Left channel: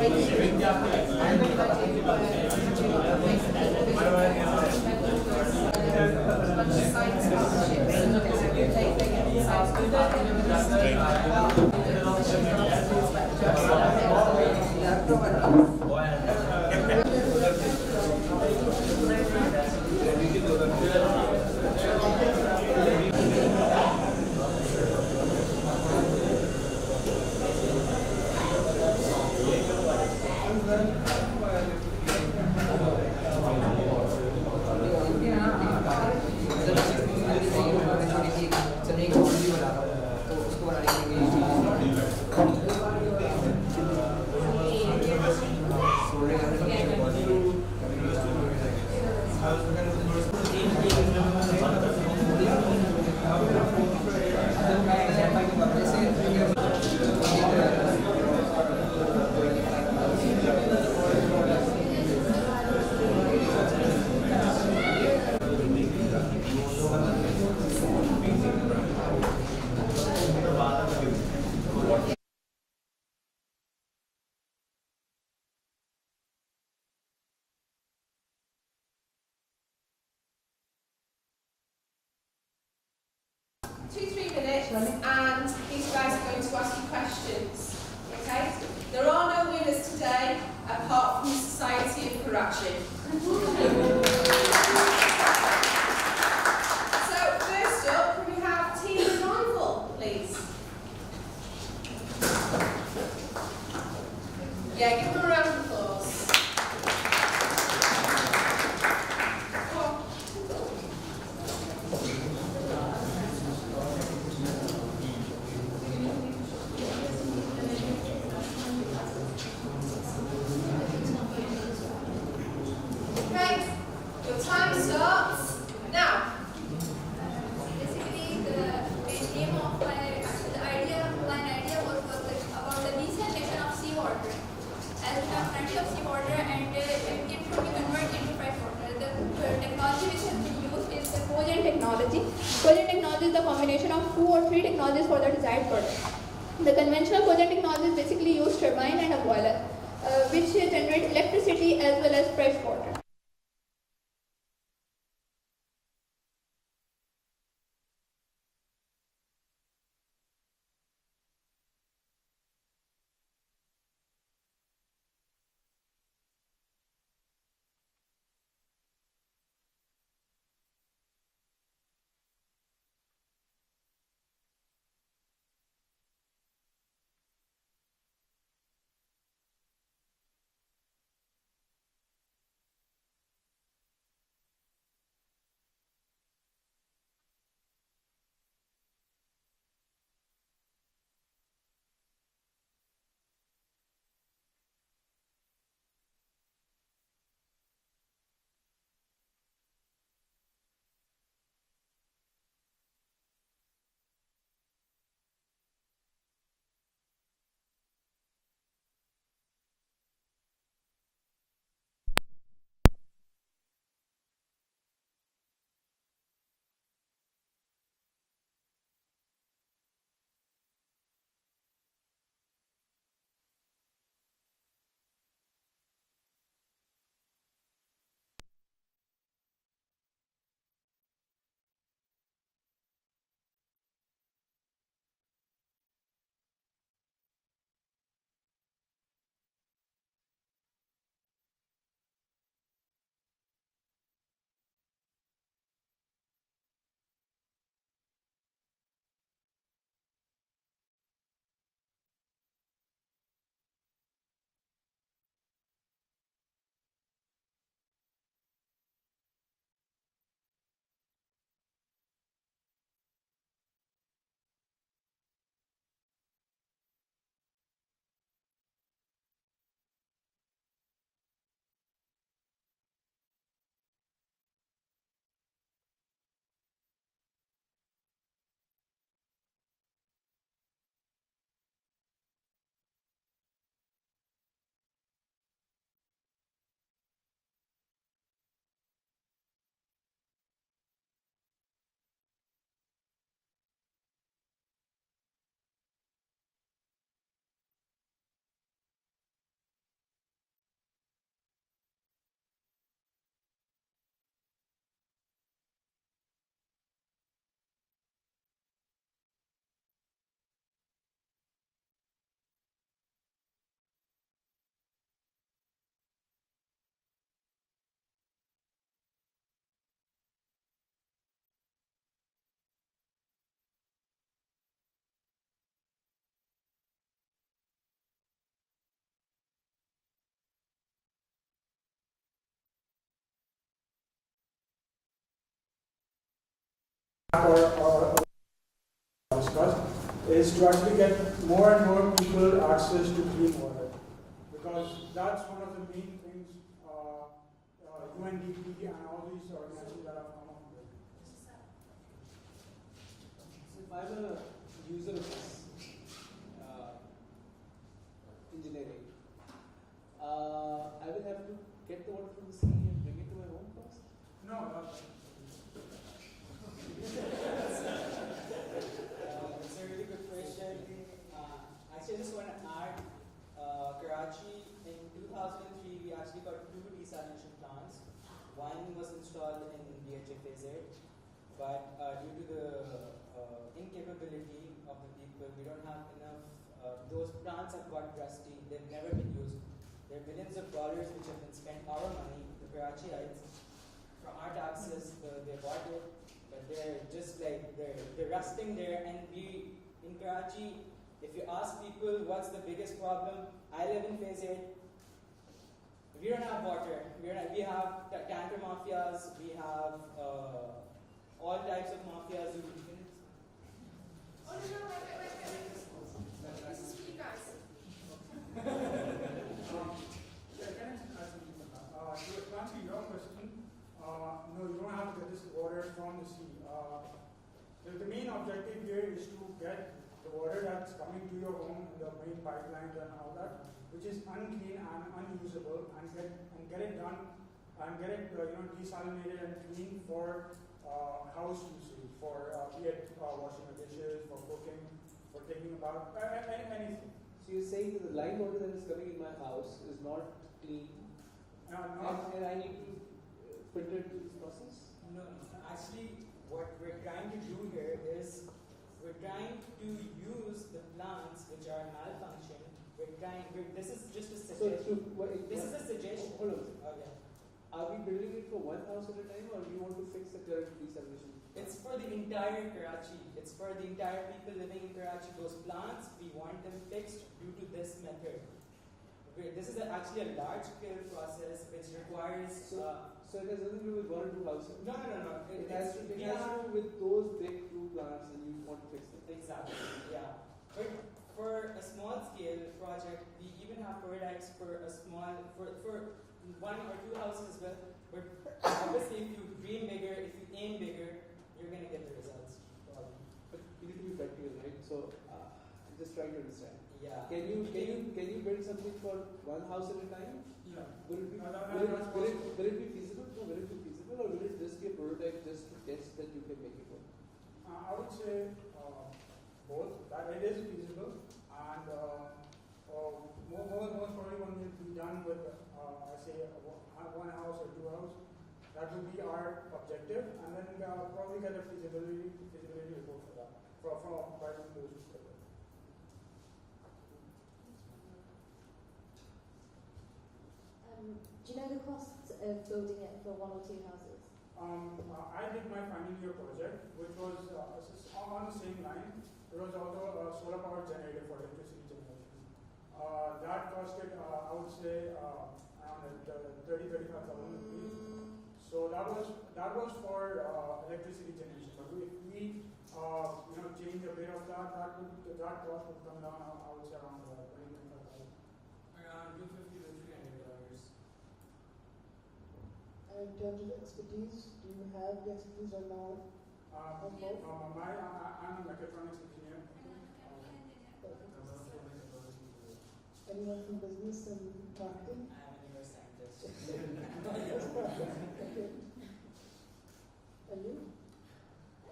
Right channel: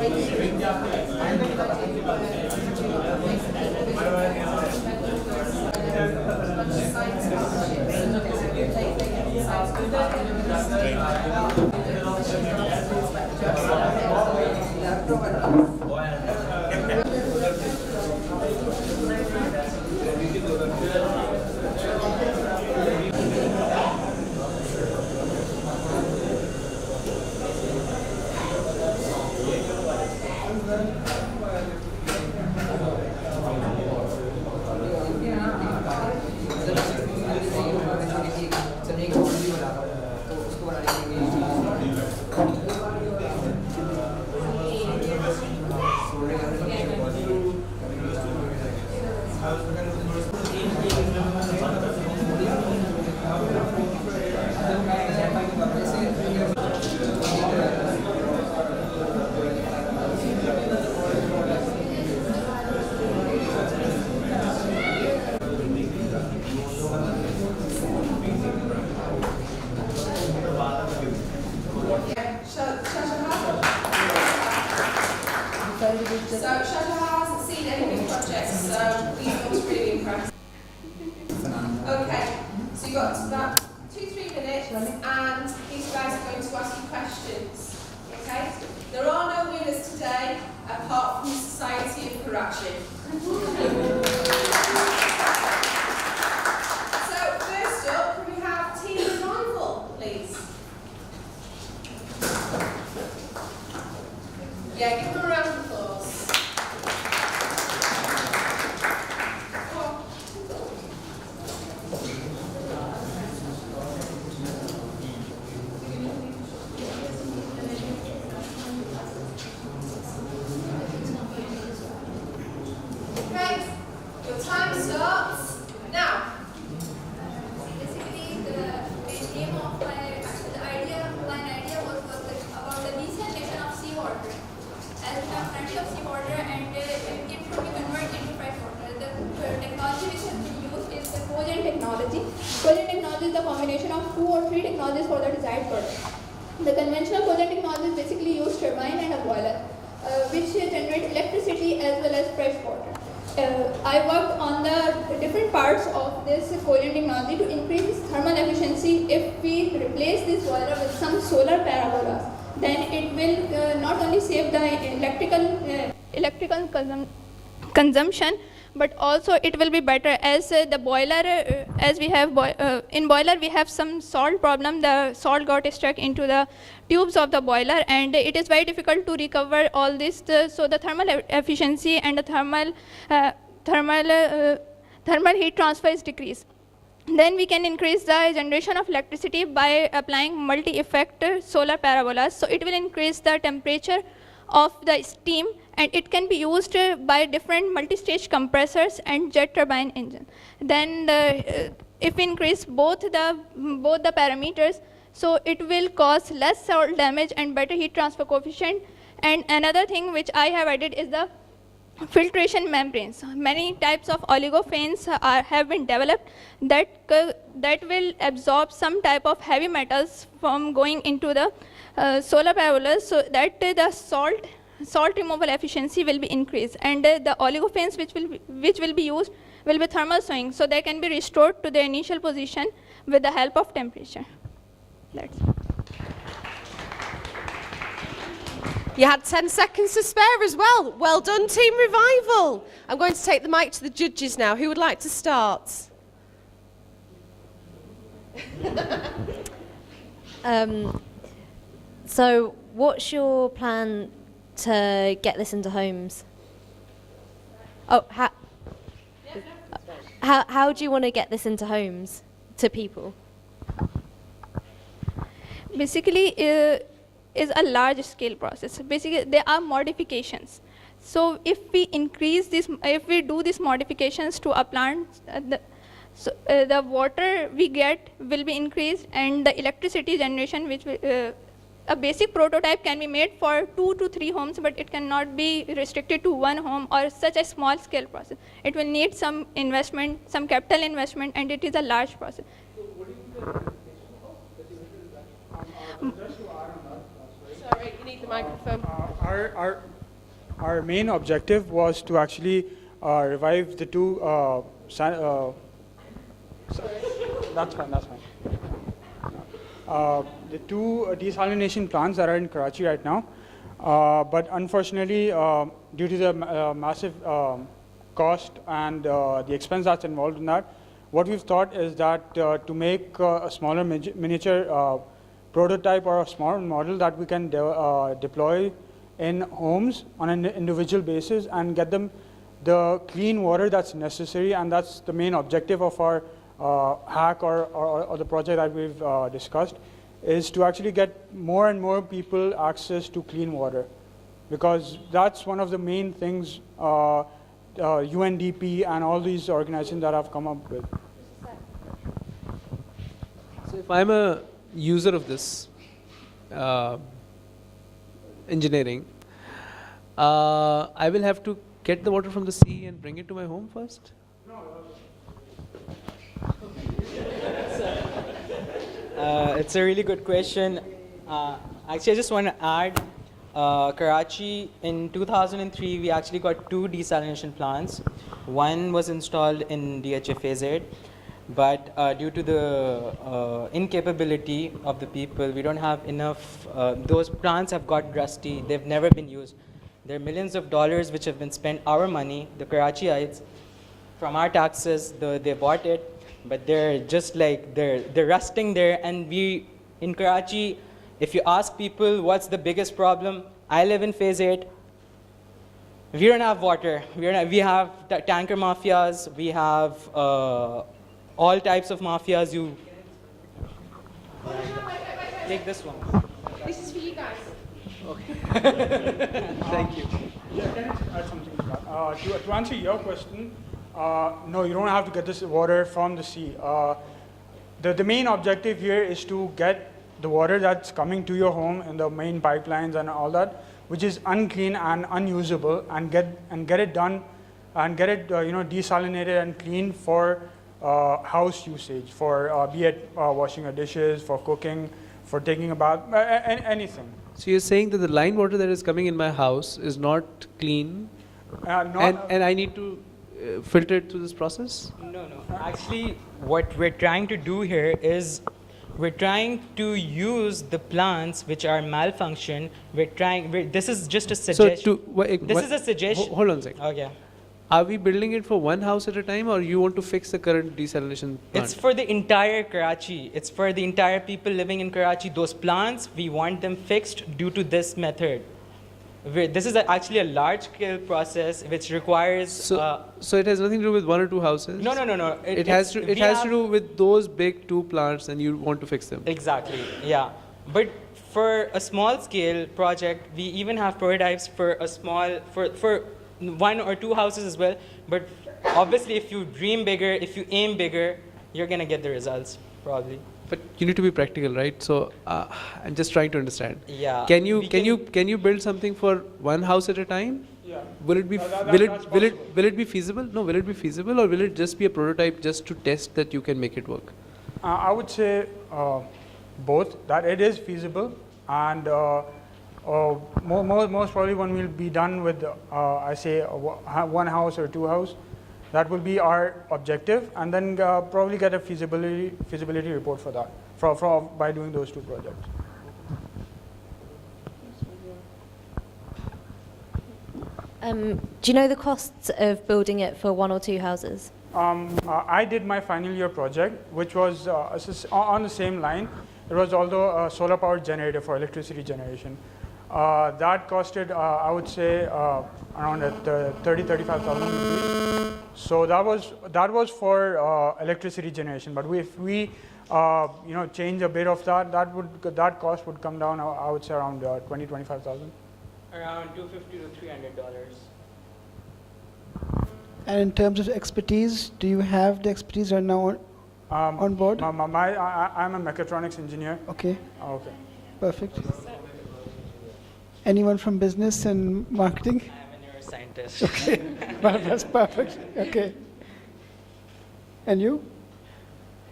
The conventional cogen technologies basically use turbine and a boiler, which generate electricity as well as fresh water. I worked on the different parts of this cogen technology to increase thermal efficiency. If we replace this boiler with some solar parabolas, then it will not only save the electrical consumption, but also it will be better as the boiler, as we have in boiler we have some salt problem. The salt got stuck into the tubes of the boiler, and it is very difficult to recover all this. So the thermal efficiency and the thermal heat transfer is decreased. Then we can increase the generation of electricity by applying multi-effect solar parabolas. So it will increase the temperature of the steam, and it can be used by different multi-stage compressors and jet turbine engine. Then if we increase both the parameters, so it will cause less salt damage and better heat transfer coefficient. And another thing which I have added is the filtration membranes. Many types of oligophanes have been developed that will absorb some type of heavy metals from going into the solar parabolas, so that the salt removal efficiency will be increased, and the oligophanes which will be used will be thermal swing, so they can be restored to their initial position with the help of temperature. That's it. You had 10 seconds to spare as well. Well done, Team Revival. I'm going to take the mic to the judges now. Who would like to start? So what's your plan to get this into homes? Oh, how do you want to get this into homes, to people? Basically, is a large-scale process. Basically, there are modifications. So if we increase this, if we do these modifications to a plant, the water we get will be increased, and the electricity generation, which will, a basic prototype can be made for 2 to 3 homes, but it cannot be restricted to 1 home or such a small scale process. It will need some investment, some capital investment, and it is a large process. Sorry, you need the microphone. Our main objective was to actually revive the two. That's fine. The two desalination plants that are in Karachi right now, but unfortunately, due to the massive cost and the expense that's involved in that, what we've thought is that to make a smaller miniature prototype or a small model that we can deploy in homes on an individual basis and get them the clean water that's necessary, and that's the main objective of our hack or the project that we've discussed, is to actually get more and more people access to clean water, because that's one of the main things UNDP and all these organizations that have come up with. So if I'm a user of this engineering, I will have to get the water from the sea and bring it to my home first? It's a really good question. Actually, I just want to add, Karachi, in 2003, we actually got 2 desalination plants. One was installed in DHFAZ, but due to the incapability of the people, we don't have enough. Those plants have got rusty. They've never been used. There are millions of dollars which have been spent, our money, the Karachiites, from our taxes. They bought it, but they're just like, they're rusting there. And we, in Karachi, if you ask people what's the biggest problem, I live in Phase 8. We don't have water. We have tanker mafias. We have all types of mafias. You take this one. This is for you guys. Thank you. Yeah, can I add something to that? To answer your question, no, you don't have to get this water from the sea. The main objective here is to get the water that's coming to your home in the main pipelines and all that, which is unclean and unusable, and get it done and get it desalinated and clean for house usage, for be it washing your dishes, for cooking, for taking a bath, anything. So you're saying that the line water that is coming in my house is not clean, and I need to filter it through this process? No. Actually, what we're trying to do here is we're trying to use the plants which are malfunction. This is just a suggestion. This is a suggestion. Hold on a second. Okay. Are we building it for one house at a time, or you want to fix the current desalination plant? It's for the entire Karachi. It's for the entire people living in Karachi. Those plants, we want them fixed due to this method. This is actually a large-scale process which requires. So it has nothing to do with 1 or 2 houses. No. It has to do with those big 2 plants, and you want to fix them. Exactly. Yeah, but for a small-scale project, we even have prototypes for a small for 1 or 2 houses as well. But obviously, if you dream bigger, if you aim bigger, you're gonna get the results probably. But you need to be practical, right? So I'm just trying to understand. Yeah. Can you build something for 1 house at a time? Yeah. Will it be will it be feasible? No, will it be feasible, or will it just be a prototype just to test that you can make it work? I would say both, that it is feasible, and most probably when we'll be done with, I say, 1 house or 2 house, that will be our objective, and then probably get a feasibility report for that, by doing those 2 projects. Do you know the costs of building it for 1 or 2 houses? I did my final year project, which was on the same line. It was also a solar powered generator for electricity generation. That costed, I would say, around 35,000 rupees. So that was for electricity generation. But if we change a bit of that cost would come down, I would say, around 25,000. Around $250 to $300. And in terms of expertise, do you have the expertise right now on board? I'm a mechatronics engineer. Okay, Okay. perfect. Anyone from business and marketing? I'm a neuroscientist. Well, that's perfect. Okay. And you?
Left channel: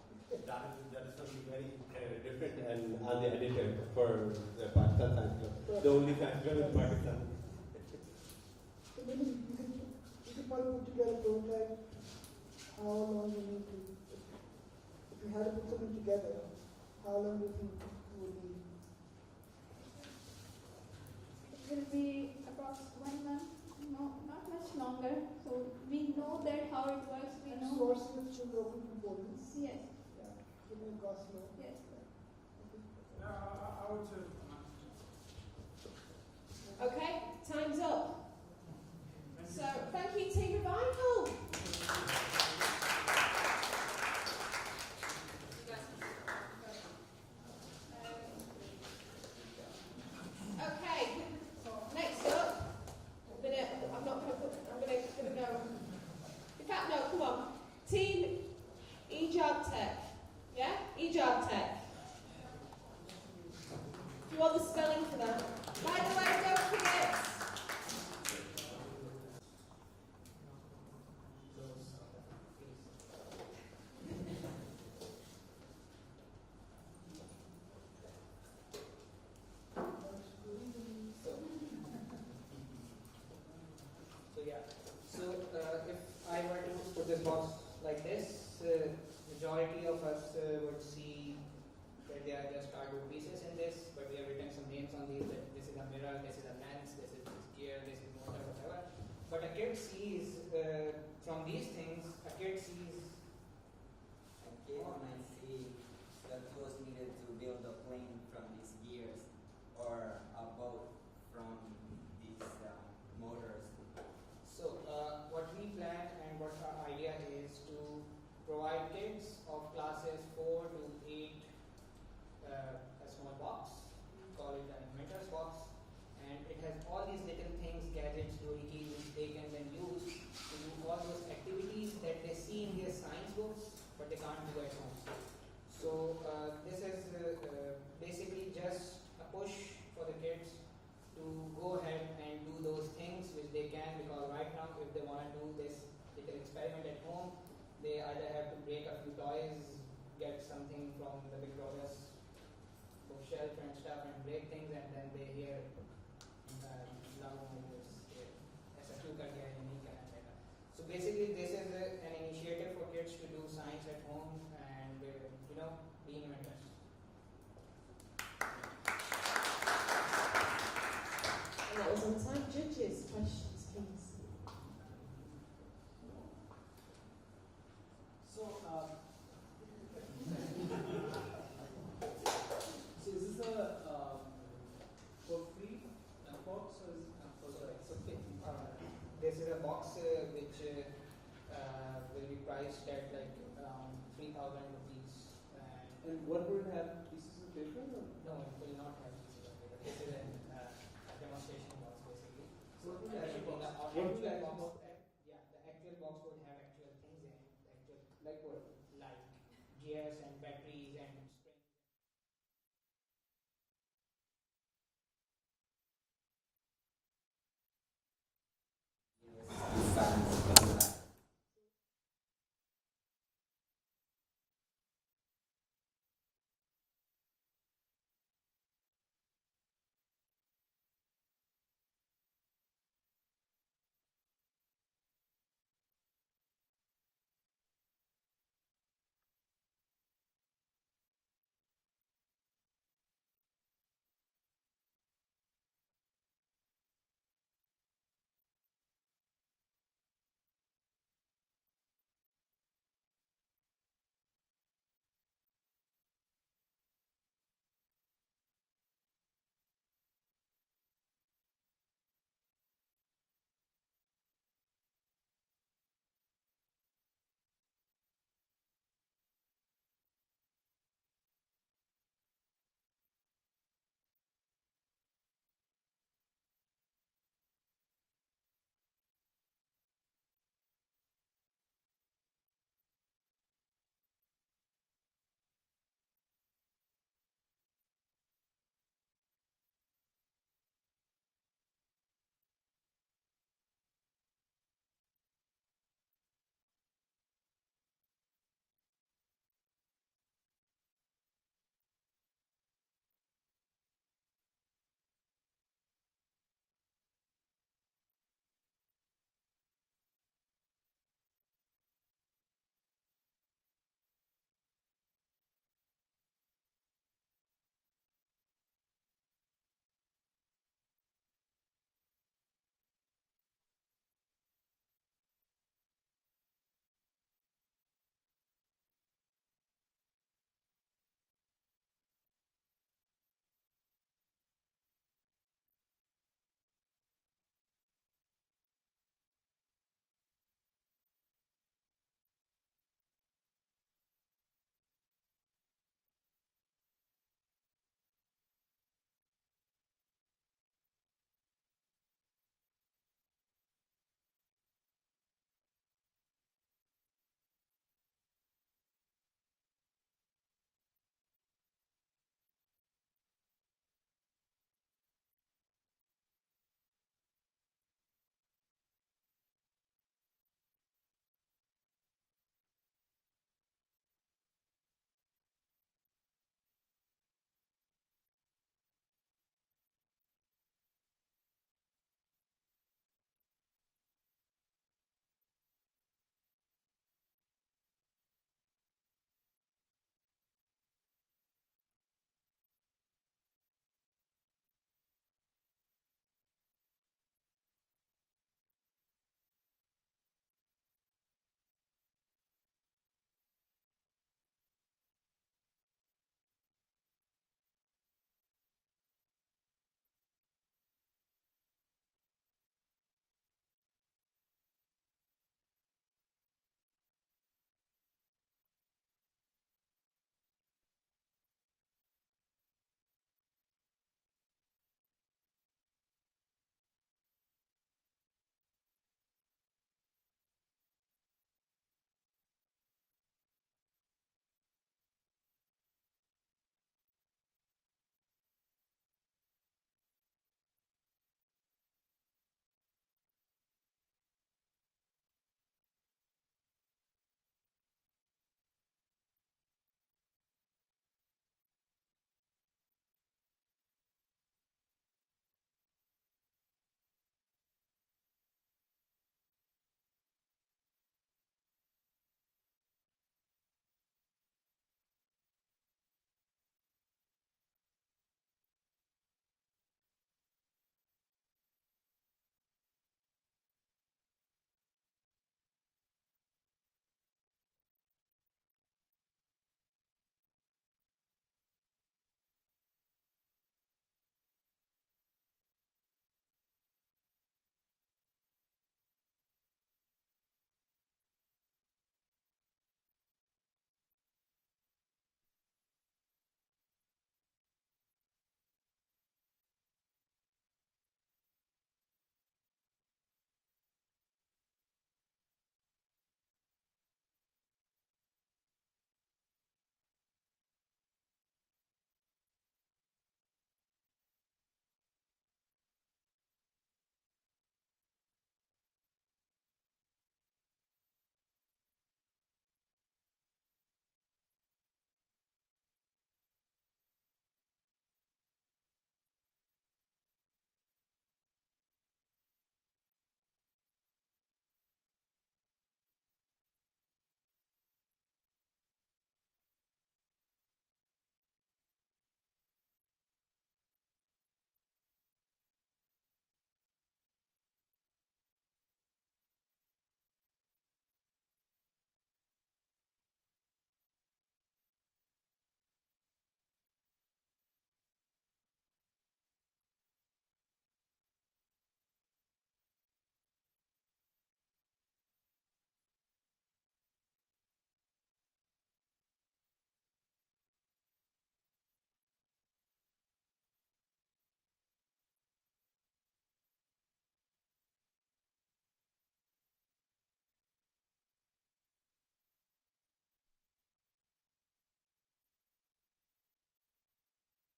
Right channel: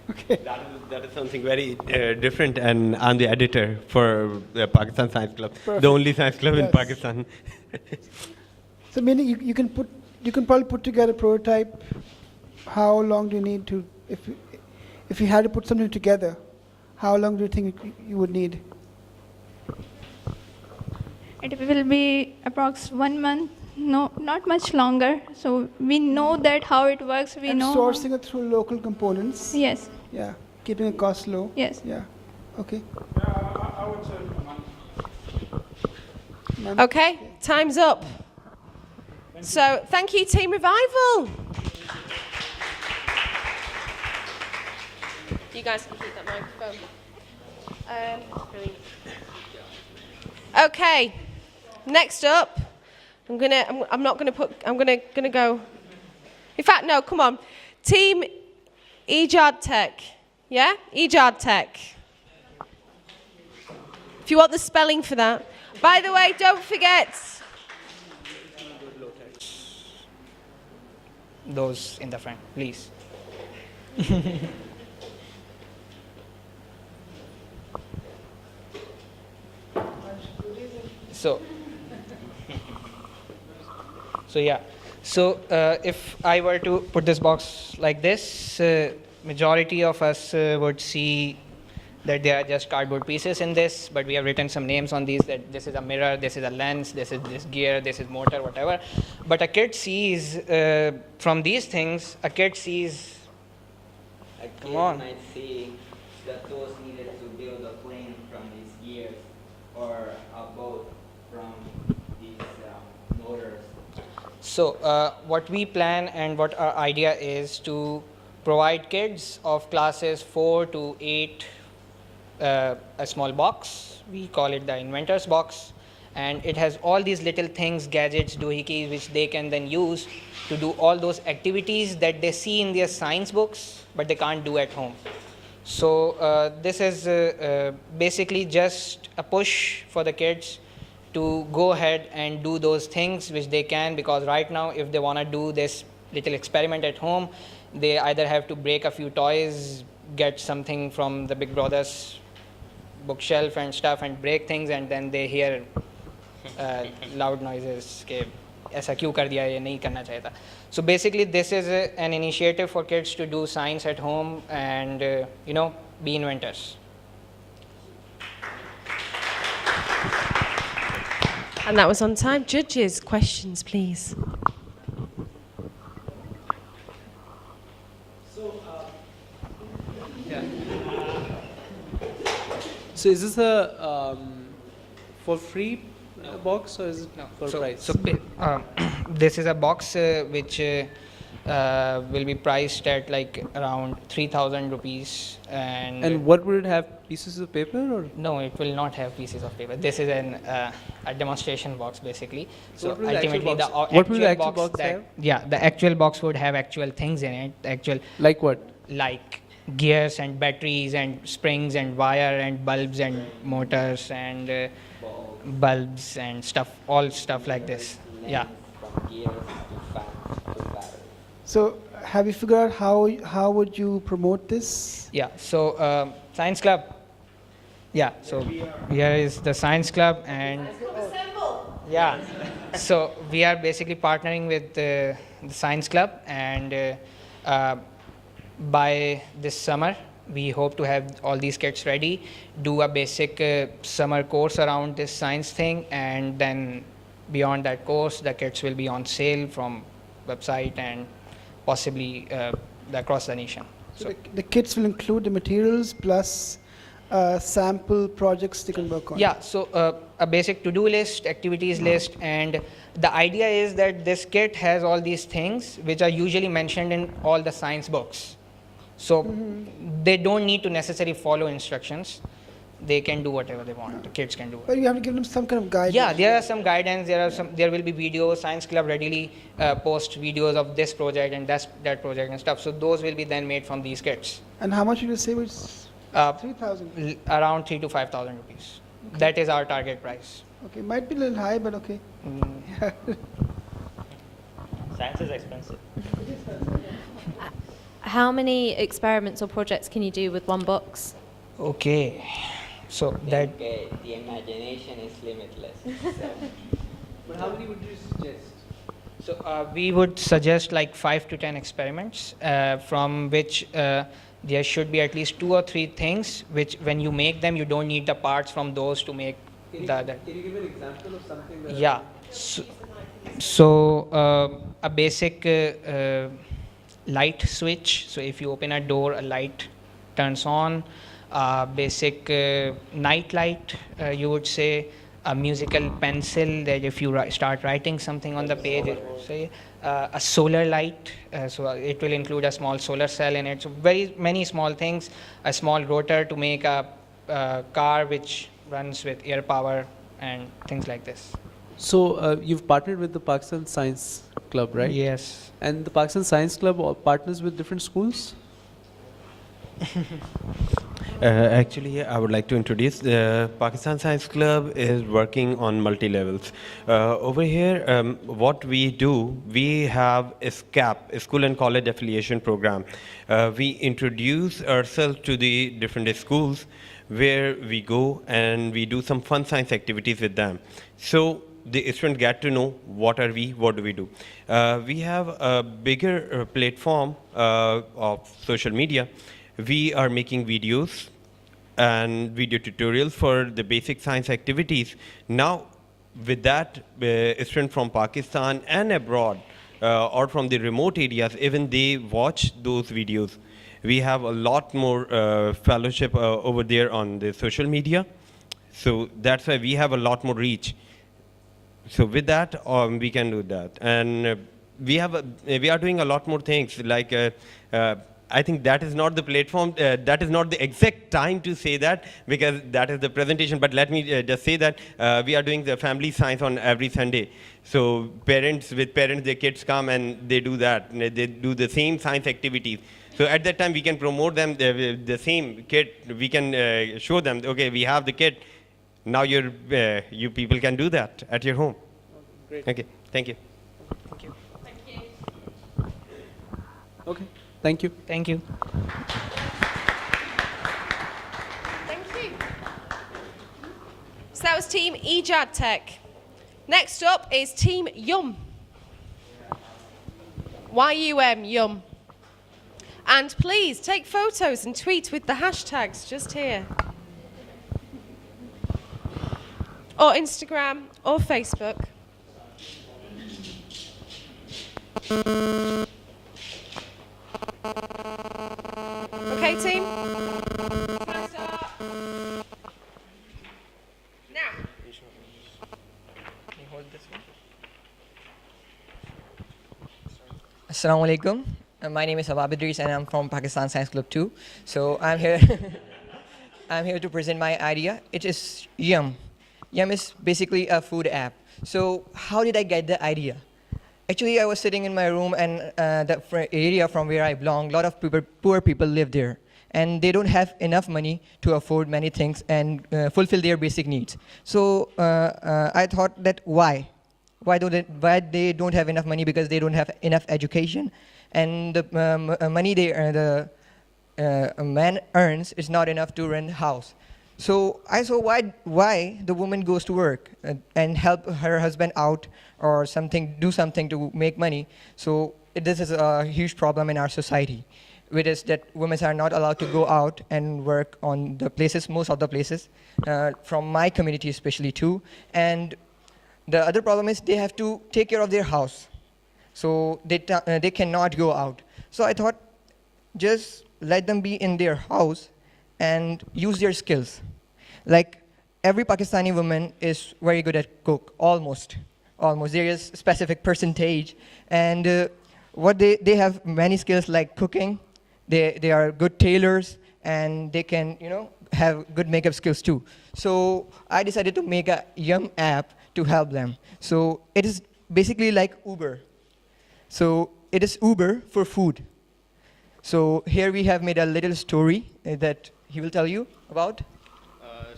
That is something very different, and I'm the editor for the Pakistan Science Club, the only science club in Yes. Pakistan. So meaning you can probably put together a prototype. How long do you need to, if you had to put something together, how long do you think you would need? It will be approx 1 month, no, not much longer. So we know that how it works. We And know. sourcing it through local components. Yes. Yeah, keeping the cost low. Yes. Yeah. Okay. I would say a month. Okay, time's up. So thank you, Team Revival. You guys can keep that microphone. Okay, next up, I'm gonna go. In fact, no, come on, Team Ejad Tech, yeah, Ejad Tech. If you want the spelling for that. By the way, don't forget. Those in the front, please. So yeah. So if I were to put this box like this, majority of us would see that they are just cardboard pieces in this, but we have written some names on these, that this is a mirror, this is a lens, this is this gear, this is motor, whatever. But a kid sees, from these things, a kid sees, come on. Might see the tools needed to build a plane from these gears, or a boat from these motors. So what we plan and what our idea is to provide kids of classes 4 to 8 a small box. We call it the inventor's box, and it has all these little things, gadgets, doohickeys, which they can then use to do all those activities that they see in their science books but they can't do at home. So this is basically just a push for the kids to go ahead and do those things which they can, because right now if they want to do this little experiment at home, they either have to break a few toys, get something from the Big Brother's bookshelf and stuff and break things, and then they hear loud noises ke aisa kyun kar diya, ye nahi karna chahiye tha. So basically this is an initiative for kids to do science at home and be inventors. And that was on time. Judges, questions, please. So is this a for free box, or is it for price? So this is a box which will be priced at like around 3,000 rupees. And what would it have? Pieces of paper, or? No, it will not have pieces of paper. This is a demonstration box basically. So What will the ultimately actual box- what will the actual box that, have? Yeah, the actual box would have actual things in it. Actual Like what? like gears and batteries and springs and wire and bulbs and motors and bulbs and stuff, all stuff like this. Yeah. From gears, fans, and batteries. So have you figured out how would you promote this? Yeah. So science club. Yeah. So here is the science club, and yeah. So we are basically partnering with the science club, and by this summer we hope to have all these kits ready, do a basic summer course around this science thing, and then beyond that course the kits will be on sale from website and possibly across the nation. So the kits will include the materials plus sample projects they can work on. Yeah, so a basic to-do list, activities list, and the idea is that this kit has all these things which are usually mentioned in all the science books. So they don't need to necessarily follow instructions. They can do whatever they want. The kids can do it. But you have to give them some kind of guidance. Yeah, there are some guidance. There will be videos. Science Club readily post videos of this project and that project and stuff. So those will be then made from these kits. And how much did you say was 3,000? Around 3,000 to 5,000 rupees. That is our target price. Okay, might be a little high, but okay. Science is expensive. How many experiments or projects can you do with one box? Okay. So that The imagination is limitless. So. But how many would you suggest? So we would suggest like 5 to 10 experiments from which there should be at least 2 or 3 things which when you make them you don't need the parts from those to make the other. Can you give an example of something that? Yeah. So a basic light switch. So if you open a door, a light turns on. Basic night light, you would say. A musical pencil that if you start writing something on the page, say a solar light. So it will include a small solar cell in it. So very many small things. A small rotor to make a car which runs with air power and things like this. So you've partnered with the Pakistan Science Club, right? Yes. And the Pakistan Science Club partners with different schools? Actually, I would like to introduce the Pakistan Science Club is working on multi-levels. Over here, what we do, we have a SCAP, a School and College Affiliation Program. We introduce ourselves to the different schools where we go and we do some fun science activities with them. So the students get to know what do we do. We have a bigger platform of social media. We are making videos and video tutorials for the basic science activities. Now, with that, students from Pakistan and abroad, or from the remote areas, even they watch those videos. We have a lot more fellowship over there on the social media. So that's why we have a lot more reach. So with that, we can do that. And we are doing a lot more things like I think that is not the platform, that is not the exact time to say that because that is the presentation, but let me just say that we are doing the family science on every Sunday. So with parents, their kids come and they do that. They do the same science activities. So at that time, we can promote them, the same kit. We can show them, okay, we have the kit. Now you people can do that at your home. Great. Okay, thank you. Thank you. Okay, thank you. Thank you. Thank you. So that was Team Ejad Tech. Next up is Team Yum. YUM, Yum. And please take photos and tweet with the hashtags just here. Or Instagram or Facebook. Okay, team? Can I start? Now. Assalamu alaikum. My name is Habab Idris and I'm from Pakistan Science Club 2. So I'm here I'm here to present my idea. It is Yum. Yum is basically a food app. So how did I get the idea? Actually, I was sitting in my room and the area from where I belong, a lot of poor people live there. And they don't have enough money to afford many things and fulfill their basic needs. So I thought that why? Why they don't have enough money? Because they don't have enough education. And the money a man earns is not enough to rent a house. So I saw why the woman goes to work and help her husband out or do something to make money. So this is a huge problem in our society, which is that women are not allowed to go out and work on the places, most of the places, from my community especially too. And the other problem is they have to take care of their house. So they cannot go out. So I thought, just let them be in their house and use their skills. Like every Pakistani woman is very good at cook, almost. There is specific percentage. And they have many skills like cooking. They are good tailors and they can, have good makeup skills too. So I decided to make a Yum app to help them. So it is basically like Uber. So it is Uber for food. So here we have made a little story that he will tell you about.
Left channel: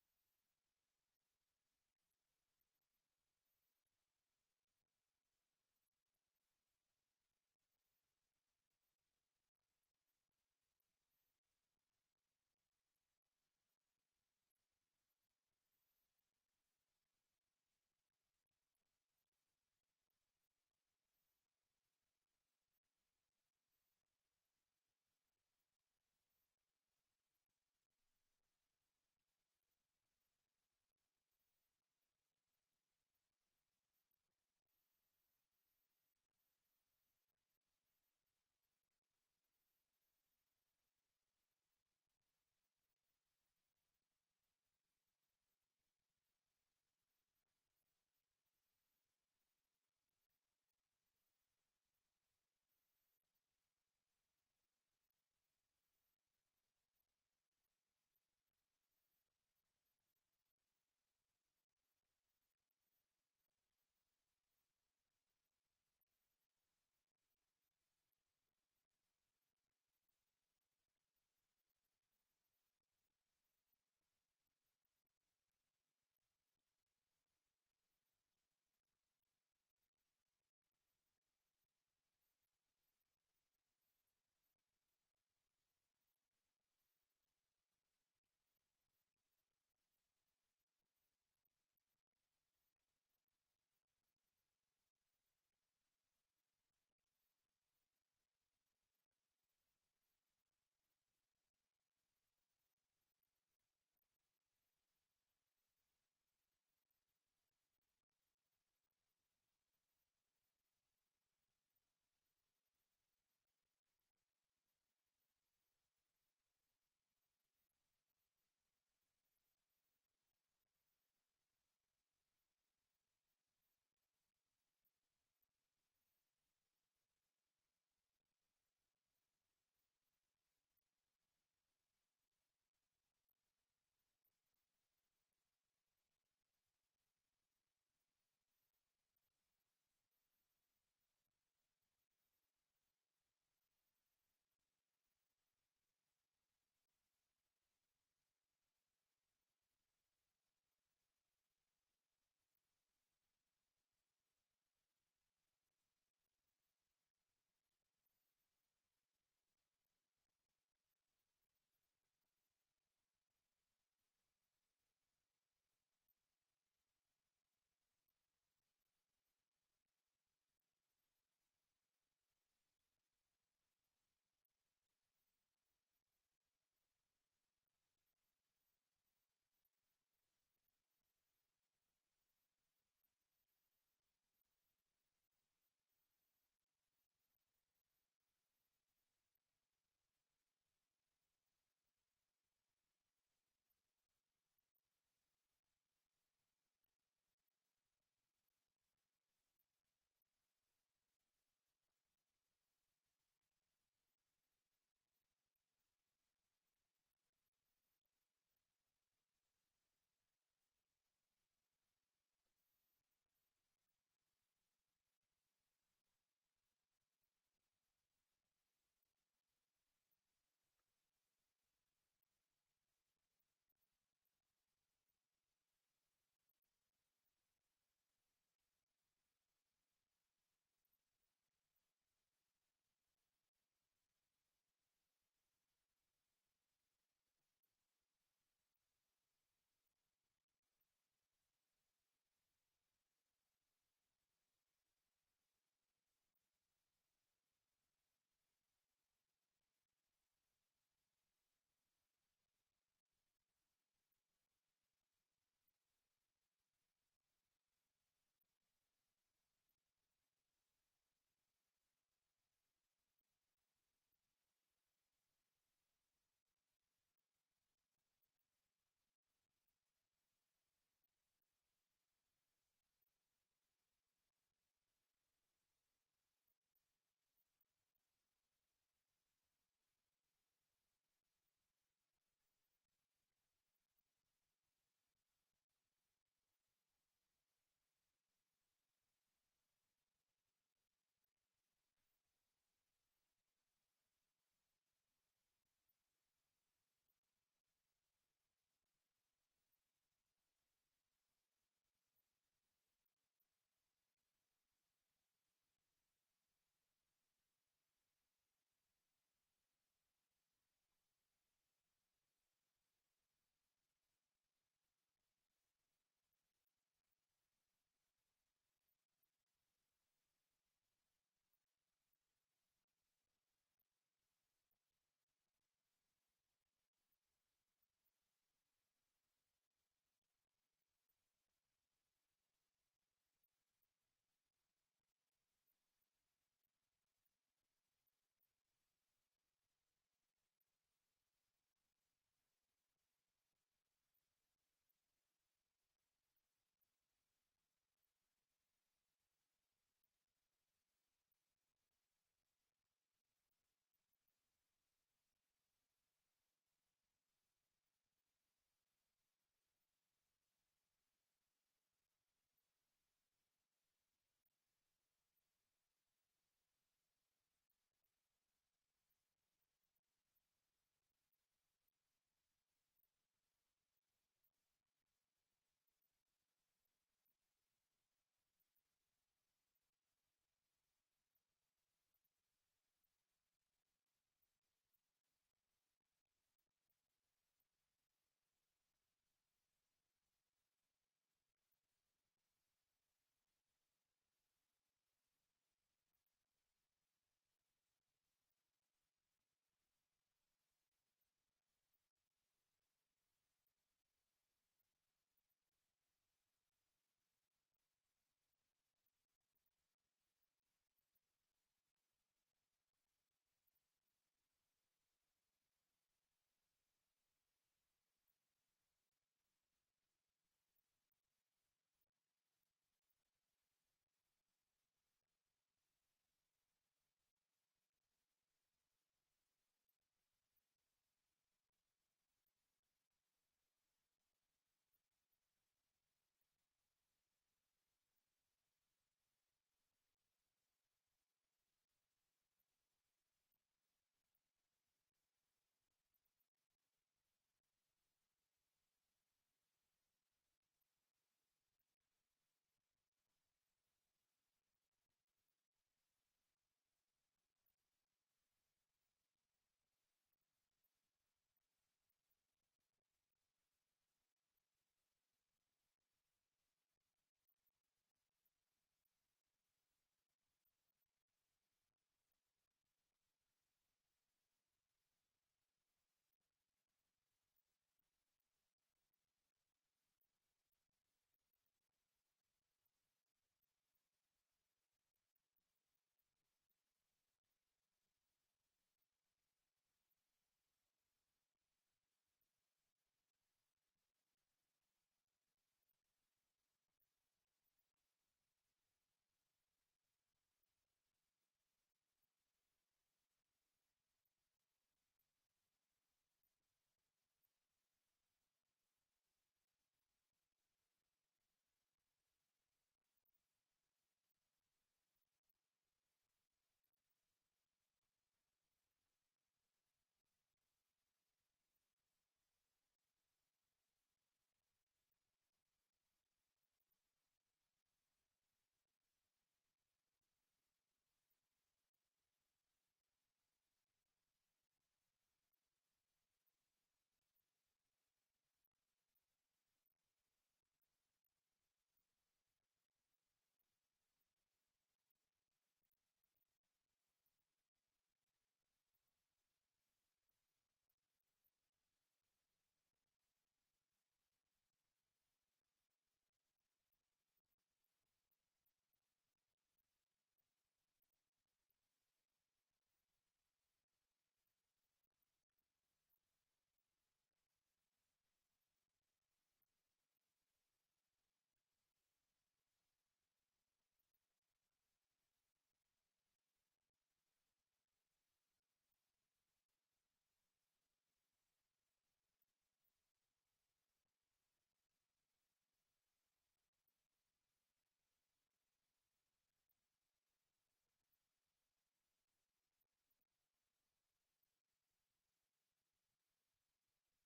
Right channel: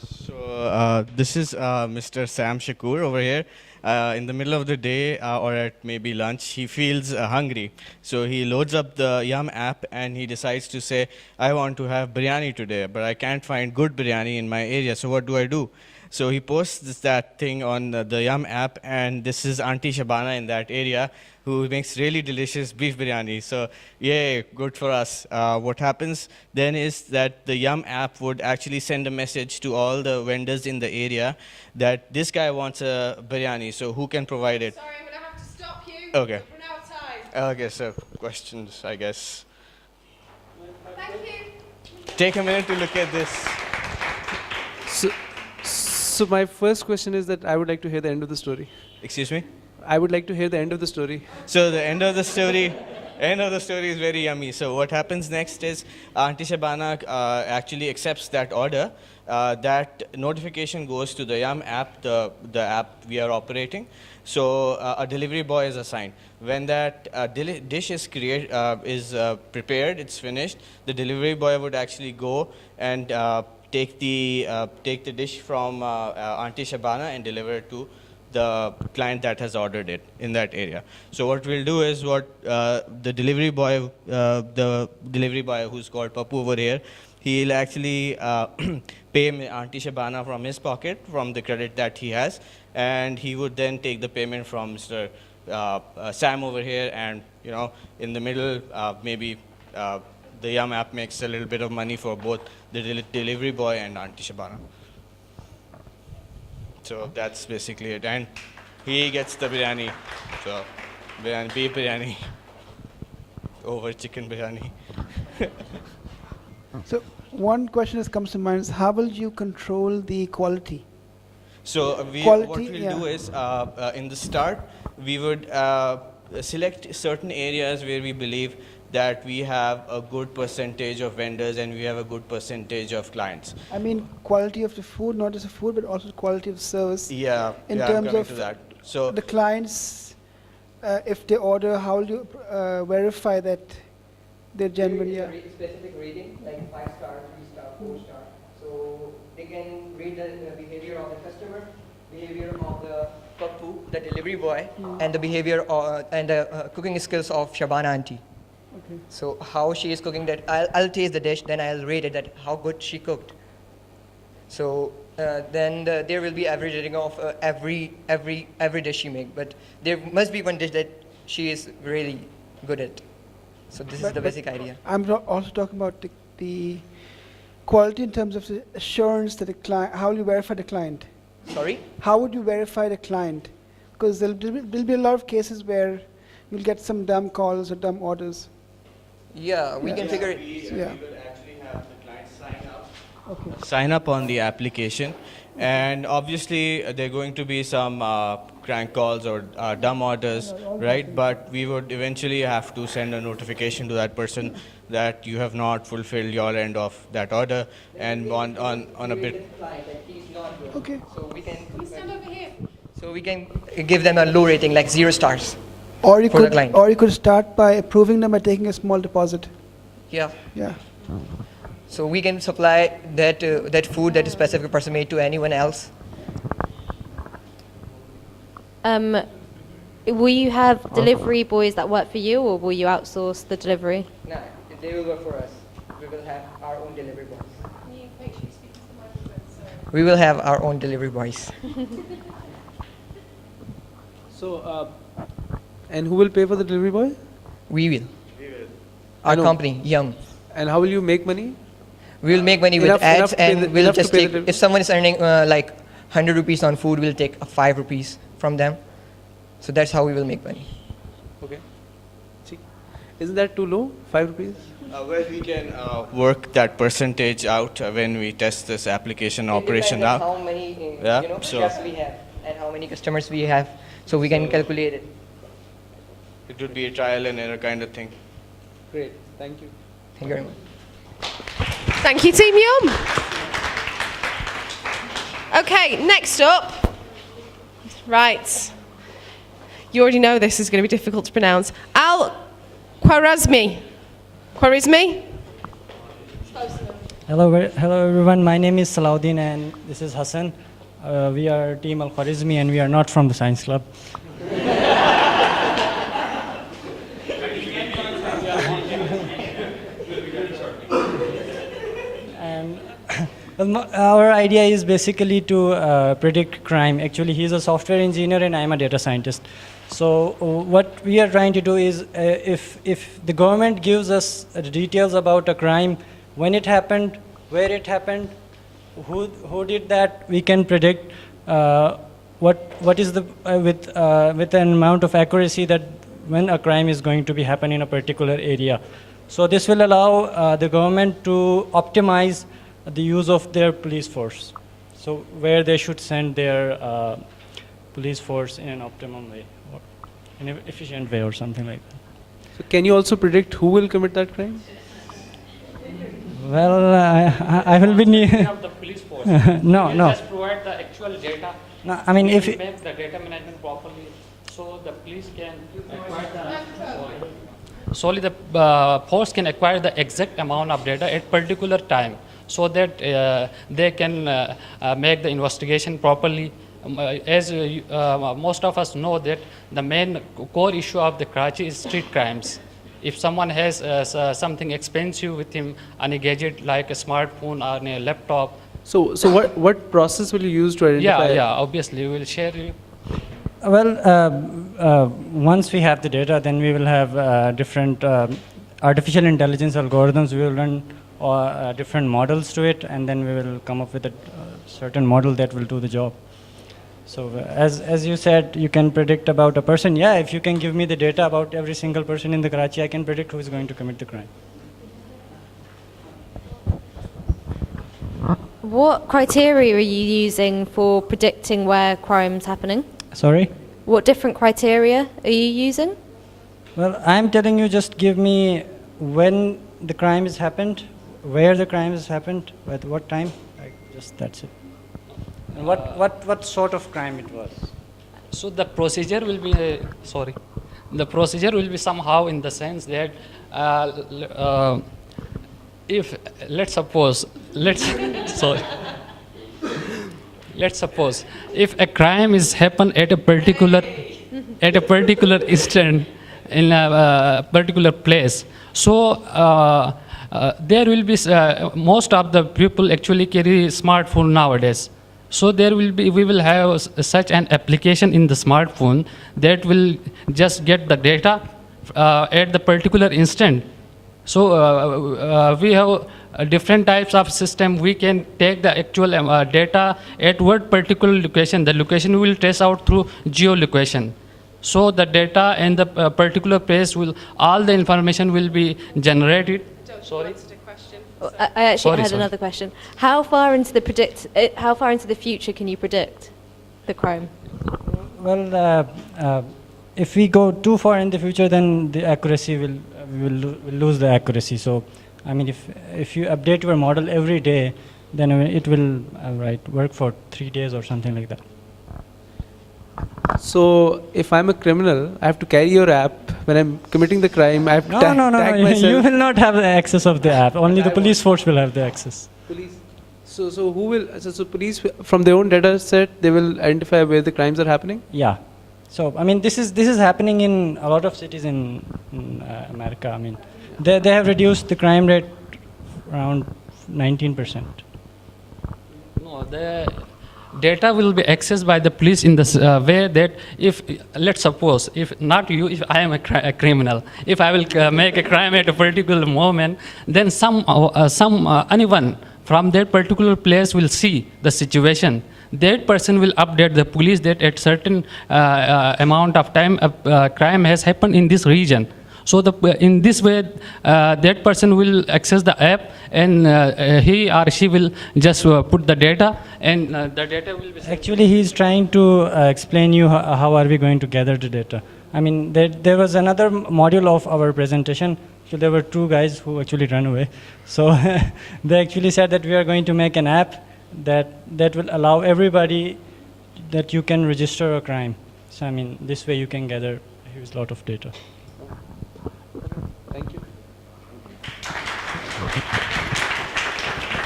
So this is Mr. Sam Shakur over here. In the middle of the day or at maybe lunch, he feels hungry. So he loads up the Yum app and he decides to say, I want to have biryani today, but I can't find good biryani in my area. So what do I do? So he posts that thing on the Yum app, and this is Auntie Shabana in that area who makes really delicious beef biryani. So yay, good for us. What happens then is that the Yum app would actually send a message to all the vendors in the area that this guy wants a biryani, so who can provide it? Sorry, I'm going to have to stop you. Okay. We've run out of time. Okay, so questions, I guess. Thank you. Take a minute to look at this. So my first question is that I would like to hear the end of the story. Excuse me? I would like to hear the end of the story. So the end of the story is very yummy. So what happens next is Auntie Shabana actually accepts that order. That notification goes to the Yum app, the app we are operating. So a delivery boy is assigned. When that dish is prepared, it's finished, the delivery boy would actually go and take the dish from Auntie Shabana and deliver it to the client that has ordered it in that area. So what we'll do is the delivery boy who's called Papu over here, he'll actually pay Auntie Shabana from his pocket, from the credit that he has, and he would then take the payment from Mr. Sam over here, and in the middle, maybe the Yum app makes a little bit of money for both the delivery boy and Auntie Shabana. So that's basically it. And he gets the biryani. So beef biryani over chicken biryani. So one question that comes to mind is, how will you control the quality? So what we'll do is, in the start, we would select certain areas where we believe that we have a good percentage of vendors and we have a good percentage of clients. I mean, quality of the food, not just the food, but also quality of service. Yeah, in I'm terms coming of to that. So the clients, if they order, how will you verify that they're genuine? Yeah. Specific rating, like 5-star, 3-star, 4-star. So they can rate the behavior of the customer, behavior of the Papu, the delivery boy, and the behavior and the cooking skills of Shabana auntie. Okay. So how she is cooking that, I'll taste the dish, then I'll rate it that how good she cooked. So then there will be average rating of every dish she make, but there must be one dish that she is really good at. So this is the basic idea. I'm also talking about the quality in terms of the assurance that the client, how will you verify the client? Sorry? How would you verify the client? Because there'll be a lot of cases where you'll get some dumb calls or dumb orders. Yeah, we can figure it. We will actually have the client sign up on the application, and obviously there are going to be some crank calls or dumb orders, right? But we would eventually have to send a notification to that person that you have not fulfilled your end of that order, and on a bit. Okay. So we can. Stand over here. So we can give them a low rating, like 0 stars. Or you for the client. or you could start by approving them by taking a small deposit. Yeah. Yeah. So we can supply that food that a specific person made to anyone else. Will you have delivery boys that work for you, or will you outsource the delivery? No, they will work for us. We will have our own delivery boys. We will have our own delivery boys. So, and who will pay for the delivery boy? We will. Our company, Yum. And how will you make money? We will make money with ads, and we'll just take, if someone is earning like 100 rupees on food, we'll take 5 rupees from them. So that's how we will make money. Okay. Isn't that too low, 5 rupees? Well, we can work that percentage out when we test this application operation out. How many so chefs we have and how many customers we have, so we can calculate it. It would be a trial and error kind of thing. Great, thank you. Thank you very much. Thank you, Team Yum. Okay, next up. Right. You already know this is going to be difficult to pronounce. Al-Khwarizmi. Khwarizmi? Hello everyone. My name is Salahuddin and this is Hassan. We are Team Al-Khwarizmi and we are not from the science club. And our idea is basically to predict crime. Actually, he's a software engineer and I'm a data scientist. So what we are trying to do is if the government gives us details about a crime, when it happened, where it happened, who did that, we can predict what is the with an amount of accuracy that when a crime is going to be happen in a particular area. So this will allow the government to optimize the use of their police force. So where they should send their police force in an optimum way, or in an efficient way or something like that. So can you also predict who will commit that crime? Well, I will be near. Of the police force. No. Just provide the actual data. No, I mean, if we make the data management properly, so the police can acquire solely the force can acquire the exact amount of data at particular time, so that they can make the investigation properly. As most of us know that the main core issue of the Karachi is street crimes. If someone has something expensive with him on a gadget like a smartphone or a laptop. So what process will you use to identify? Yeah, obviously we will share you. Well, once we have the data, then we will have different artificial intelligence algorithms. We will run different models to it, and then we will come up with a certain model that will do the job. So as you said, you can predict about a person. Yeah, if you can give me the data about every single person in the Karachi, I can predict who is going to commit the crime. What criteria are you using for predicting where crime's happening? Sorry? What different criteria are you using? Well, I'm telling you, just give me when the crime has happened, where the crime has happened, at what time. Just that's it. And what sort of crime it was? So the procedure will be the procedure will be somehow in the sense that if let's suppose if a crime is happened at a particular instant in a particular place, so there will be most of the people actually carry smartphone nowadays. So we will have such an application in the smartphone that will just get the data at the particular instant. So we have different types of system. We can take the actual data at what particular location. The location we will trace out through geolocation. So the data and the particular place all the information will be generated. Sorry. I actually had another question. How far into the future can you predict the crime? Well, if we go too far in the future, then the accuracy we'll lose the accuracy. So, I mean, if you update your model every day, then it will work for 3 days or something like that. So if I'm a criminal, I have to carry your app. When I'm committing the crime, I have to tag myself. You will not have the access of the app. Only the police force will have the access. Police. So who will? So police from their own data set, they will identify where the crimes are happening. Yeah. So I mean, this is happening in a lot of cities in America. I mean, they have reduced the crime rate around 19%. No, the data will be accessed by the police in this way that if, let's suppose, if not you, if I am a criminal, if I will make a crime at a particular moment, then anyone from that particular place will see the situation. That person will update the police that at certain amount of time a crime has happened in this region. So in this way, that person will access the app, and he or she will just put the data, and the data will be... Actually, he's trying to explain you how are we going to gather the data. I mean, there was another module of our presentation. So there were 2 guys who actually ran away. So they actually said that we are going to make an app that will allow everybody that you can register a crime. So I mean, this way you can gather a huge lot of data. Thank you.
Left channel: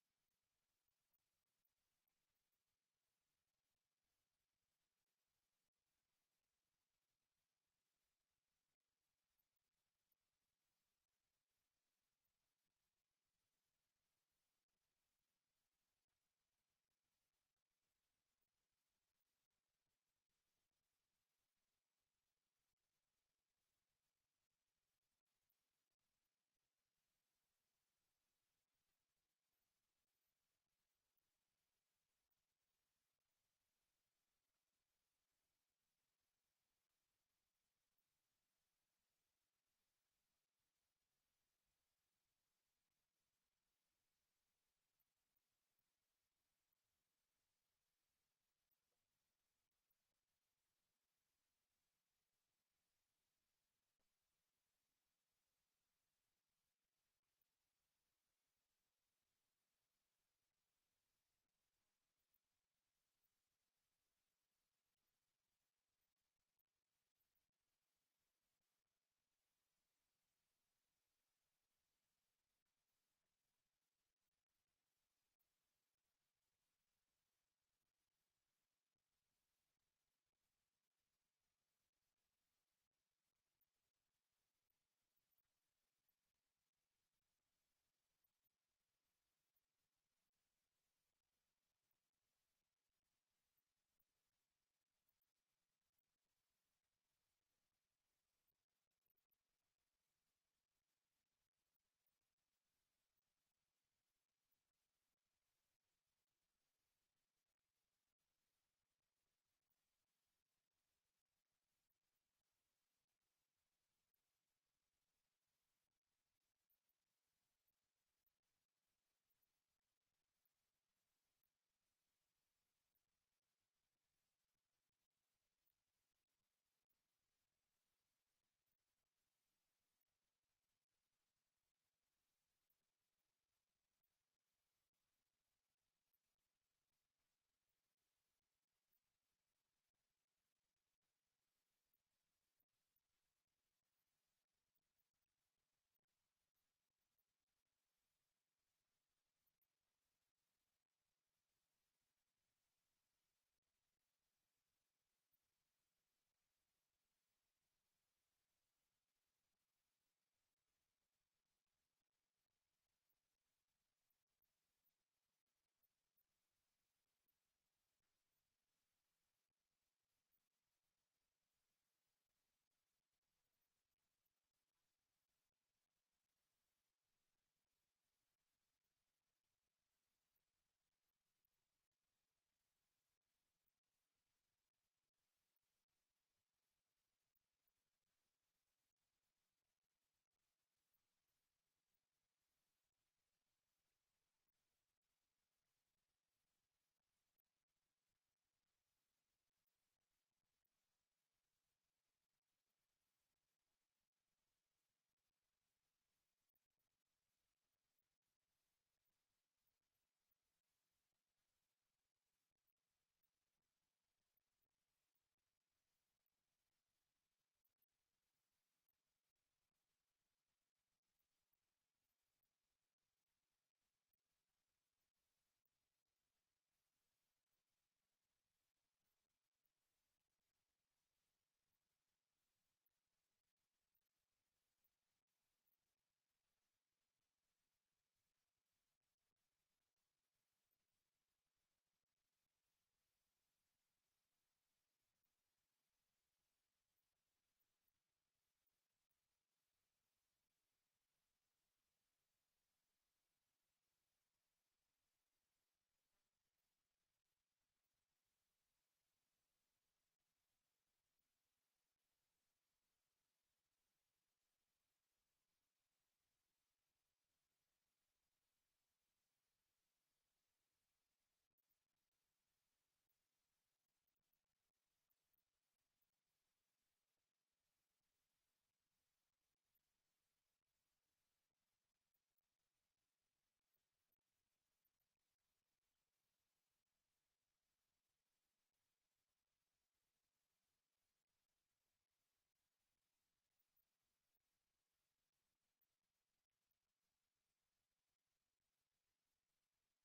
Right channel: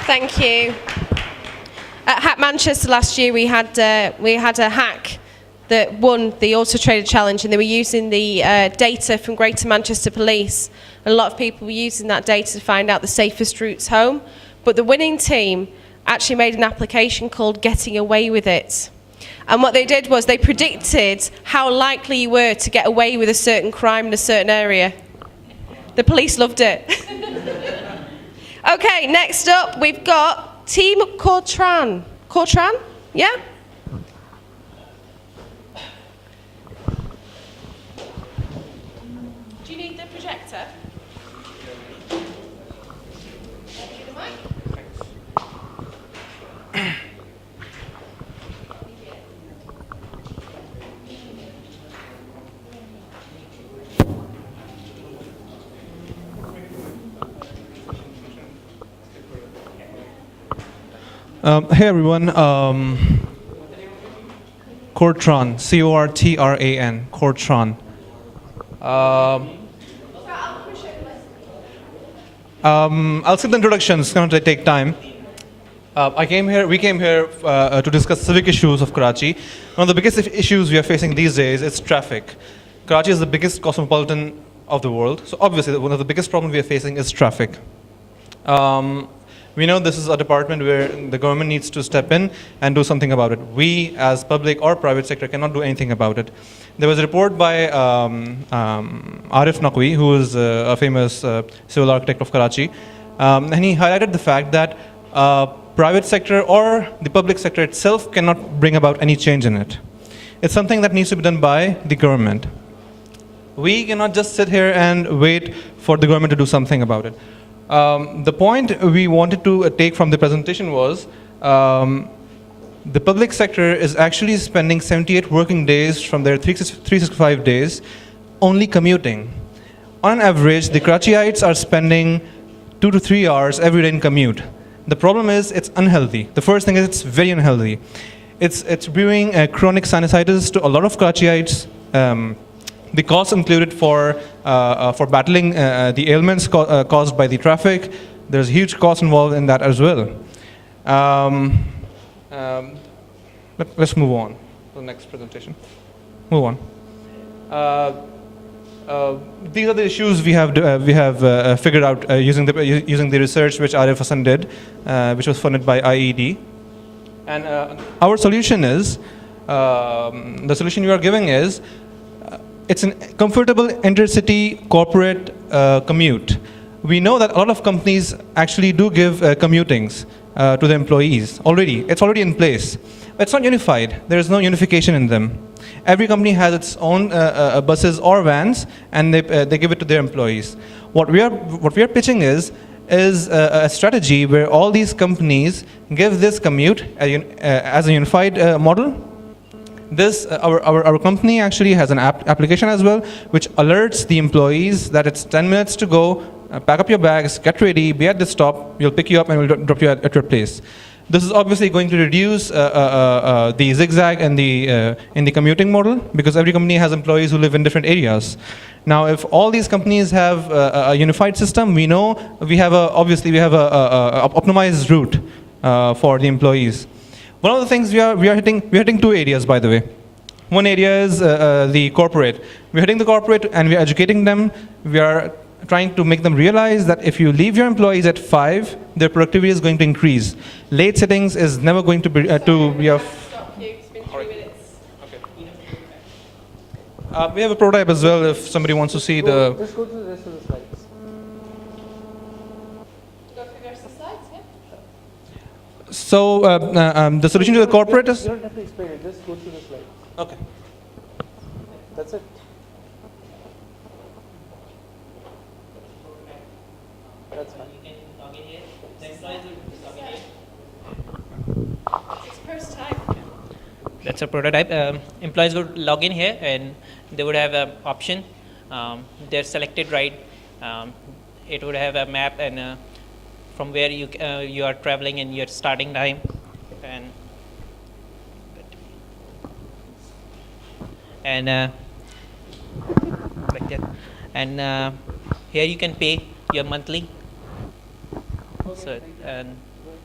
Thank you. At HackManchester last year, we had a hack that won the Auto Trader Challenge, and they were using the data from Greater Manchester Police. And a lot of people were using that data to find out the safest routes home. But the winning team actually made an application called Getting Away With It. And what they did was they predicted how likely you were to get away with a certain crime in a certain area. The police loved it. Okay, next up we've got Team Cortran. Cortran? Yeah? Do you need the projector? Hey everyone, Cortran, C-O-R-T-R-A-N, Cortran. I'll skip the introduction, it's going to take time. We came here to discuss civic issues of Karachi. One of the biggest issues we are facing these days is traffic. Karachi is the biggest cosmopolitan of the world, so obviously one of the biggest problems we are facing is traffic. We know this is a department where the government needs to step in and do something about it. We, as public or private sector, cannot do anything about it. There was a report by Arif Naqvi, who is a famous civil architect of Karachi, and he highlighted the fact that private sector or the public sector itself cannot bring about any change in it. It's something that needs to be done by the government. We cannot just sit here and wait for the government to do something about it. The point we wanted to take from the presentation was the public sector is actually spending 78 working days from their 365 days only commuting. On average, the Karachiites are spending 2 to 3 hours every day in commute. The problem is it's unhealthy. The first thing is it's very unhealthy. It's bringing chronic sinusitis to a lot of Karachiites. The costs included for battling the ailments caused by the traffic, there's huge cost involved in that as well. Let's move on to the next presentation. Move on. These are the issues we have figured out using the research which Arif Hassan did, which was funded by IED. And our solution is, the solution we are giving is, it's a comfortable intercity corporate commute. We know that a lot of companies actually do give commutings to the employees already. It's already in place. But it's not unified. There is no unification in them. Every company has its own buses or vans, and they give it to their employees. What we are pitching is a strategy where all these companies give this commute as a unified model. Our company actually has an application as well, which alerts the employees that it's 10 minutes to go, pack up your bags, get ready, be at the stop, we'll pick you up and we'll drop you at your place. This is obviously going to reduce the zigzag in the commuting model, because every company has employees who live in different areas. Now, if all these companies have a unified system, we know we have a optimized route for the employees. One of the things we are hitting two areas, by the way. One area is the corporate. We're hitting the corporate and we're educating them. We are trying to make them realize that if you leave your employees at 5, their productivity is going to increase. Late sittings is never going to be we have a prototype as well if somebody wants to see the. Just go to the rest of the slides. So the solution to the corporate is. You don't have to explain it. Just go through the slides. Okay. That's it. That's fine. You can log in here. The employees will log in here. It's first time. That's a prototype. Employees would log in here and they would have an option. Their selected ride. It would have a map and from where you are traveling and your starting time. And like that. And here you can pay your monthly. So, and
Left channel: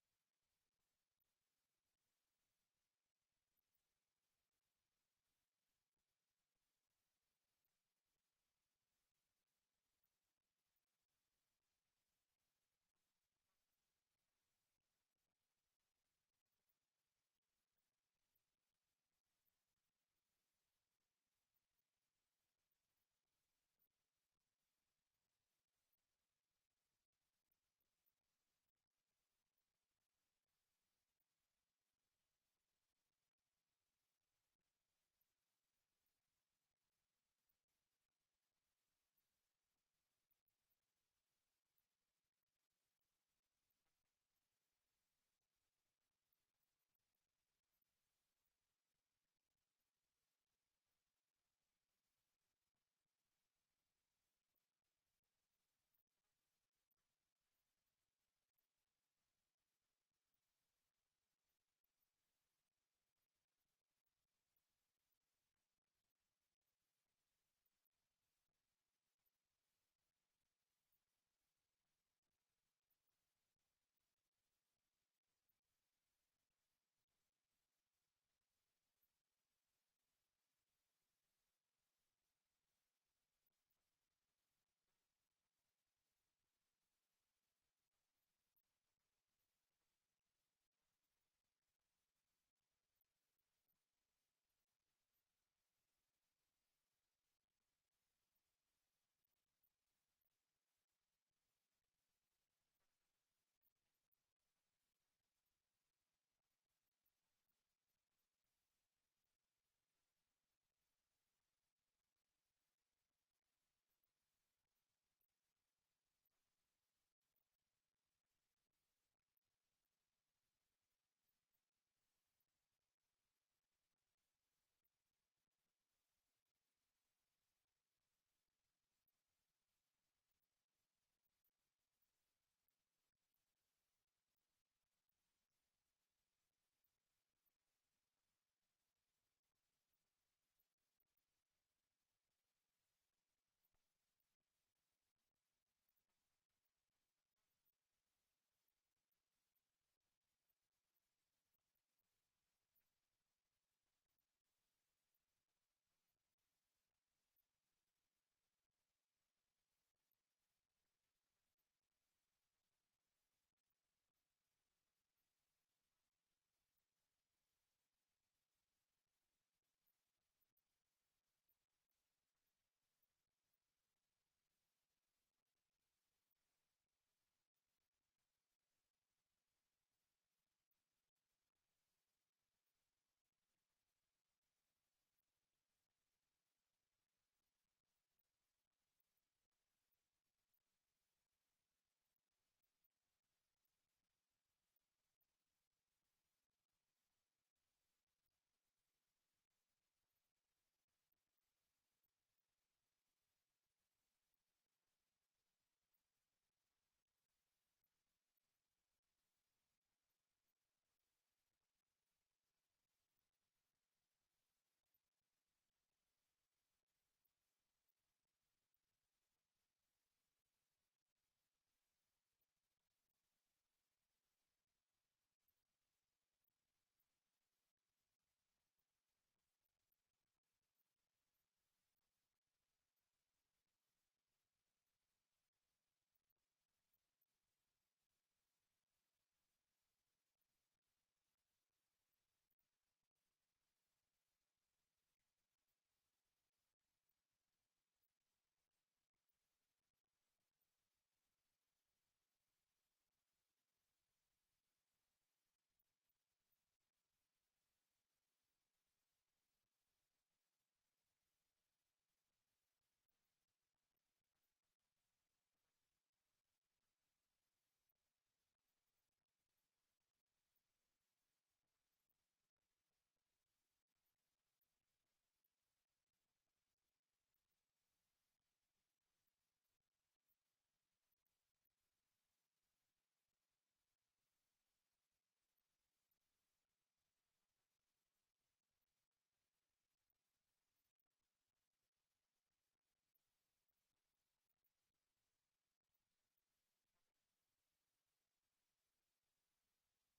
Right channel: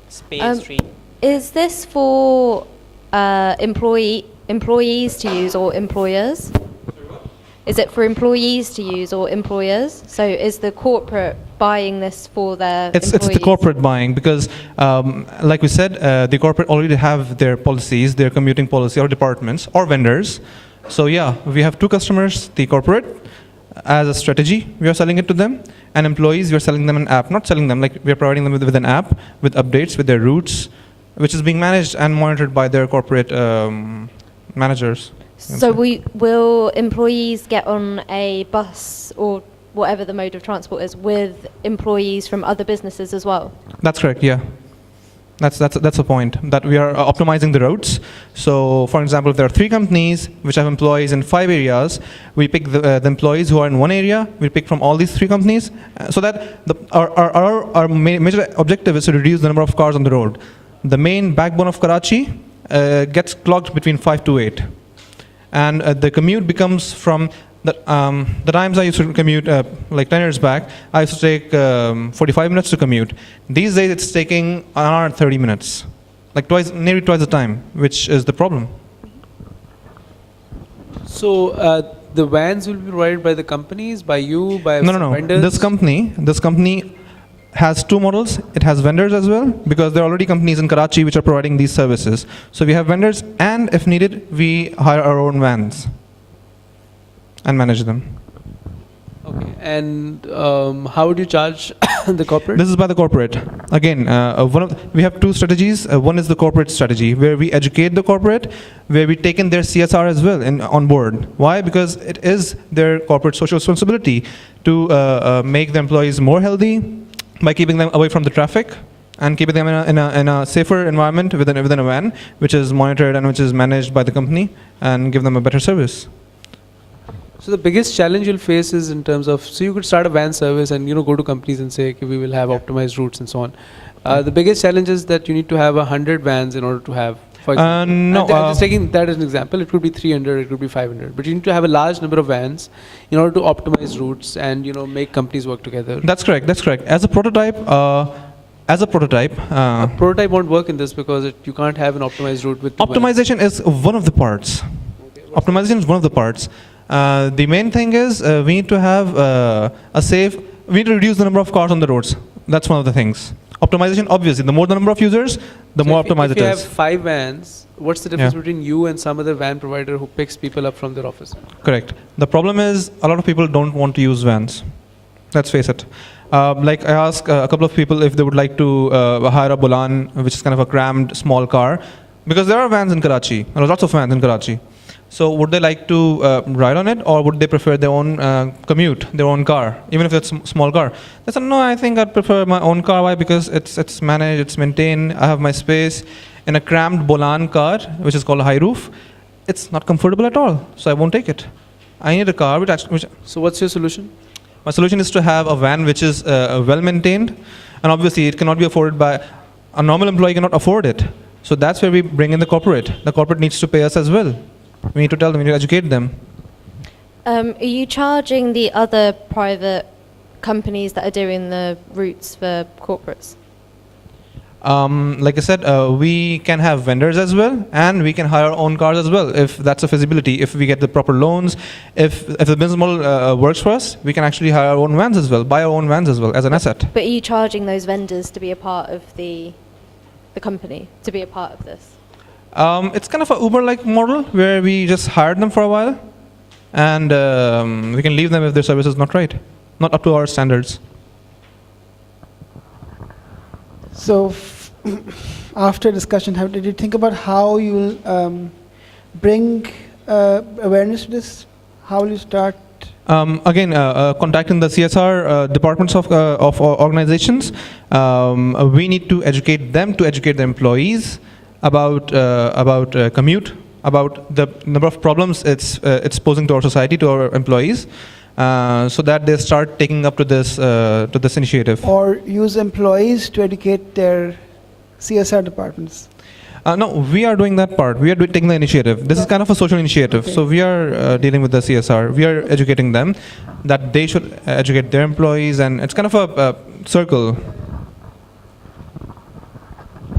Space Street. Is this for employees to use or employers? Is it for employees to use or employers? So is the corporate buying this for their It's employees? the corporate buying because, like we said, the corporate already have their policies, their commuting policy, or departments, or vendors. So yeah, we have two customers, the corporate, as a strategy, we are selling it to them, and employees, we are selling them an app, not selling them, like we are providing them with an app, with updates, with their routes, which is being managed and monitored by their corporate managers. So will employees get on a bus or whatever the mode of transport is with employees from other businesses as well? That's correct, yeah. That's the point, that we are optimizing the routes. So for example, if there are 3 companies which have employees in 5 areas, we pick the employees who are in one area, we pick from all these 3 companies, so that our major objective is to reduce the number of cars on the road. The main backbone of Karachi gets clogged between 5 to 8. And the commute becomes from the times I used to commute like 10 years back, I used to take 45 minutes to commute. These days it's taking an hour and 30 minutes, like nearly twice the time, which is the problem. So the vans will be provided by the companies, by you, by No. vendors? This company has 2 models. It has vendors as well, because there are already companies in Karachi which are providing these services. So we have vendors, and if needed, we hire our own vans and manage them. Okay. And how would you charge the corporate? This is by the corporate. Again, we have 2 strategies. One is the corporate strategy, where we educate the corporate, where we take in their CSR as well on board. Why? Because it is their corporate social responsibility to make the employees more healthy, by keeping them away from the traffic and keeping them in a safer environment within a van, which is monitored and which is managed by the company, and give them a better service. So the biggest challenge you'll face is in terms of, so you could start a van service and go to companies and say, okay, we will have optimized routes and so on. The biggest challenge is that you need to have 100 vans in order to have, for example. No, I'm just taking that as an example. It could be 300, it could be 500. But you need to have a large number of vans in order to optimize routes and make companies work together. That's correct. As a prototype, a prototype won't work in this because you can't have an optimized route with optimization is one of the parts. Optimization is one of the parts. The main thing is we need to have we need to reduce the number of cars on the roads. That's one of the things. Optimization, obviously, the more the number of users, the more optimized it is. If you have 5 vans, what's the difference between you and some other van provider who picks people up from their office? Correct. The problem is a lot of people don't want to use vans. Let's face it. Like I asked a couple of people if they would like to hire a Bolan, which is kind of a crammed small car, because there are vans in Karachi. There are lots of vans in Karachi. So would they like to ride on it, or would they prefer their own commute, their own car, even if it's a small car? They said, no, I think I'd prefer my own car. Why? Because it's managed, it's maintained, I have my space. In a crammed Bolan car, which is called a high roof, it's not comfortable at all, so I won't take it. I need a car which So what's your solution? My solution is to have a van which is well maintained, and obviously it cannot be afforded by a normal employee, cannot afford it. So that's where we bring in the corporate. The corporate needs to pay us as well. We need to tell them, we need to educate them. Are you charging the other private companies that are doing the routes for corporates? Like I said, we can have vendors as well, and we can hire our own cars as well, if that's a feasibility. If we get the proper loans, if the business model works for us, we can actually hire our own vans as well, buy our own vans as well as an asset. But are you charging those vendors to be a part of the company, to be a part of this? It's kind of an Uber-like model where we just hire them for a while, and we can leave them if their service is not right, not up to our standards. So after discussion, did you think about how you will bring awareness to this? How will you start? Again, contacting the CSR departments of organizations, we need to educate them to educate the employees about commute, about the number of problems it's posing to our society, to our employees, so that they start taking up to this initiative. Or use employees to educate their CSR departments? No, we are doing that part. We are taking the initiative. This is kind of a social initiative. Okay. So we are dealing with the CSR. We are educating them that they should educate their employees, and it's kind of a circle.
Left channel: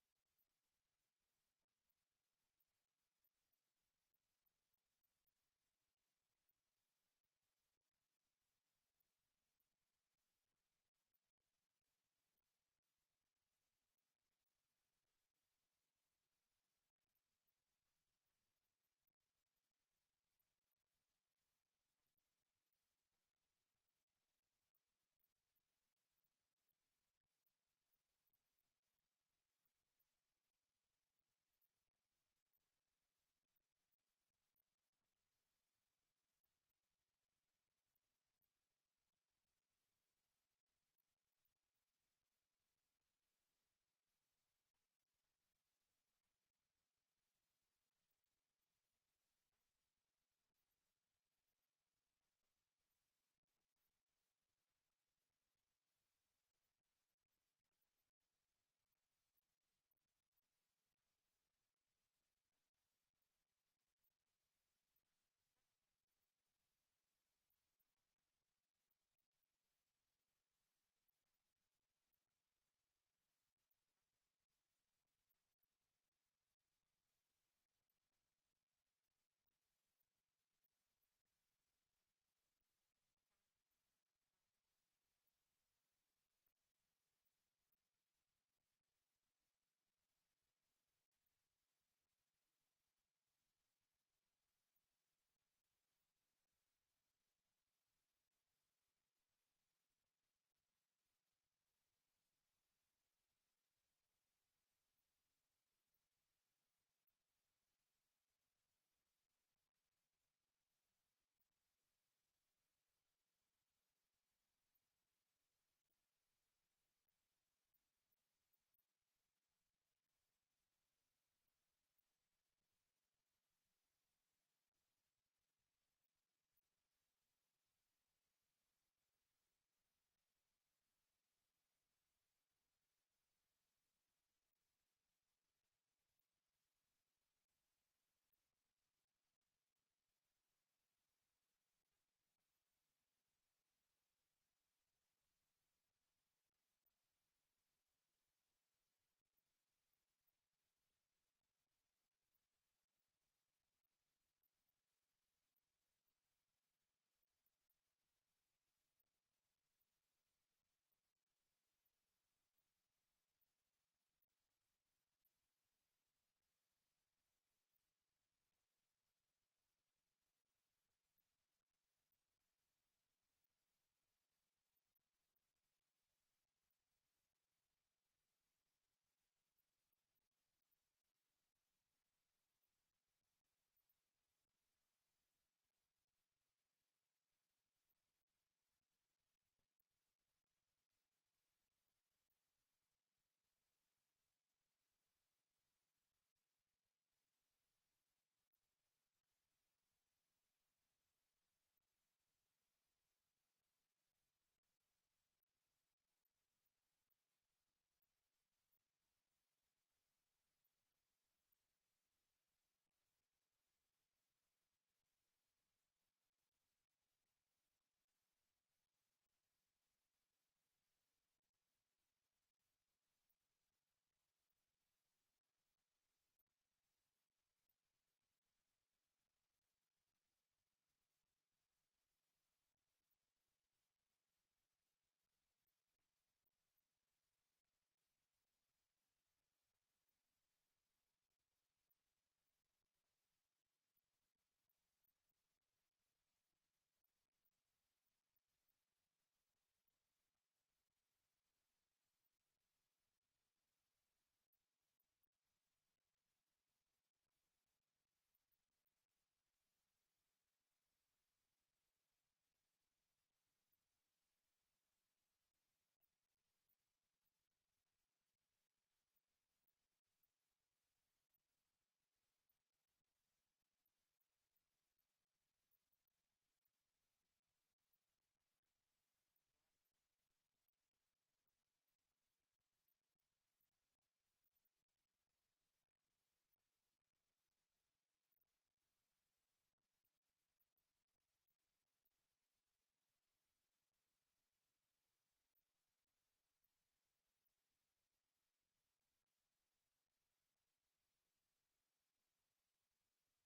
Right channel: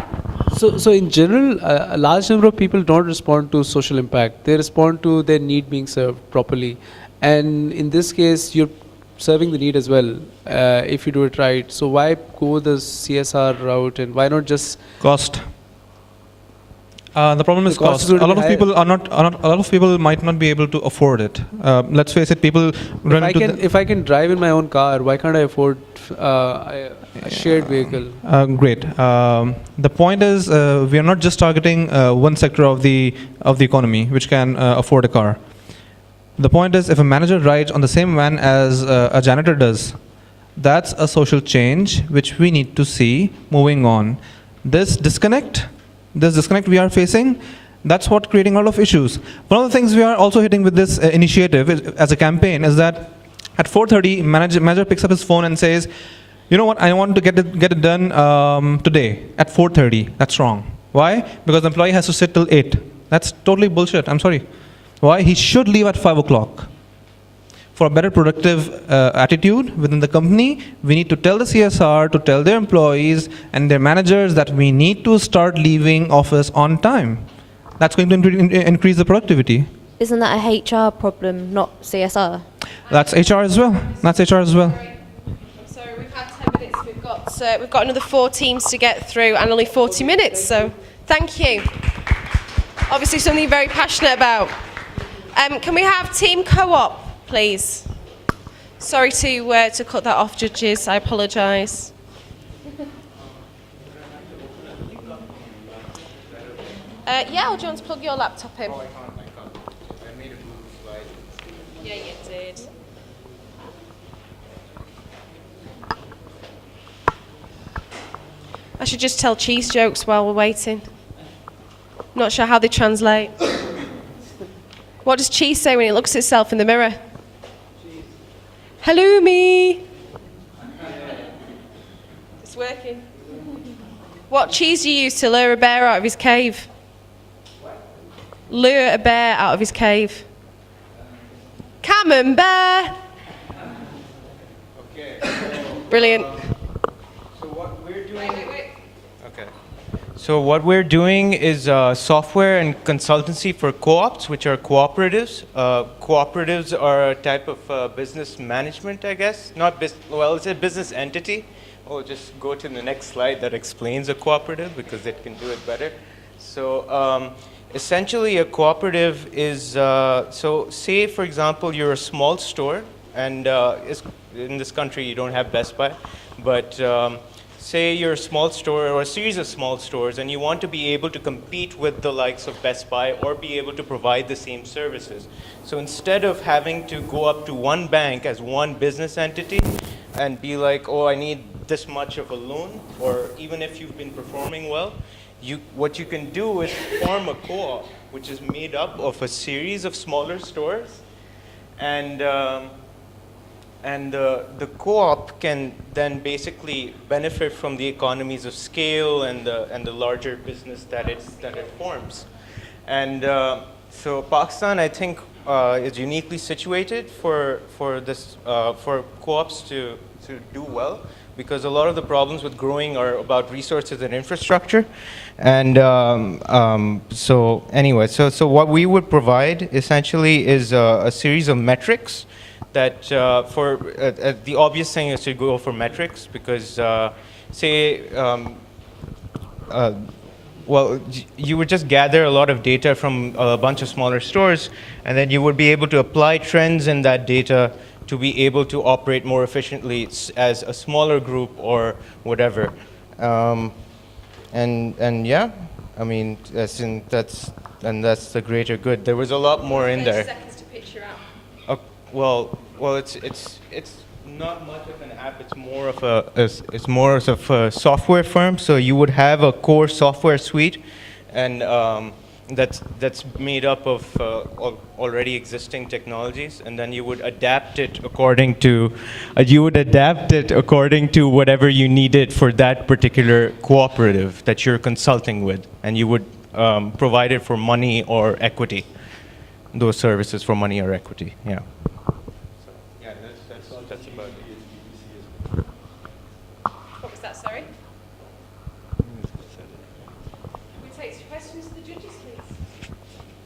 So in general, a large number of people don't respond to social impact. They respond to their need being served properly. And in this case, you're serving the need as well, if you do it right. So why go the CSR route, and why not just cost? The problem is The cost cost. is going A to lot be of higher. people are not. A lot of people might not be able to afford it. Let's face it. People run into. if I can drive in my own car, why can't I afford a shared vehicle? Great. The point is, we are not just targeting one sector of the economy which can afford a car. The point is, if a manager rides on the same van as a janitor does, that's a social change which we need to see moving on. This disconnect we are facing, that's what creating a lot of issues. One of the things we are also hitting with this initiative as a campaign is that at 4:30, manager picks up his phone and says, you know what, I want to get it done today at 4:30. That's wrong. Why? Because the employee has to sit till 8. That's totally bullshit. I'm sorry. Why? He should leave at 5 o'clock. For a better productive attitude within the company, we need to tell the CSR, to tell their employees and their managers that we need to start leaving office on time. That's going to increase the productivity. Isn't that a HR problem, not CSR? That's HR as well. That's HR as well. I'm sorry, we've had 10 minutes. We've got another 4 teams to get through and only 40 minutes, so thank you. Obviously something you're very passionate about. Can we have team co-op, please? Sorry to cut that off, judges. I apologise. Yeah, or do you want to plug your laptop in? Oh, I can't. I made a Google slide. Yeah, you did. I should just tell cheese jokes while we're waiting. Not sure how they translate. What does cheese say when it looks at itself in the mirror? Cheese. Hello, me. It's working. What cheese do you use to lure a bear out of his cave? What? Lure a bear out of his cave. Camembert. Okay. Brilliant. So what we're doing. Okay. So what we're doing is software and consultancy for co-ops, which are cooperatives. Cooperatives are a type of business management, I guess. Well, it's a business entity. We'll just go to the next slide that explains a cooperative because it can do it better. So essentially a cooperative is, so say for example you're a small store, and in this country you don't have Best Buy, but say you're a small store or a series of small stores and you want to be able to compete with the likes of Best Buy or be able to provide the same services. So instead of having to go up to one bank as one business entity and be like, oh, I need this much of a loan, or even if you've been performing well, what you can do is form a co-op which is made up of a series of smaller stores, and the co-op can then basically benefit from the economies of scale and the larger business that it forms. And so Pakistan, I think, is uniquely situated for co-ops to do well, because a lot of the problems with growing are about resources and infrastructure. And so anyway, so what we would provide essentially is a series of metrics that the obvious thing is to go for metrics, because say, well, you would just gather a lot of data from a bunch of smaller stores, and then you would be able to apply trends in that data to be able to operate more efficiently as a smaller group or whatever. And yeah, I mean, that's the greater good. There was a lot more in there. 30 seconds to pitch your app. Well, it's not much of an app. It's more of a software firm. So you would have a core software suite, and that's made up of already existing technologies, and then you would adapt it according to whatever you needed for that particular cooperative that you're consulting with, and you would provide it for money or equity. Those services for money or equity. Yeah. Yeah, that's about it. What was that, sorry?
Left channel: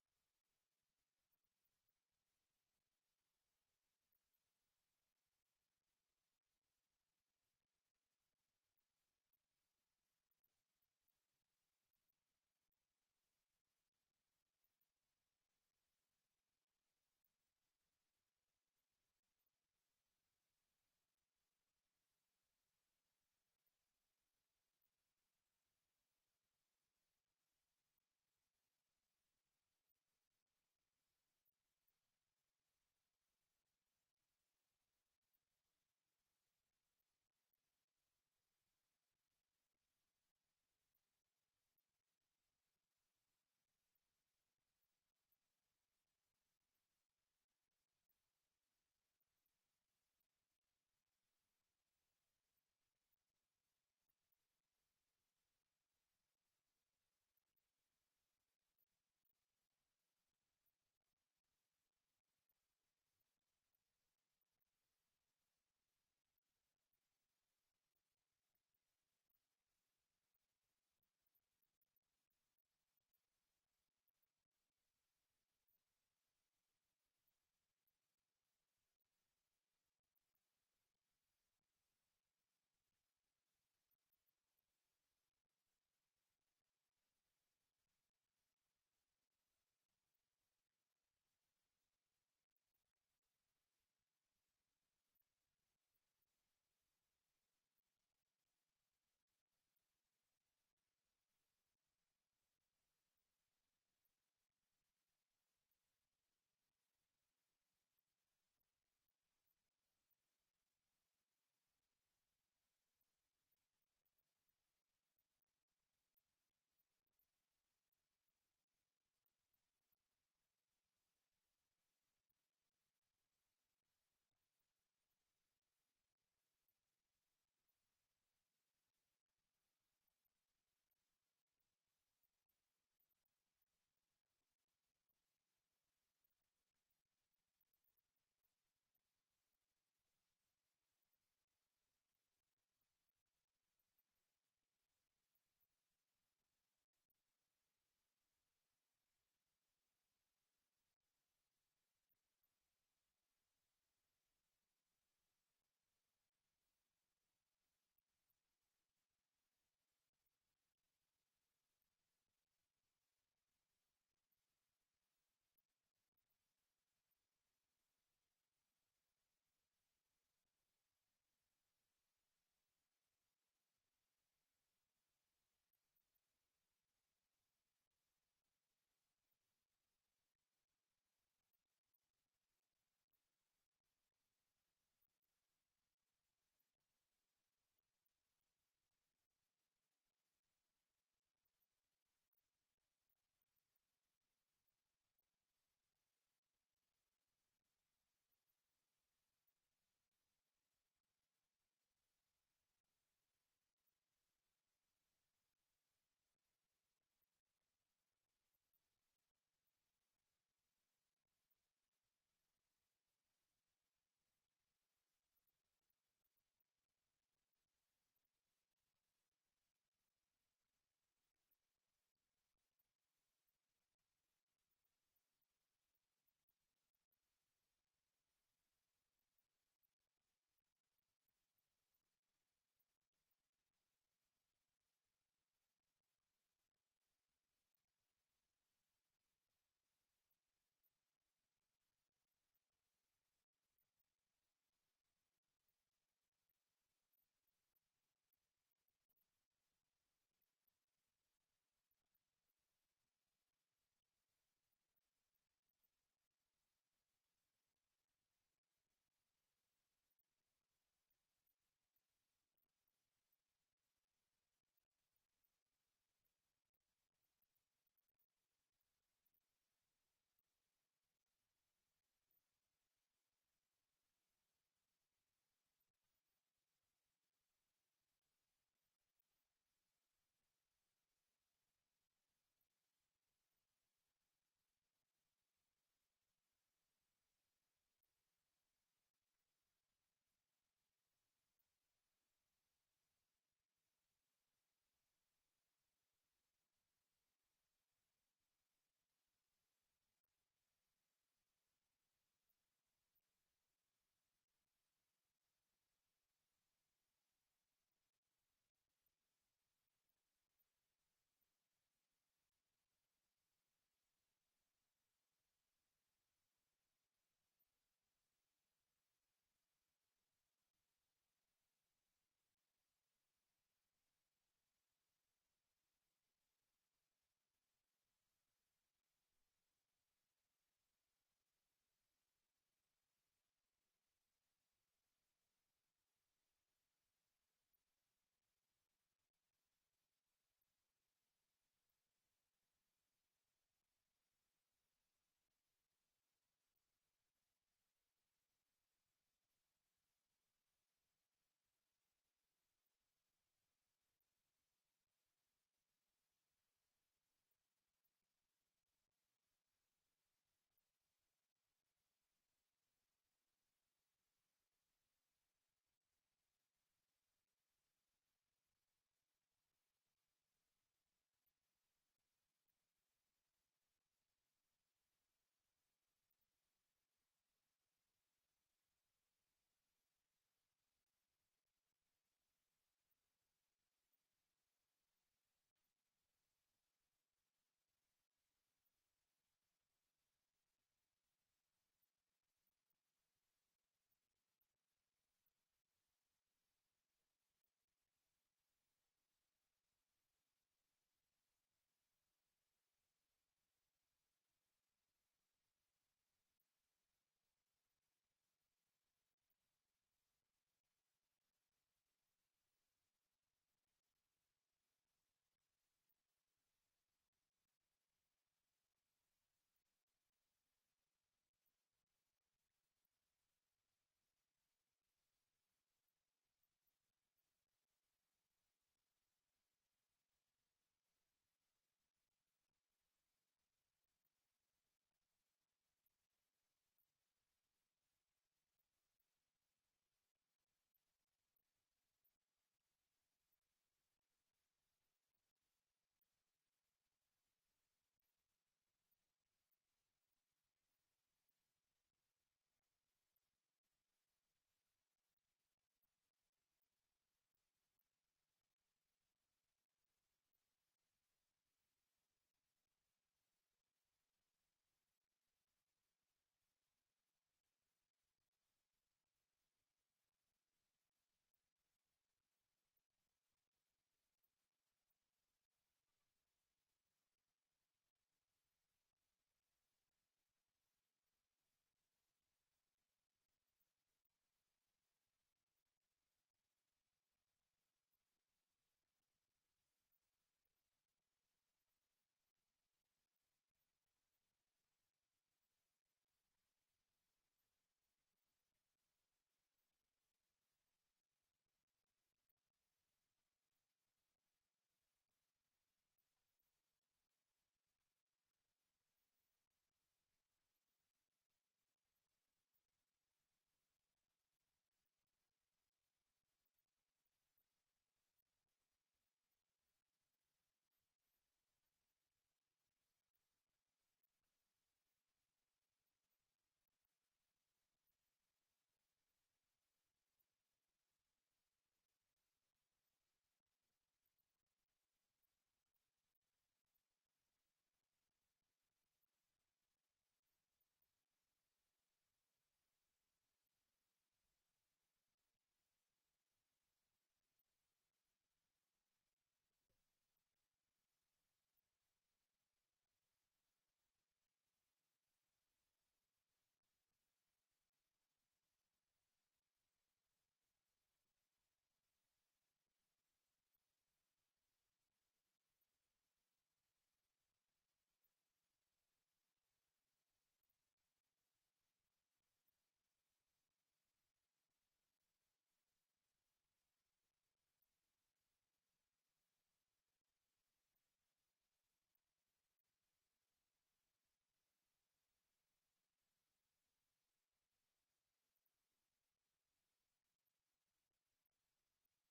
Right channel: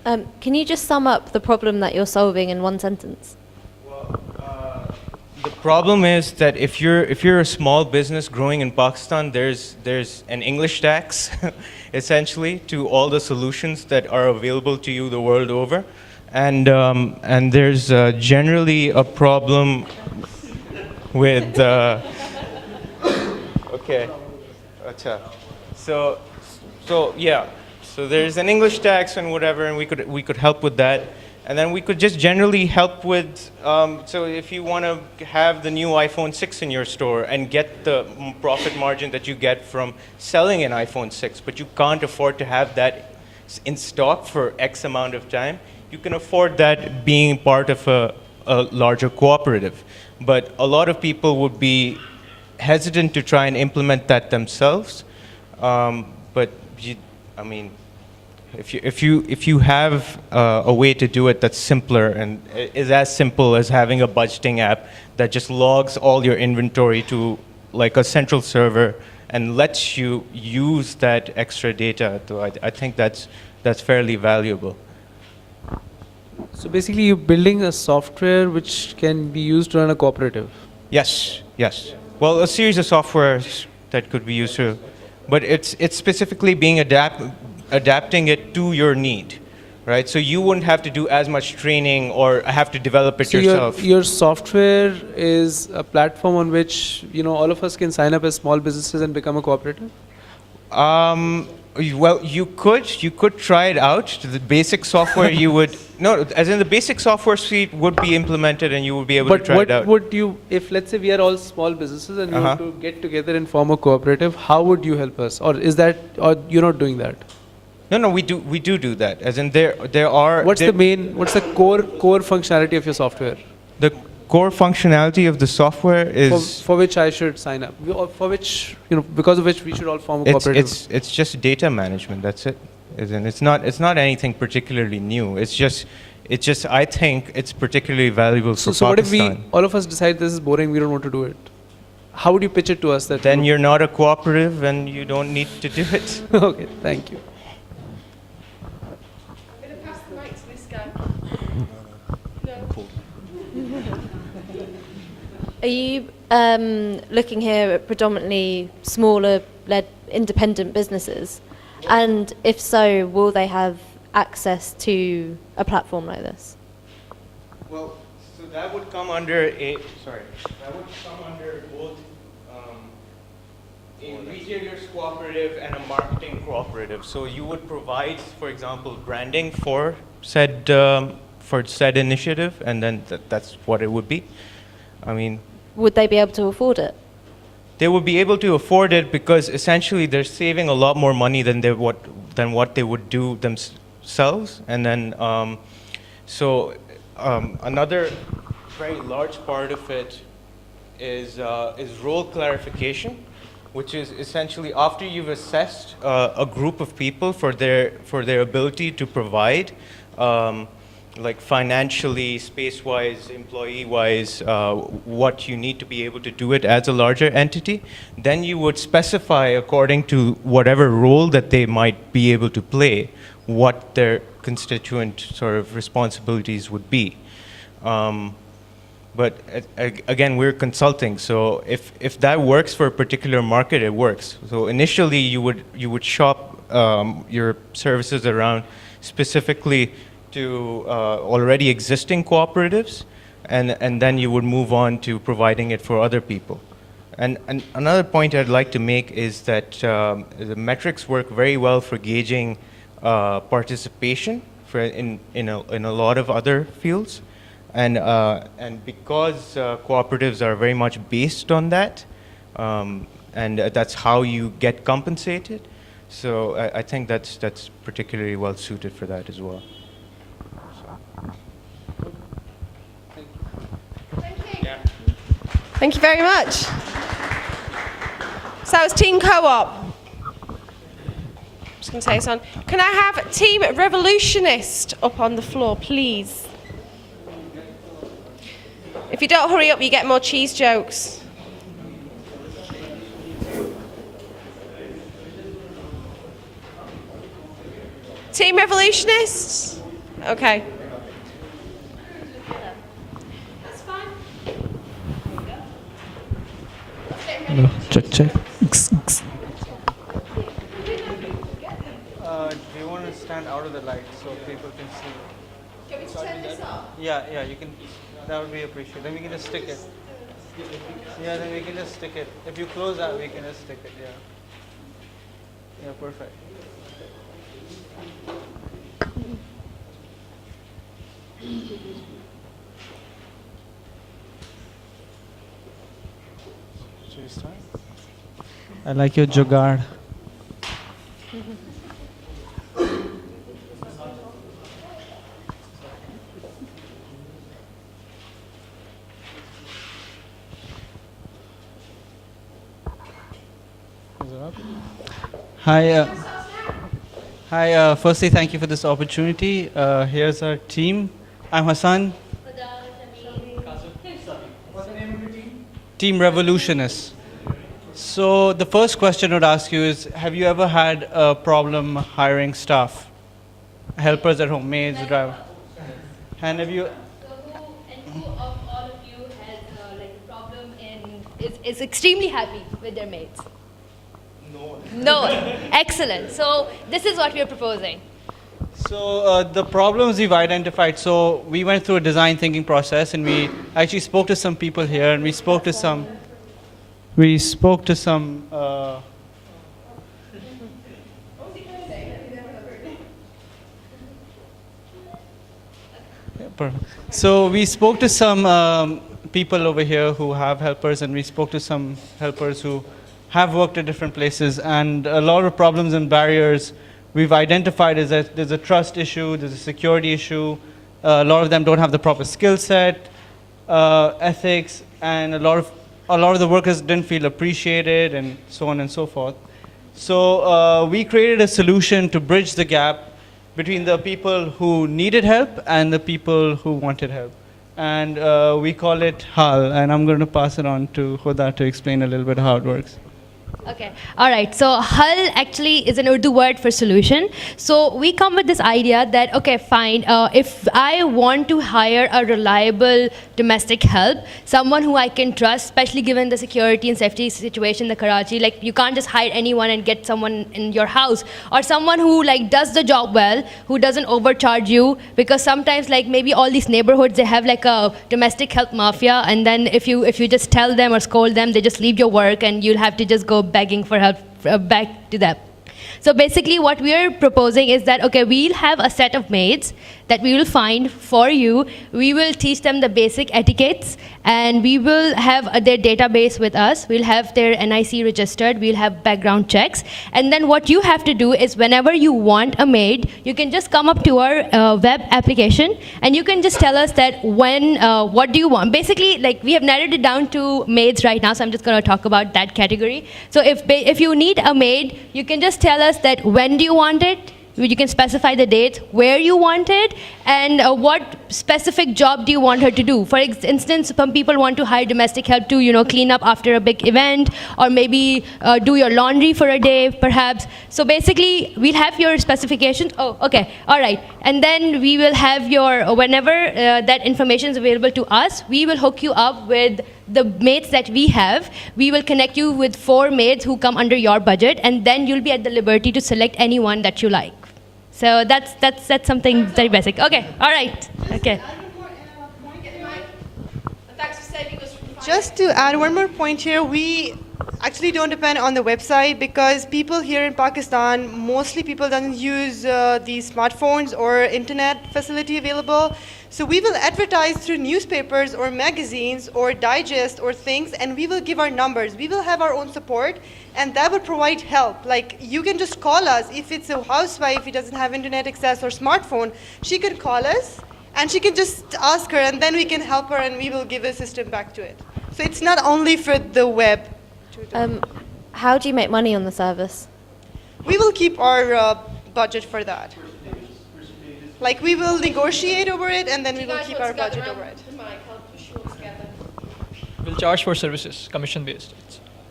Can you just sum up the problem that you're solving in one sentence? The problem is that if you're a small business growing in Pakistan, there's an English tax, essentially, to all the solutions that are available to you the world over, and there's generally a problem with. Okay, acha. So yeah, so there's an English tax and whatever, and we could help with that. And then we could just generally help with, so if you want to have the new iPhone 6 in your store and get the profit margin that you get from selling an iPhone 6, but you can't afford to have that in stock for X amount of time, you can afford that being part of a larger cooperative. But a lot of people would be hesitant to try and implement that themselves. But I mean, if you have a way to do it that's simpler and is as simple as having a budgeting app that just logs all your inventory to like a central server and lets you use that extra data, I think that's fairly valuable. So basically, you're building a software which can be used to run a cooperative. Yes, yes. Well, a series of softwares that could be used to, but it's specifically being adapting it to your need, right? So you wouldn't have to do as much training or have to develop it yourself. Your software is a platform on which all of us can sign up as small businesses and become a cooperative? Well, you could try it out. The basic software you would as in the basic software suite would be implemented and you would be able to try it out. But what would you, if let's say we are all small businesses and we want to get together and form a cooperative, how would you help us? Or or you're not doing that? No, we do that. As in there are. What's the core functionality of your software? The core functionality of the software is for which I should sign up, for which because of which we should all form a cooperative. It's just data management. That's it. As in, it's not anything particularly new. It's just I think it's particularly valuable for Pakistan. So what if all of us decide this is boring, we don't want to do it? How would you pitch it to us? Then you're not a cooperative and you don't need to do it. Okay, thank you. Are you looking here at predominantly smaller-led independent businesses? And if so, will they have access to a platform like this? Well, so that would come under both a retailers cooperative and a marketing cooperative. So you would provide, for example, branding for said initiative, and then that's what it would be. I mean, would they be able to afford it? They would be able to afford it because essentially they're saving a lot more money than what they would do themselves. And then, another very large part of it is role clarification, which is essentially after you've assessed a group of people for their ability to provide. Like financially, space-wise, employee-wise, what you need to be able to do it as a larger entity, then you would specify according to whatever role that they might be able to play, what their constituent sort of responsibilities would be. But again, we're consulting, so if that works for a particular market, it works. So initially, you would shop your services around specifically to already existing cooperatives, and then you would move on to providing it for other people. And another point I'd like to make is that the metrics work very well for gauging participation in a lot of other fields, and because cooperatives are very much based on that, and that's how you get compensated. So I think that's particularly well suited for that as well. Thank you very much. So it's Team Co-op. Just going to say this on. Can I have Team Revolutionist up on the floor, please? If you don't hurry up, you get more cheese jokes. Team Revolutionists? Okay. No, check, check. Do you want to stand out of the light so people can see? Can we turn this off? Yeah, yeah, you can. That would be appreciated. Then we can just stick it. Yeah, then we can just stick it. If you close that, we can just stick it. Yeah. Yeah, perfect. Should we start? I like your jugaad. Hi. Hi. Firstly, thank you for this opportunity. Here's our team. I'm Hassan. What's the name of your team? Team Revolutionists. So the first question I would ask you is, have you ever had a problem hiring staff? Helpers at home, maids, driver. And have you... Who of all of you has like a problem is extremely happy with their maids? No one. Excellent. So this is what we are proposing. So the problems we've identified, so we went through a design thinking process and we actually spoke to some people here and we spoke to some So we spoke to some people over here who have helpers, and we spoke to some helpers who have worked at different places, and a lot of problems and barriers we've identified is that there's a trust issue, there's a security issue, a lot of them don't have the proper skill set, ethics, and a lot of the workers didn't feel appreciated, and so on and so forth. So we created a solution to bridge the gap between the people who needed help and the people who wanted help. And we call it HAL, and I'm going to pass it on to Huda to explain a little bit how it works. Okay. All right. So HAL actually is an Urdu word for solution. So we come with this idea that, okay, fine, if I want to hire a reliable domestic help, someone who I can trust, especially given the security and safety situation in the Karachi, like you can't just hire anyone and get someone in your house, or someone who like does the job well, who doesn't overcharge you, because sometimes like maybe all these neighborhoods, they have like a domestic help mafia, and then if you just tell them or scold them, they just leave your work and you'll have to just go begging for help back to them. So basically what we are proposing is that, okay, we'll have a set of maids that we will find for you. We will teach them the basic etiquettes, and we will have their database with us. We'll have their NIC registered. We'll have background checks. And then what you have to do is whenever you want a maid, you can just come up to our web application, and you can just tell us that what do you want. Basically, like we have narrowed it down to maids right now, so I'm just going to talk about that category. So if you need a maid, you can just tell us that when do you want it. You can specify the date, where you want it, and what specific job do you want her to do. For instance, some people want to hire domestic help to, clean up after a big event, or maybe do your laundry for a day, perhaps. So basically, we'll have your specifications. Oh, okay, all right. And then we will have your, whenever that information is available to us, we will hook you up with the maids that we have. We will connect you with 4 maids who come under your budget, and then you'll be at the liberty to select anyone that you like. So that's something very basic. Okay, all right, okay. Just to add one more point here, we actually don't depend on the website because people here in Pakistan, mostly people don't use the smartphones or internet facility available. So we will advertise through newspapers or magazines or digest or things, and we will give our numbers. We will have our own support, and that will provide help. Like you can just call us. If it's a housewife who doesn't have internet access or smartphone, she can call us and she can just ask her, and then we can help her and we will give a system back to it. So it's not only for the web. How do you make money on the service? We will keep our budget for that. Like we will negotiate over it, and then we will keep our budget over it. We'll charge for services, commission based.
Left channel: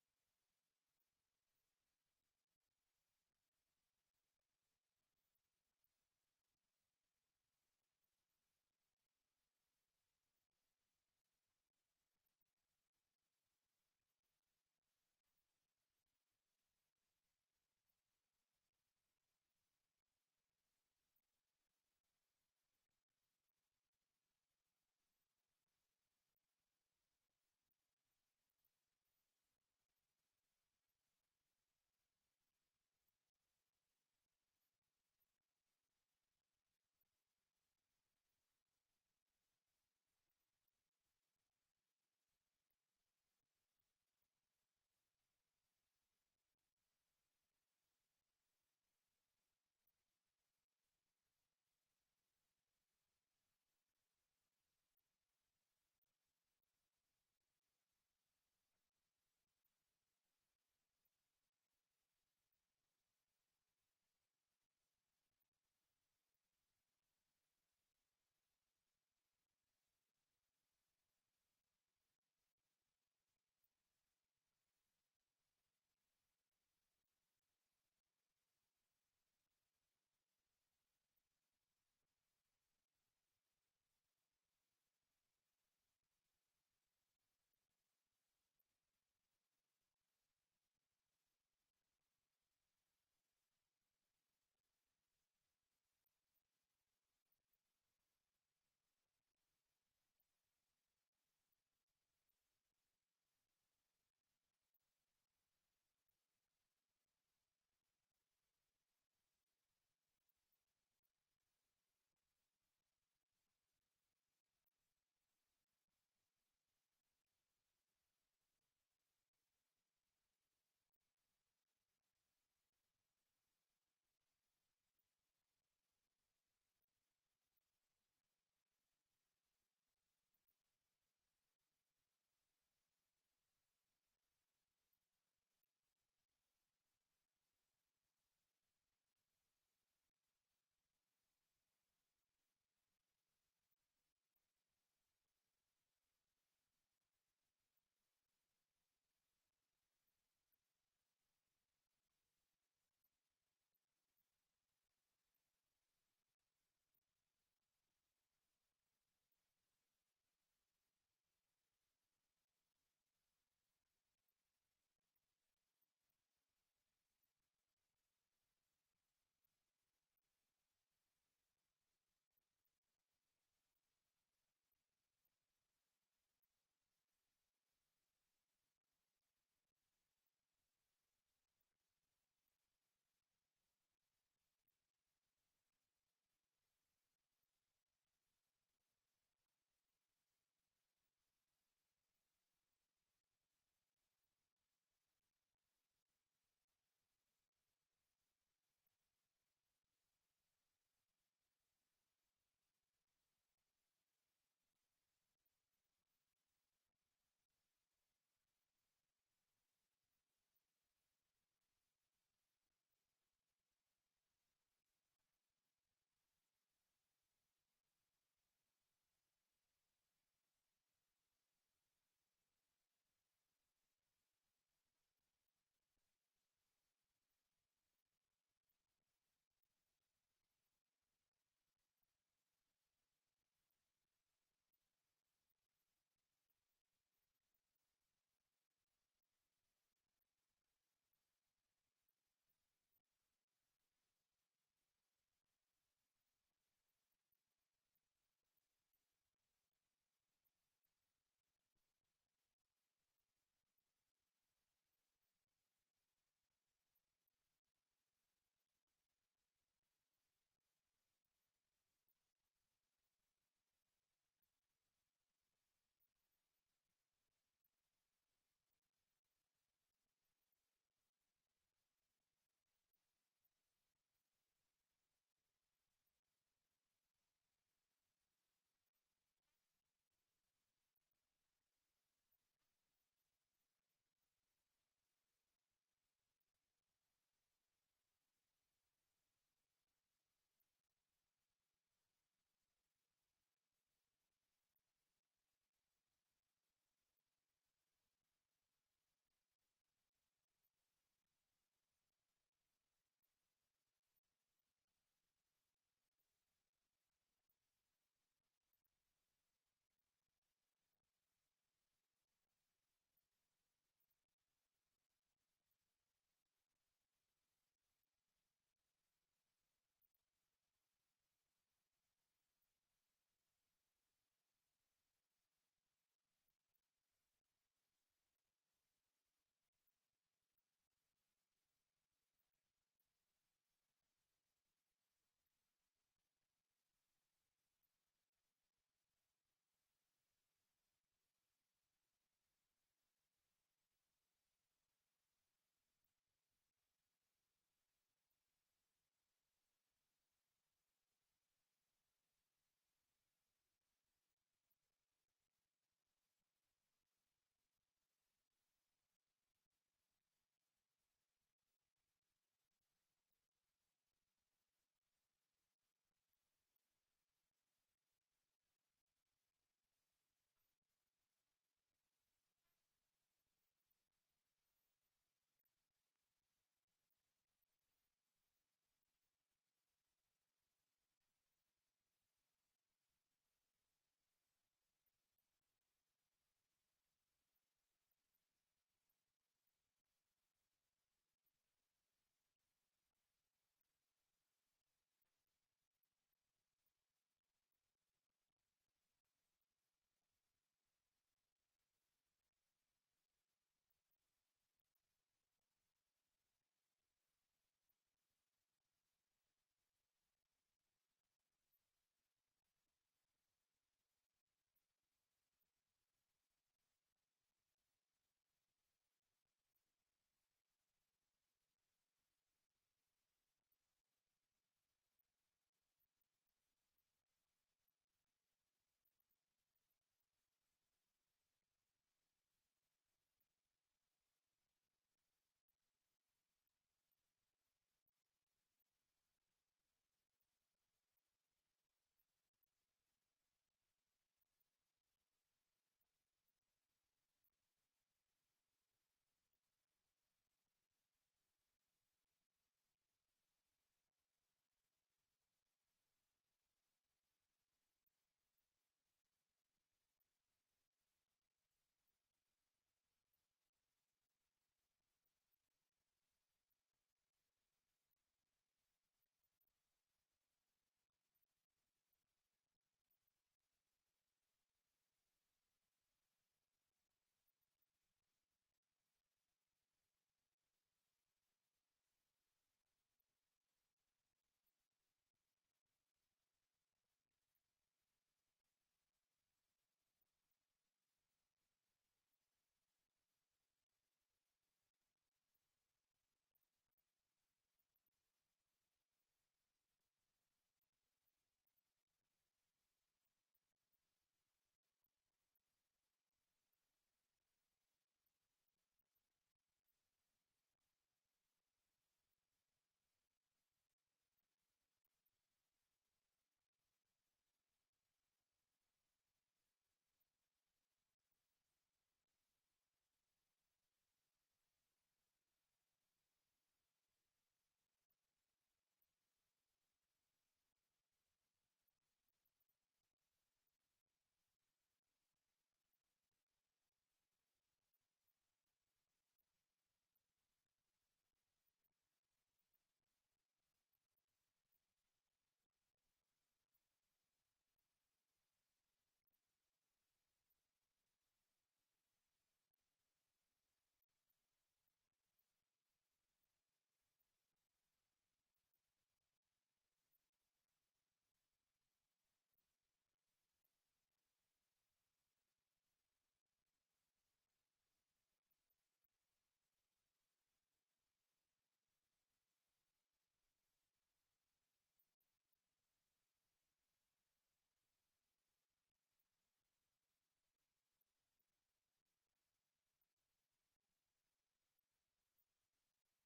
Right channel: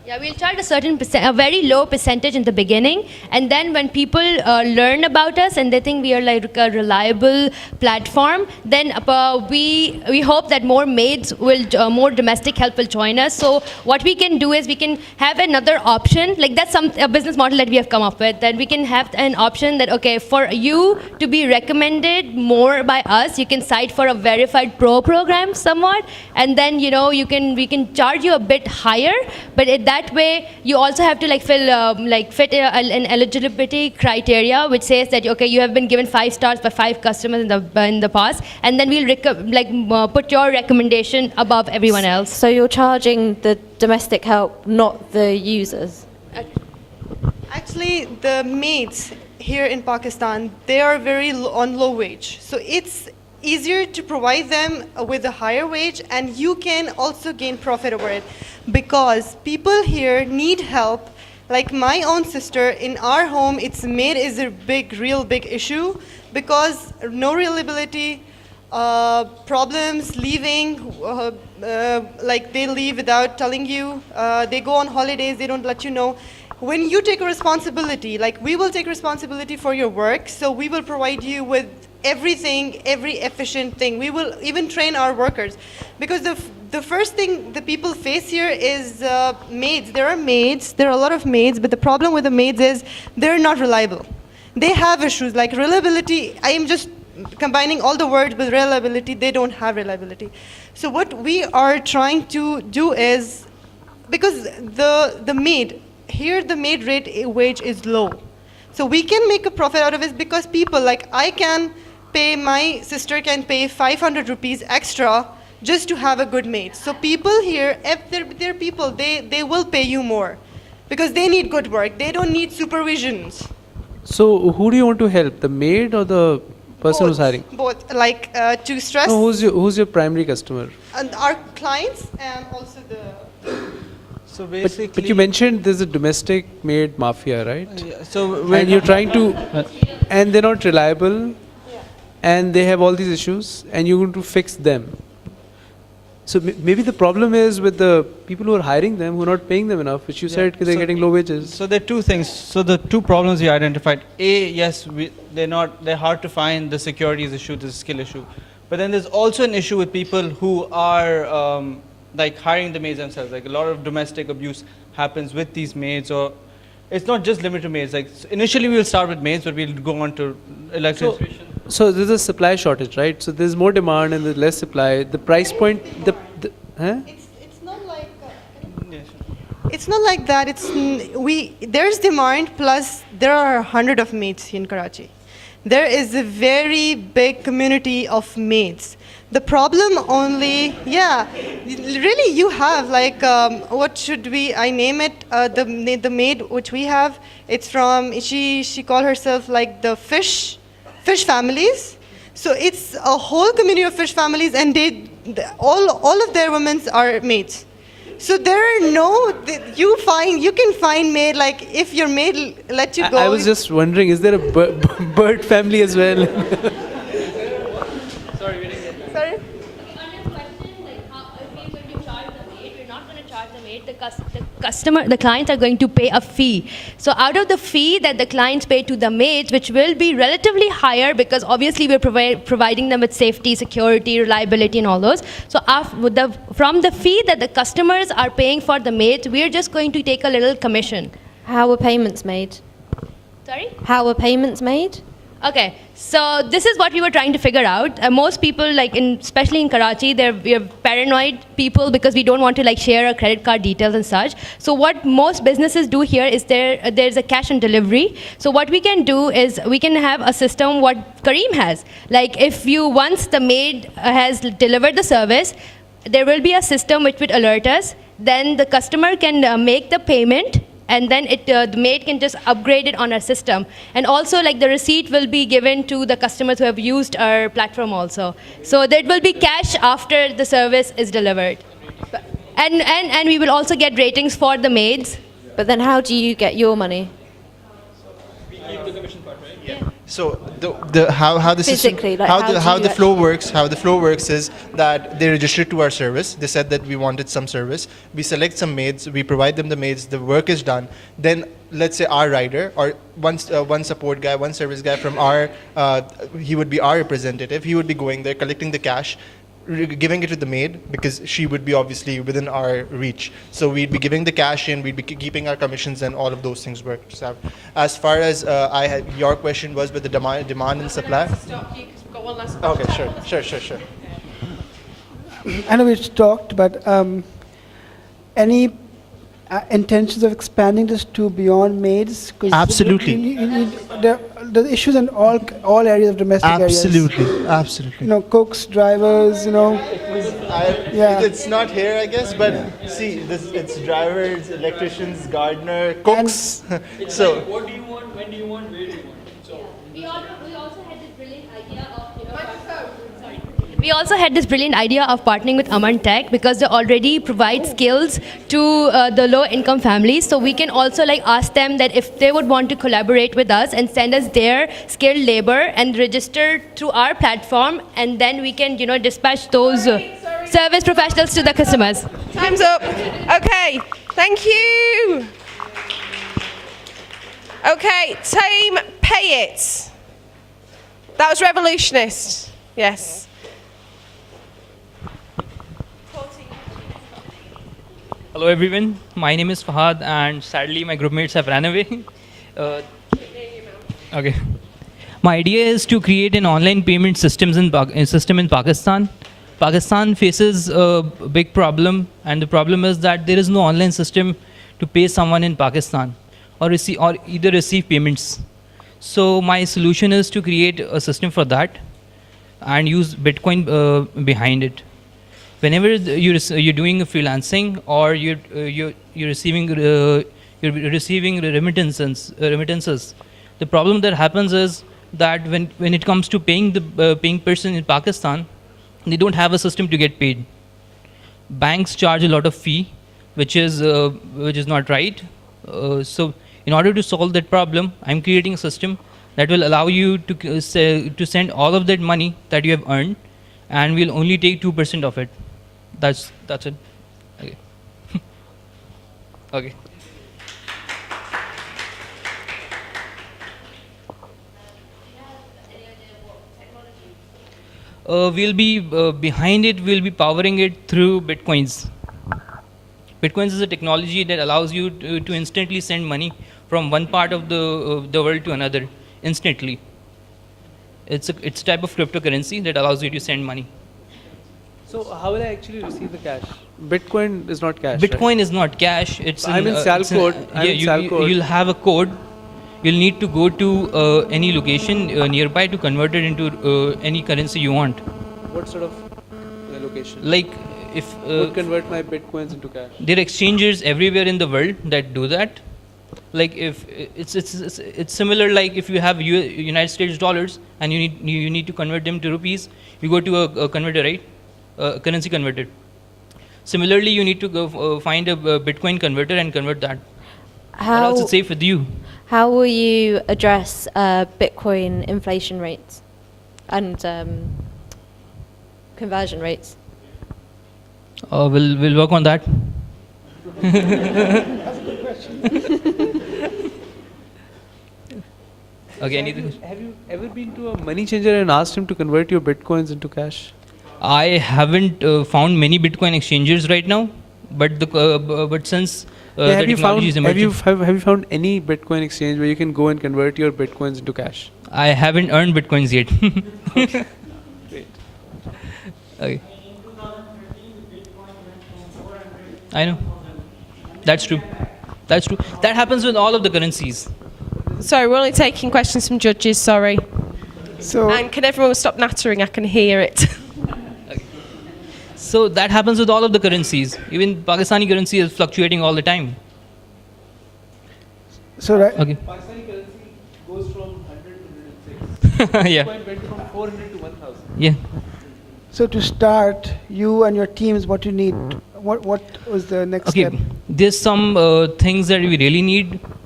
Yeah, we'll charge a very low percentage in the beginning, and then when people learn about us and they think we are like a reliable platform, then we hope that more maids will, more domestic help will join us. So what we can do is we can have another option, like that's a business model that we have come up with, that we can have an option that, okay, for you to be recommended more by us, you can cite for a verified pro program somewhat, and then we can charge you a bit higher, but that way you also have to fit an eligibility criteria which says that, okay, you have been given 5 stars by 5 customers in the past, and then we'll put your recommendation above everyone else. So you're charging the domestic help, not the users? Actually, the maids here in Pakistan, they are very on low wage. So it's easier to provide them with a higher wage, and you can also gain profit over it, because people here need help. Like my own sister, in our home, maid is a real big issue, because no reliability, problems, leaving, like they leave without telling you, they go on holidays, they don't let you know. When you take a responsibility, like we will take responsibility for your work, so we will provide you with everything, every efficient thing. We will even train our workers, because the first thing the people face here is maids. There are a lot of maids, but the problem with the maids is they're not reliable. They have issues like reliability. I am just combining all the words with reliability. They don't have reliability. So what we are trying to do is, because the maid here, the maid wage is low, so we can make a profit out of it, because people like my sister can pay 500 rupees extra just to have a good maid. So people here, if they're people, they will pay you more, because they need good work. They don't need supervisions. So who do you want to help, the maid or the person who's hiring? Both, to stress. No, who's your primary customer? And our clients, and also the. So basically, but you mentioned there's a domestic maid mafia, right? So and you're trying to, and they're not reliable, and they have all these issues, and you're going to fix them. So maybe the problem is with the people who are hiring them, who are not paying them enough, which you said because they're getting low wages. So there are two things. So the two problems we identified. A, yes, they're hard to find. The security is issue, the skill issue. But then there's also an issue with people who are like hiring the maids themselves. Like a lot of domestic abuse happens with these maids, or it's not just limited to maids. Like initially we will start with maids, but we'll go on to electricians. So there's a supply shortage, right? So there's more demand and there's less supply. The price point, It's not like. It's not like that. There's demand, plus there are 100 of maids in Karachi. There is a very big community of maids. The problem only, really you have what should I name it? The maid which we have, it's from, she called herself like the fish families. So it's a whole community of fish families, and all of their women are maids. So there are you can find maid, like if your maid let you go. I was just wondering, is there a bird family as well? Sorry? The clients are going to pay a fee. So out of the fee that the clients pay to the maids, which will be relatively higher, because obviously we're providing them with safety, security, reliability, and all those. So from the fee that the customers are paying for the maids, we're just going to take a little commission. How are payments made? Sorry? How are payments made? Okay, so this is what we were trying to figure out. Most people, especially in Karachi, we are paranoid people, because we don't want to share our credit card details and such. So what most businesses do here is there's a cash on delivery. So what we can do is we can have a system what Kareem has. Once the maid has delivered the service, there will be a system which would alert us. Then the customer can make the payment, and then the maid can just upgrade it on our system. And also the receipt will be given to the customers who have used our platform also. So there will be cash after the service is delivered. And we will also get ratings for the maids. But then how do you get your money? So how the system, Physically, like how how do the you flow works, is that they register to our service. They said that we wanted some service. We select some maids. We provide them the maids. The work is done. Then let's say our rider or one support guy, one service guy from our, he would be our representative. He would be going there, collecting the cash, giving it to the maid because she would be obviously within our reach. So we'd be giving the cash in, we'd be keeping our commissions, and all of those things work. So as far as your question was with the demand and supply. Okay, sure. I know we've talked, but any intentions of expanding this to beyond maids? 'Cause Absolutely. The issues in all areas of domestic areas. Absolutely. You know, cooks, drivers, you know. It's not here, I guess, but see, it's drivers, electricians, gardener, cooks. So. What do you want? When do you want? Where do you want? So. We also had this brilliant idea of, we also had this brilliant idea of partnering with Aman Tech because they already provide skills to the low-income families. So we can also like ask them that if they would want to collaborate with us and send us their skilled labor and register through our platform, and then we can, you know, dispatch those service professionals to the customers. Time's up. Okay, thank you. Okay, team Pay It. That was revolutionist. Yes. Hello everyone, my name is Fahad and sadly my group mates have ran away. Okay. My idea is to create an online payment system in Pakistan. Pakistan faces a big problem, and the problem is that there is no online system to pay someone in Pakistan or either receive payments. So my solution is to create a system for that and use Bitcoin behind it. Whenever you're doing freelancing or you're receiving remittances, the problem that happens is that when it comes to paying the paying person in Pakistan, they don't have a system to get paid. Banks charge a lot of fee, which is not right. So in order to solve that problem, I'm creating a system that will allow you to send all of that money that you have earned, and we'll only take 2% of it. That's it. Okay. Okay. We'll be behind it. We'll be powering it through bitcoins. Bitcoins is a technology that allows you to instantly send money from one part of the world to another instantly. It's a type of cryptocurrency that allows you to send money. So how will I actually receive the cash? Bitcoin is not cash. Bitcoin is not cash. It's I'm in Salcode. You'll have a code. You'll need to go to any location nearby to convert it into any currency you want. What sort of location? Like if would convert my bitcoins into cash. There are exchanges everywhere in the world that do that. Like if it's similar, like if you have United States dollars and you need to convert them to rupees, you go to a converter, right? Currency converter. Similarly, you need to go find a Bitcoin converter and convert that. How, else it's safe with you. How will you address Bitcoin inflation rates and conversion rates? We'll work on that. That's a good question. Okay. Have you ever been to a money changer and asked him to convert your bitcoins into cash? I haven't found many Bitcoin exchanges right now, but since the technology is emerging. Have you found any Bitcoin exchange where you can go and convert your bitcoins into cash? I haven't earned Bitcoins yet. Okay. Great. Okay. I know. That's true. That's true. That happens with all of the currencies. Sorry, we're only taking questions from judges, sorry. So, and can everyone stop nattering? I can hear it. So that happens with all of the currencies. Even Pakistani currency is fluctuating all the time. So right. Okay. Pakistani currency goes from 100 to 106. Yeah. Bitcoin went from 400 to 1,000. Yeah. So to start, you and your teams, what you need? What was the next step? There's some things that we really need.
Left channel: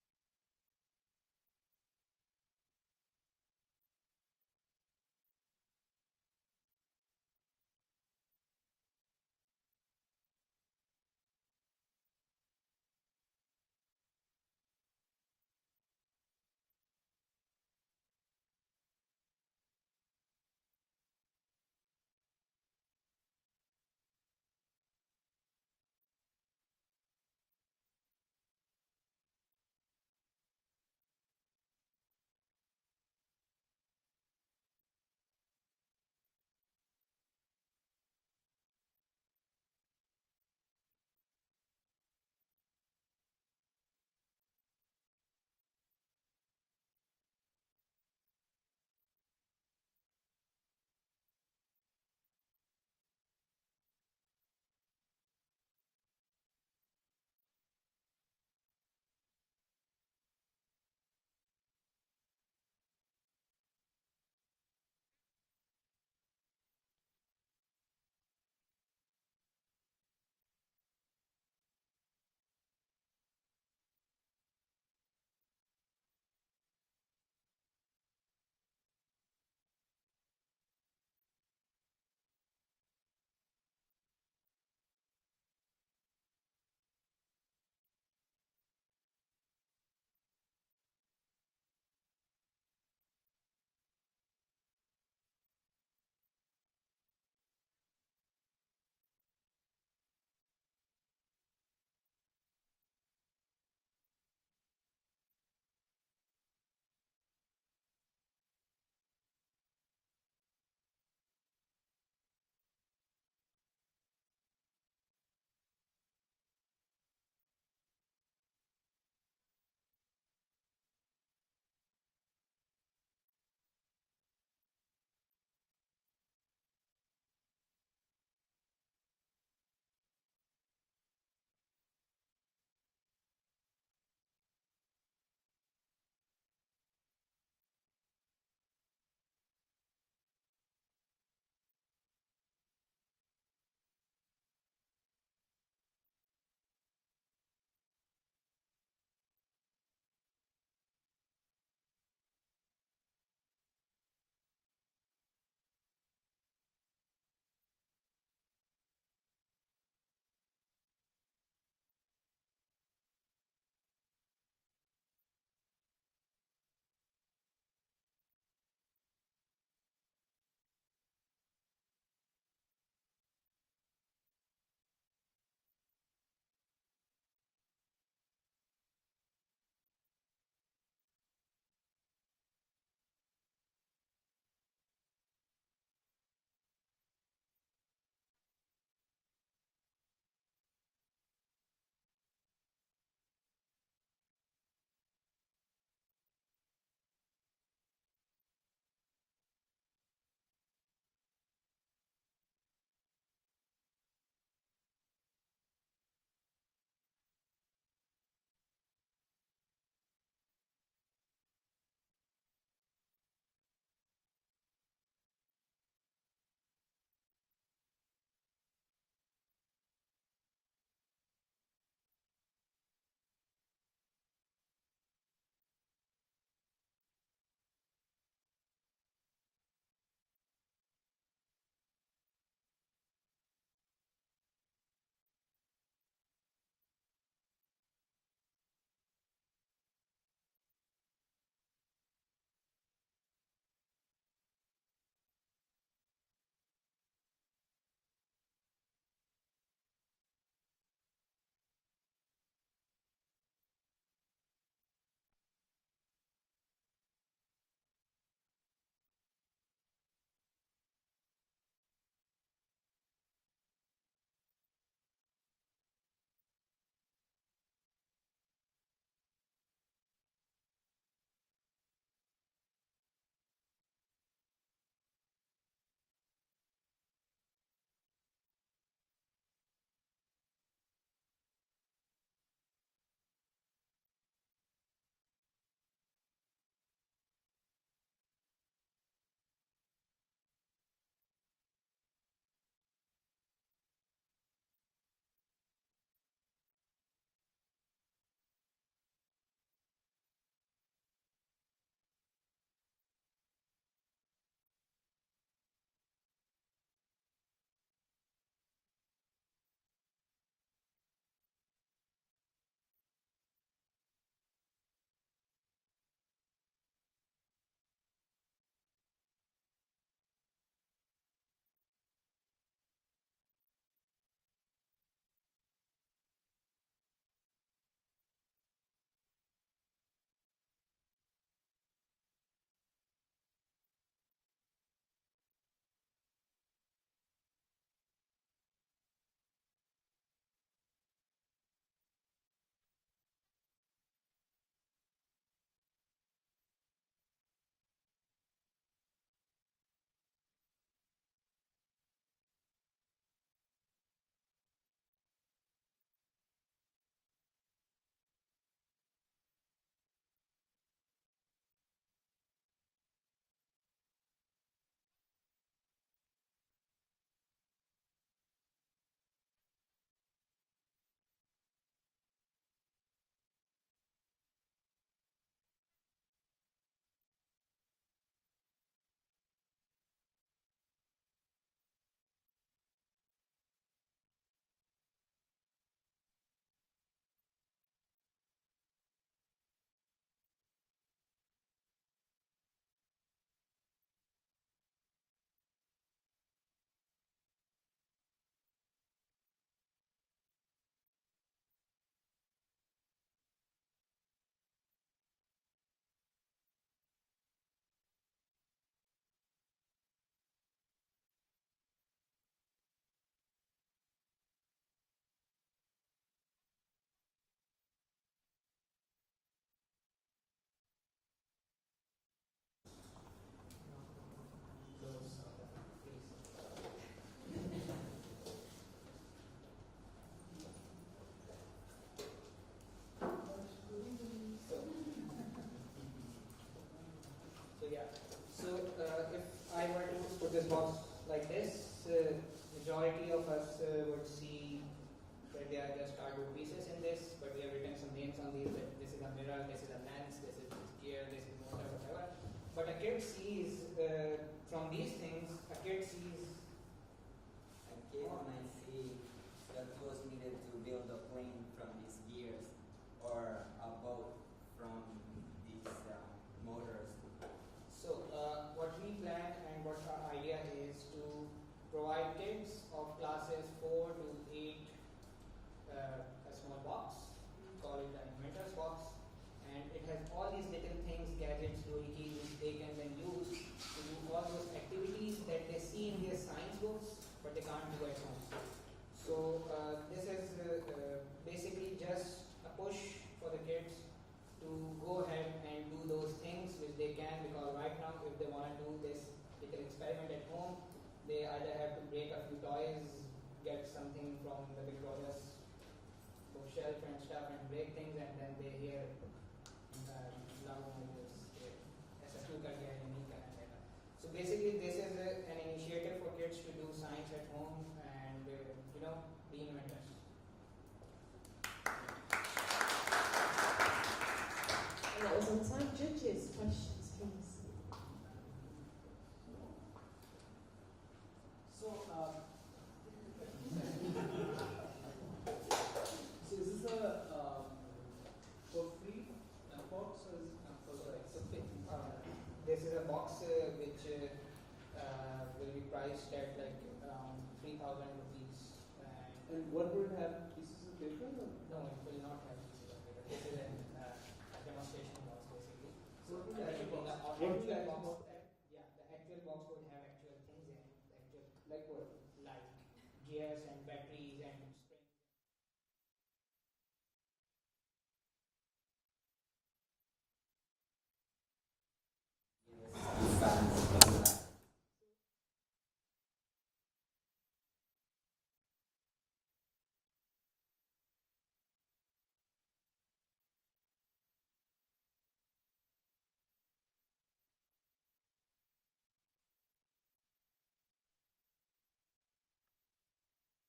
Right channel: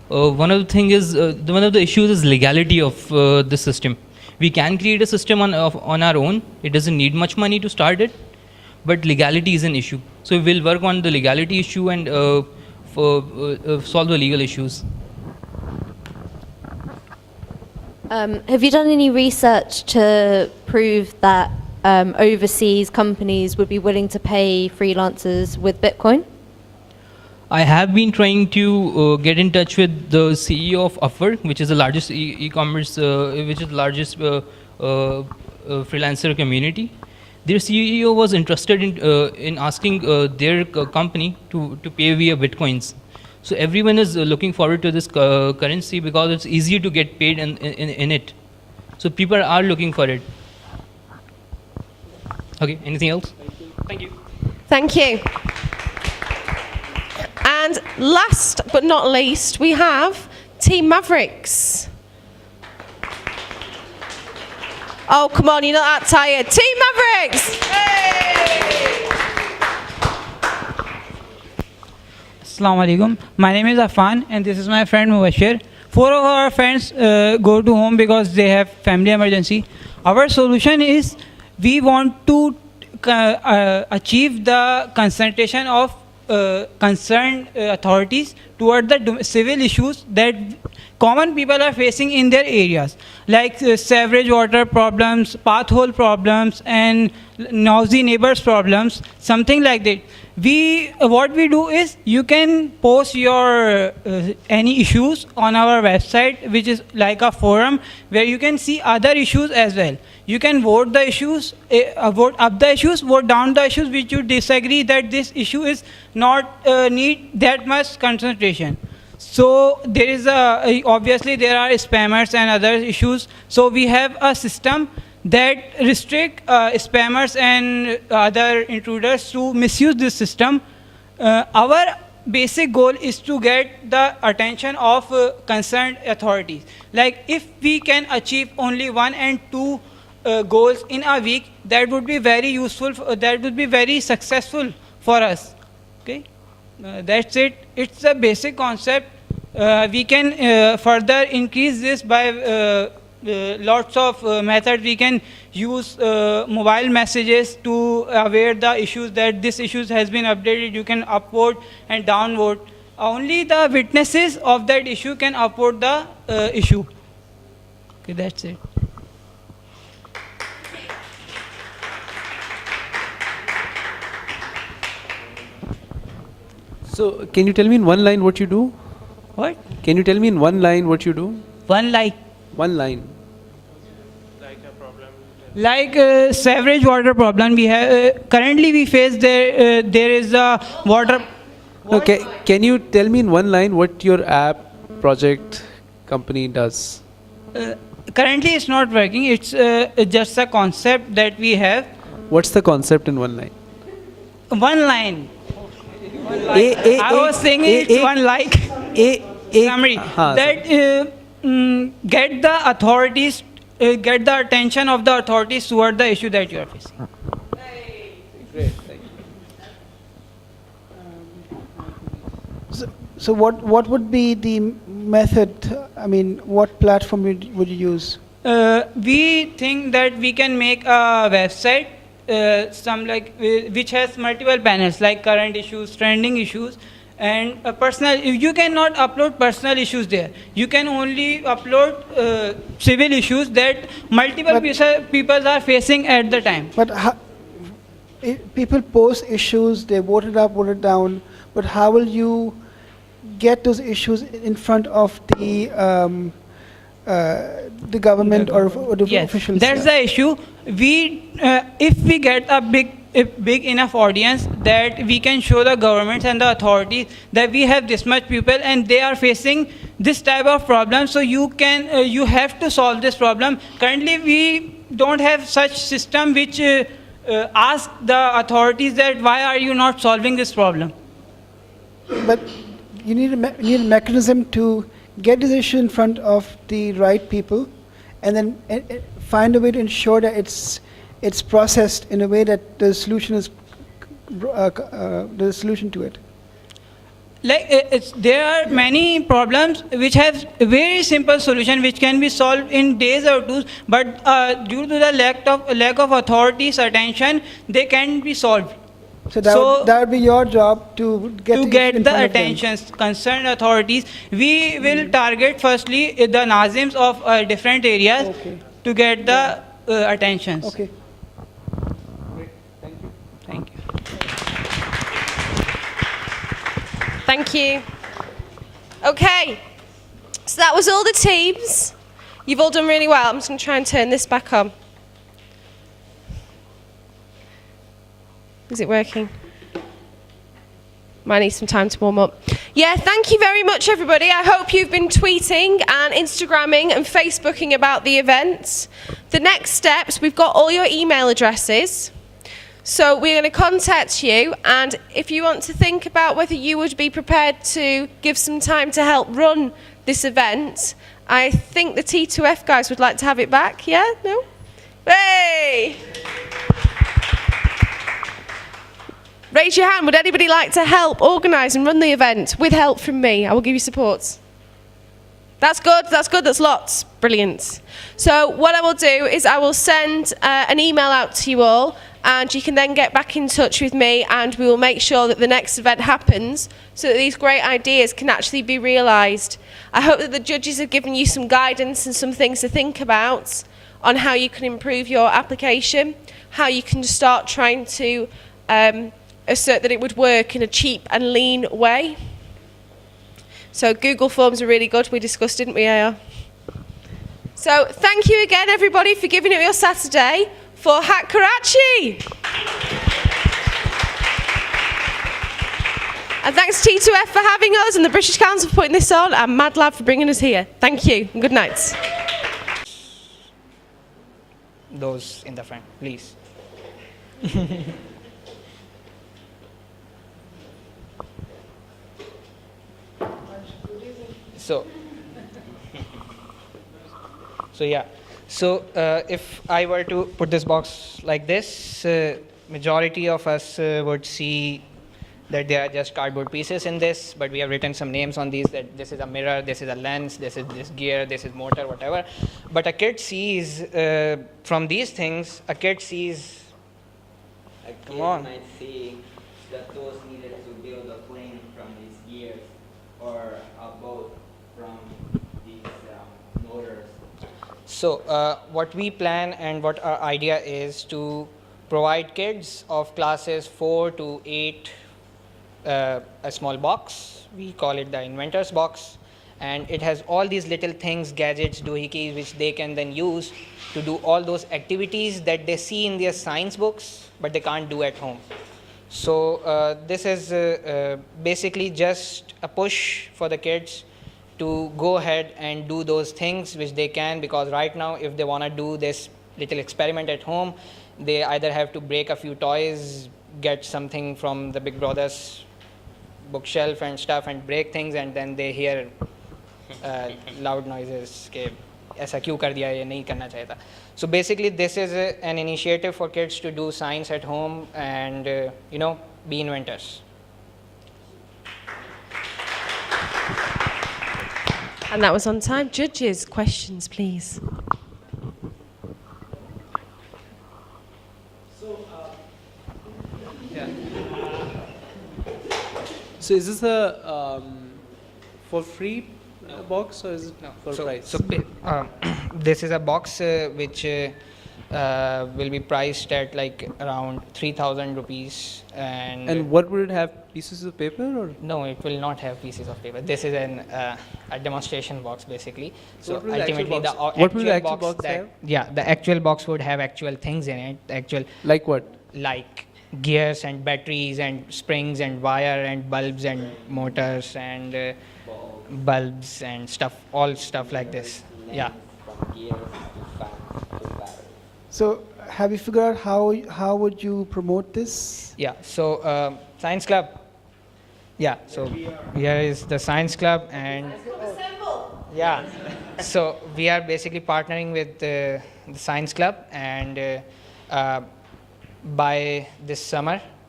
one of the issues is legality of the system. We can create a system on our own. It doesn't need much money to start it, but legality is an issue. So we'll work on the legality issue and solve the legal issues. Have you done any research to prove that overseas companies would be willing to pay freelancers with Bitcoin? I have been trying to get in touch with the CEO of Upwork, which is the largest e-commerce, which is the largest freelancer community. Their CEO was interested in asking their company to pay via Bitcoins. So everyone is looking forward to this currency because it's easier to get paid in it. So people are looking for it. Okay, anything else? Thank you. Thank you. And last but not least, we have Team Mavericks. Oh, come on, you're not that tired. Team Mavericks! Assalamu alaikum. My name is Afan and this is my friend Mubashir. 4 of our friends go to home because they have family emergency. Our solution is we want to achieve the concentration of concerned authorities toward the civil issues that common people are facing in their areas, like sewerage water problems, pathhole problems, and noisy neighbors problems, something like that. What we do is you can post your any issues on our website, which is like a forum where you can see other issues as well. You can vote the issues, vote up the issues, vote down the issues which you disagree that this issue is not need that much concentration. So there is obviously there are spammers and other issues. So we have a system that restrict spammers and other intruders to misuse this system. Our basic goal is to get the attention of concerned authorities. Like if we can achieve only 1 and 2 goals in a week, that would be very useful, that would be very successful for us. Okay, that's it. It's a basic concept. We can further increase this by lots of methods. We can use mobile messages to aware the issues that this issue has been updated. You can upvote and downvote. Only the witnesses of that issue can upvote the issue. Okay, that's it. So can you tell me in one line what you do? What? Can you tell me in one line what you do? One line. One line. Like sewerage water problem, we have currently we face there is a water. Okay, can you tell me in one line what your app project company does? Currently, it's not working. It's just a concept that we have. What's the concept in one line? One line. I was saying it's one like summary that get the authorities, get the attention of the authorities toward the issue that you are facing. Great, thank you. So what would be the method? I mean, what platform would you use? We think that we can make a website. Which has multiple panels like current issues, trending issues, and personal. You cannot upload personal issues there. You can only upload civil issues that multiple people are facing at the time. But people post issues, they vote it up, vote it down. But how will you get those issues in front of the government or the officials? That's the issue. If we get a big enough audience that we can show the governments and the authorities that we have this much people and they are facing this type of problem, so you have to solve this problem. Currently, we don't have such system which ask the authorities that why are you not solving this problem. But you need a mechanism to get this issue in front of the right people, and then find a way to ensure that it's processed in a way that the solution is the solution to it. there are many problems which have a very simple solution which can be solved in days or two, but due to the lack of authorities' attention, they can't be solved. So that would be your job to get in the front of them. attention concerned authorities. We will target firstly the Nazims of different areas to get the attentions. Okay. Thank you. Thank you. Okay, so that was all the teams. You've all done really well. I'm just going to try and turn this back on. Is it working? Might need some time to warm up. Yeah, thank you very much, everybody. I hope you've been tweeting and Instagramming and Facebooking about the event. The next steps, we've got all your email addresses. So we're going to contact you, and if you want to think about whether you would be prepared to give some time to help run this event, I think the T2F guys would like to have it back. Yeah? No? Hey! Raise your hand. Would anybody like to help organise and run the event with help from me? I will give you support. That's good. That's good. That's lots. Brilliant. So what I will do is I will send an email out to you all, and you can then get back in touch with me, and we will make sure that the next event happens so that these great ideas can actually be realised. I hope that the judges have given you some guidance and some things to think about on how you can improve your application, how you can start trying to assert that it would work in a cheap and lean way. So Google Forms are really good. We discussed, didn't we, AR? So thank you again, everybody, for giving it your Saturday for Hack Karachi. And thanks to T2F for having us, and the British Council for putting this on, and Mad Lab for bringing us here. Thank you, and good night. Those in the front, please. So yeah. So if I were to put this box like this, majority of us would see that there are just cardboard pieces in this, but we have written some names on these, that this is a mirror, this is a lens, this is this gear, this is motor, whatever. But a kid sees, from these things, a kid sees, come on. Might see the tools needed to build a plane from these gears, or a boat from these motors. So what we plan and what our idea is to provide kids of classes 4 to 8 a small box. We call it the inventor's box, and it has all these little things, gadgets, doohickeys, which they can then use to do all those activities that they see in their science books but they can't do at home. So this is basically just a push for the kids to go ahead and do those things which they can, because right now if they want to do this little experiment at home, they either have to break a few toys, get something from the Big Brother's bookshelf and stuff and break things, and then they hear loud noises ke aisa kyun kar diya, ye nahi karna chahiye tha. So basically this is an initiative for kids to do science at home and you know, be inventors. And that was on time. Judges, questions, please. So is this a for free box, or is it for price? So this is a box which will be priced at like around 3,000 rupees. And what would it have? Pieces of paper, or? No, it will not have pieces of paper. This is a demonstration box basically. So What will the ultimately actual box- the what will the actual actual box that, have? yeah, the actual box would have actual things in it. Actual. Like what? Like gears and batteries and springs and wire and bulbs and motors and bulbs and stuff, all stuff like this. Yeah. So have you figured out how would you promote this? Yeah. So science club. Yeah. So here is the science club, and yeah. So we are basically partnering with the science club, and by this summer